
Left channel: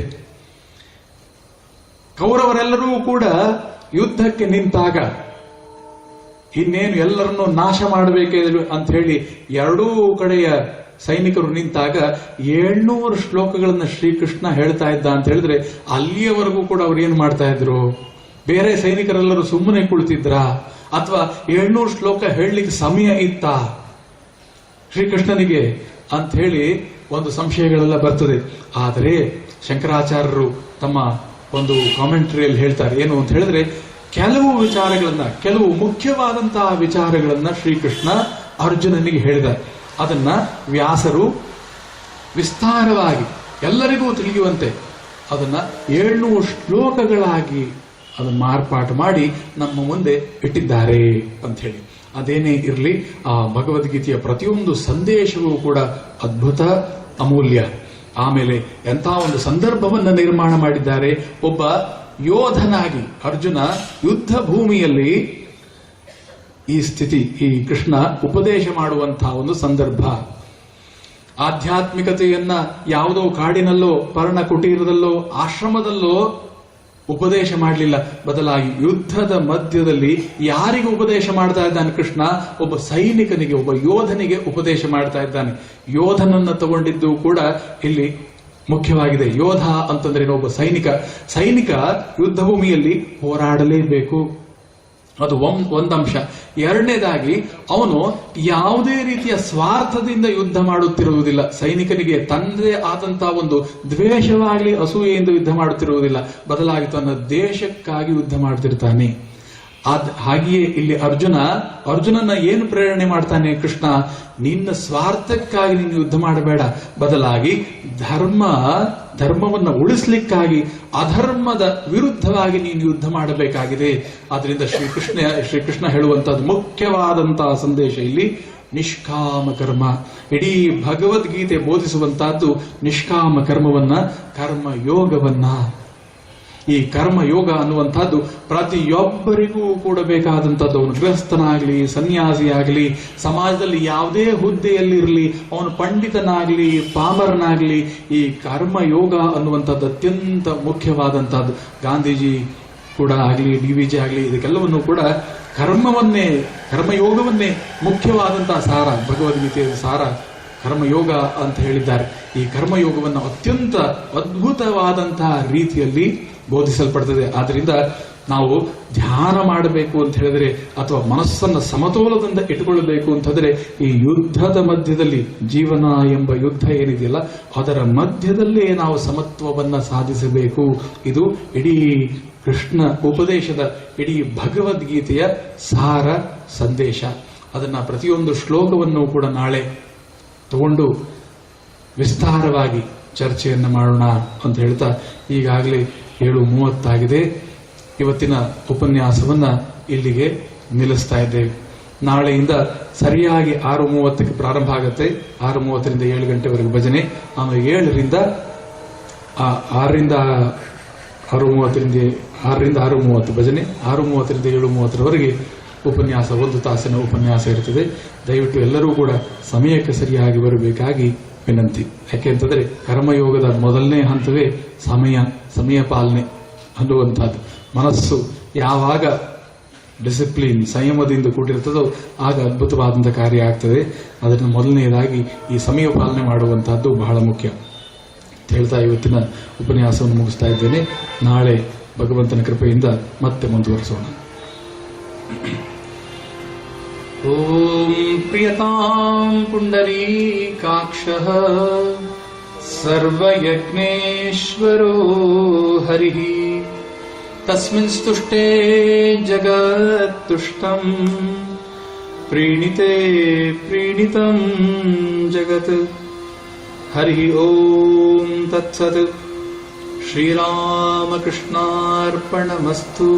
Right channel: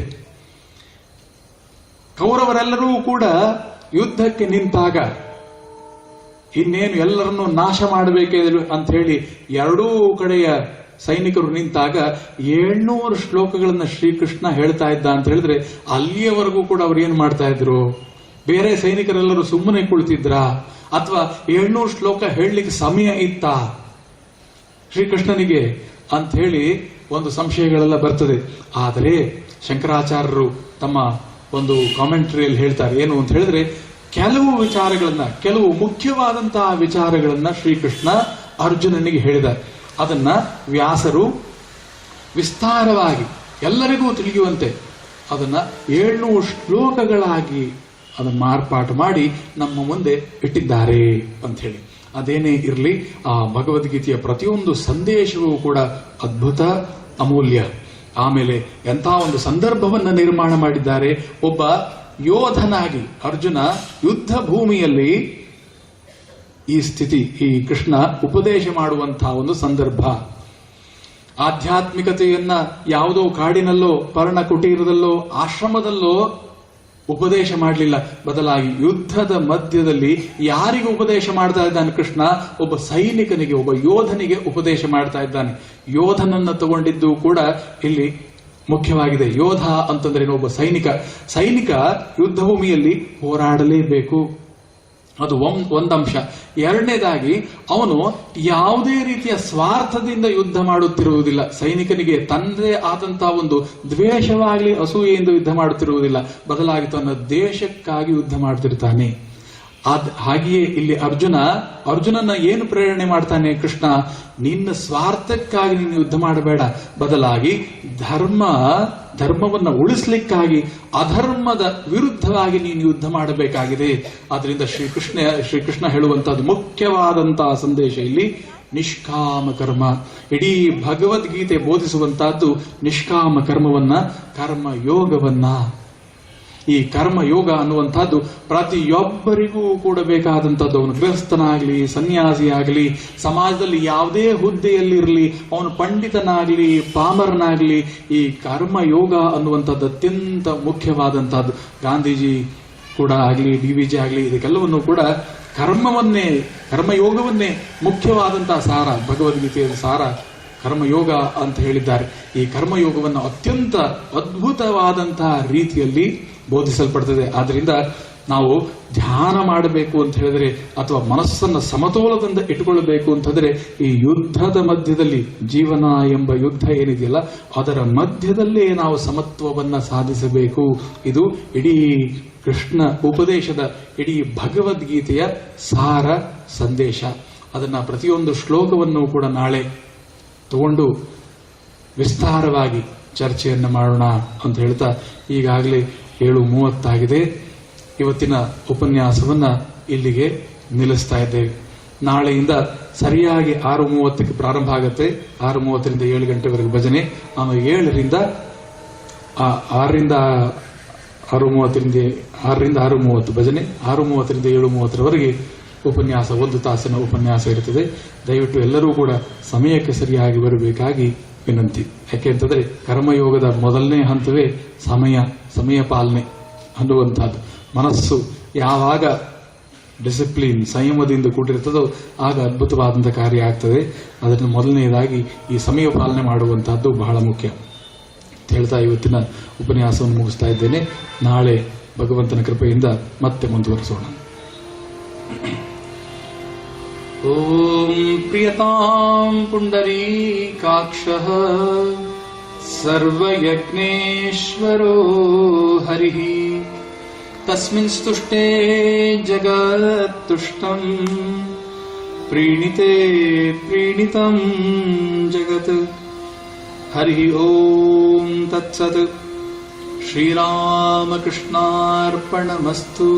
ಕೌರವರೆಲ್ಲರೂ ಕೂಡ ಯುದ್ಧಕ್ಕೆ ನಿಂತಾಗ, ಇನ್ನೇನು ಎಲ್ಲರನ್ನೂ ನಾಶ ಮಾಡಬೇಕೆ ಅಂತ ಹೇಳಿ ಎರಡೂ ಕಡೆಯ ಸೈನಿಕರು ನಿಂತಾಗ 700 ಶ್ಲೋಕಗಳನ್ನ ಶ್ರೀಕೃಷ್ಣ ಹೇಳ್ತಾ ಇದ್ದ ಅಂತ ಹೇಳಿದ್ರೆ, ಅಲ್ಲಿಯವರೆಗೂ ಕೂಡ ಅವ್ರು ಏನ್ ಮಾಡ್ತಾ ಇದ್ರು? ಬೇರೆ ಸೈನಿಕರೆಲ್ಲರೂ ಸುಮ್ಮನೆ ಕುಳಿತಿದ್ರ? ಅಥವಾ 700 ಶ್ಲೋಕ ಹೇಳಲಿಕ್ಕೆ ಸಮಯ ಇತ್ತಾ ಶ್ರೀಕೃಷ್ಣನಿಗೆ ಅಂತ ಹೇಳಿ ಒಂದು ಸಂಶಯಗಳೆಲ್ಲ ಬರ್ತದೆ. ಆದರೆ ಶಂಕರಾಚಾರ್ಯರು ತಮ್ಮ ಒಂದು ಕಾಮೆಂಟ್ರಿಯಲ್ಲಿ ಹೇಳ್ತಾರೆ, ಏನು ಅಂತ ಹೇಳಿದ್ರೆ, ಕೆಲವು ಮುಖ್ಯವಾದಂತಹ ವಿಚಾರಗಳನ್ನ ಶ್ರೀಕೃಷ್ಣ ಅರ್ಜುನನಿಗೆ ಹೇಳಿದ. ಅದನ್ನ ವ್ಯಾಸರು ವಿಸ್ತಾರವಾಗಿ ಎಲ್ಲರಿಗೂ ತಿಳಿಯುವಂತೆ ಅದನ್ನ 700 ಶ್ಲೋಕಗಳಾಗಿ ಅದನ್ನು ಮಾರ್ಪಾಟು ಮಾಡಿ ನಮ್ಮ ಮುಂದೆ ಇಟ್ಟಿದ್ದಾರೆ ಅಂತ ಹೇಳಿ. ಅದೇನೇ ಇರಲಿ, ಆ ಭಗವದ್ಗೀತೆಯ ಪ್ರತಿಯೊಂದು ಸಂದೇಶವೂ ಕೂಡ ಅದ್ಭುತ, ಅಮೂಲ್ಯ. ಆಮೇಲೆ ಎಂಥ ಒಂದು ಸಂದರ್ಭವನ್ನು ನಿರ್ಮಾಣ ಮಾಡಿದ್ದಾರೆ. ಒಬ್ಬ ಯೋಧನಾಗಿ ಅರ್ಜುನ ಯುದ್ಧ ಭೂಮಿಯಲ್ಲಿ ಈ ಕೃಷ್ಣ ಉಪದೇಶ ಮಾಡುವಂತಹ ಒಂದು ಸಂದರ್ಭ. ಆಧ್ಯಾತ್ಮಿಕತೆಯನ್ನ ಯಾವುದೋ ಕಾಡಿನಲ್ಲೋ, ಪರ್ಣ ಕುಟೀರದಲ್ಲೋ, ಆಶ್ರಮದಲ್ಲೋ ಉಪದೇಶ ಮಾಡಲಿಲ್ಲ. ಬದಲಾಗಿ ಯುದ್ಧದ ಮಧ್ಯದಲ್ಲಿ ಯಾರಿಗೂ ಉಪದೇಶ ಮಾಡ್ತಾ ಇದ್ದಾನೆ ಕೃಷ್ಣ? ಒಬ್ಬ ಸೈನಿಕನಿಗೆ, ಒಬ್ಬ ಯೋಧನಿಗೆ ಉಪದೇಶ ಮಾಡ್ತಾ ಇದ್ದಾನೆ. ಯೋಧನನ್ನ ತಗೊಂಡಿದ್ದು ಕೂಡ ಇಲ್ಲಿ ಮುಖ್ಯವಾಗಿದೆ. ಯೋಧ ಅಂತಂದ್ರೆ ಒಬ್ಬ ಸೈನಿಕ ಯುದ್ಧ ಭೂಮಿಯಲ್ಲಿ ಹೋರಾಡಲೇಬೇಕು, ಅದು ಒಂದಂಶ. ಎರಡನೇದಾಗಿ ಅವನು ಯಾವುದೇ ರೀತಿಯ ಸ್ವಾರ್ಥದಿಂದ ಯುದ್ಧ ಮಾಡುತ್ತಿರುವುದಿಲ್ಲ. ಸೈನಿಕನಿಗೆ ತನ್ನದೇ ಆದಂತಹ ಒಂದು ದ್ವೇಷವಾಗಲಿ ಅಸೂಯೆಯಿಂದ ಯುದ್ಧ ಮಾಡುತ್ತಿರುವುದಿಲ್ಲ, ಬದಲಾಗಿ ತನ್ನ ದೇಶಕ್ಕಾಗಿ ಯುದ್ಧ ಮಾಡ್ತಿರ್ತಾನೆ. ಹಾಗೆಯೇ ಇಲ್ಲಿ ಅರ್ಜುನನ ಏನು ಪ್ರೇರಣೆ ಮಾಡ್ತಾನೆ ಕೃಷ್ಣ? ನಿನ್ನ ಸ್ವಾರ್ಥಕ್ಕಾಗಿ ನೀನು ಯುದ್ಧ ಮಾಡಬೇಡ, ಬದಲಾಗಿ ಧರ್ಮವನ್ನು ಉಳಿಸ್ಲಿಕ್ಕಾಗಿ ಅಧರ್ಮದ ವಿರುದ್ಧವಾಗಿ ನೀನು ಯುದ್ಧ ಮಾಡಬೇಕಾಗಿದೆ. ಆದ್ರಿಂದ ಶ್ರೀಕೃಷ್ಣ ಹೇಳುವಂತಹದ್ದು ಮುಖ್ಯವಾದಂತಹ ಸಂದೇಶ ಇಲ್ಲಿ ನಿಷ್ಕಾಮ ಕರ್ಮ. ಇಡೀ ಭಗವದ್ಗೀತೆ ಬೋಧಿಸುವಂತಹದ್ದು ನಿಷ್ಕಾಮ ಕರ್ಮವನ್ನ, ಕರ್ಮಯೋಗವನ್ನ. ಈ ಕರ್ಮಯೋಗ ಅನ್ನುವಂಥದ್ದು ಪ್ರತಿಯೊಬ್ಬರಿಗೂ ಕೂಡ ಬೇಕಾದಂಥದ್ದು. ಅವನು ಗೃಹಸ್ಥನಾಗ್ಲಿ, ಸನ್ಯಾಸಿಯಾಗಲಿ, ಸಮಾಜದಲ್ಲಿ ಯಾವುದೇ ಹುದ್ದೆಯಲ್ಲಿರಲಿ, ಅವನು ಪಂಡಿತನಾಗ್ಲಿ, ಪಾಮರನಾಗ್ಲಿ, ಈ ಕರ್ಮಯೋಗ ಅನ್ನುವಂಥದ್ದು ಅತ್ಯಂತ ಮುಖ್ಯವಾದಂಥದ್ದು. ಗಾಂಧೀಜಿ ಕೂಡ ಆಗಲಿ, DVJ ಆಗಲಿ, ಇದಕ್ಕೆಲ್ಲವನ್ನು ಕೂಡ ಕರ್ಮಯೋಗವನ್ನೇ ಮುಖ್ಯವಾದಂತಹ ಸಾರ, ಭಗವದ್ಗೀತೆಯ ಸಾರ ಕರ್ಮಯೋಗ ಅಂತ ಹೇಳಿದ್ದಾರೆ. ಈ ಕರ್ಮಯೋಗವನ್ನು ಅತ್ಯಂತ ಅದ್ಭುತವಾದಂತಹ ರೀತಿಯಲ್ಲಿ ಬೋಧಿಸಲ್ಪಡ್ತದೆ. ಆದ್ರಿಂದ ನಾವು ಧ್ಯಾನ ಮಾಡಬೇಕು ಅಂತ ಹೇಳಿದ್ರೆ, ಅಥವಾ ಮನಸ್ಸನ್ನ ಸಮತೋಲದಿಂದ ಇಟ್ಟುಕೊಳ್ಳಬೇಕು ಅಂತಂದ್ರೆ, ಈ ಯುದ್ಧದ ಮಧ್ಯದಲ್ಲಿ, ಜೀವನ ಎಂಬ ಯುದ್ಧ ಏನಿದೆಯಲ್ಲ ಅದರ ಮಧ್ಯದಲ್ಲೇ ನಾವು ಸಮತ್ವವನ್ನ ಸಾಧಿಸಬೇಕು. ಇದು ಇಡೀ ಕೃಷ್ಣ ಉಪದೇಶದ, ಇಡೀ ಭಗವದ್ಗೀತೆಯ ಸಾರ ಸಂದೇಶ. ಅದನ್ನ ಪ್ರತಿಯೊಂದು ಶ್ಲೋಕವನ್ನು ಕೂಡ ನಾಳೆ ತಗೊಂಡು ವಿಸ್ತಾರವಾಗಿ ಚರ್ಚೆಯನ್ನು ಮಾಡೋಣ ಅಂತ ಹೇಳ್ತಾ, ಈಗಾಗಲೇ 7:30 ಇವತ್ತಿನ ಉಪನ್ಯಾಸವನ್ನ ಇಲ್ಲಿಗೆ ನಿಲ್ಲಿಸ್ತಾ ಇದ್ದೇವೆ. ನಾಳೆಯಿಂದ ಸರಿಯಾಗಿ 6:30 ಪ್ರಾರಂಭ ಆಗುತ್ತೆ. 6:30ರಿಂದ 7 ಗಂಟೆವರೆಗೆ ಭಜನೆ. ನಾನು 6ರಿಂದ 6:30 ಭಜನೆ, 6:30ರಿಂದ 7:30 ಉಪನ್ಯಾಸ, 1 ತಾಸಿನ ಉಪನ್ಯಾಸ ಇರುತ್ತದೆ. ದಯವಿಟ್ಟು ಎಲ್ಲರೂ ಕೂಡ ಸಮಯಕ್ಕೆ ಸರಿಯಾಗಿ ಬರಬೇಕಾಗಿ ವಿನಂತಿ. ಯಾಕೆಂತಂದ್ರೆ ಕರ್ಮಯೋಗದ ಮೊದಲನೇ ಹಂತವೇ ಸಮಯ ಪಾಲನೆ ಅನ್ನುವಂಥದ್ದು. ಮನಸ್ಸು ಯಾವಾಗ ಡಿಸಿಪ್ಲಿನ್, ಸಂಯಮದಿಂದ ಕೂಡಿರ್ತದೋ ಆಗ ಅದ್ಭುತವಾದಂಥ ಕಾರ್ಯ ಆಗ್ತದೆ. ಅದನ್ನು ಮೊದಲನೇದಾಗಿ ಈ ಸಮಯ ಪಾಲನೆ ಮಾಡುವಂತಹದ್ದು ಬಹಳ ಮುಖ್ಯ ಅಂತ ಹೇಳ್ತಾ ಇವತ್ತಿನ ಉಪನ್ಯಾಸವನ್ನು ಮುಗಿಸ್ತಾ ಇದ್ದೇನೆ. ನಾಳೆ ಭಗವಂತನ ಕೃಪೆಯಿಂದ ಮತ್ತೆ ಮುಂದುವರಿಸೋಣ. ಓಂ ಪ್ರಿಯತಾಂ ಪುಂಡರೀಕಾಕ್ಷಃ ಸರ್ವಯಜ್ಞೇಶ್ವರೋ ಹರಿಃ ತಸ್ಮಿನ್ ಸ್ತುಷ್ಟೇ ಜಗತ್ತುಷ್ಟಂ ಪ್ರೀಣಿತೆ ಪ್ರೀಣಿತಂ ಜಗತ್. ಹರಿ ಓಂ ತತ್ಸತ್. ಶ್ರೀರಾಮಕೃಷ್ಣಾರ್ಪಣಮಸ್ತು.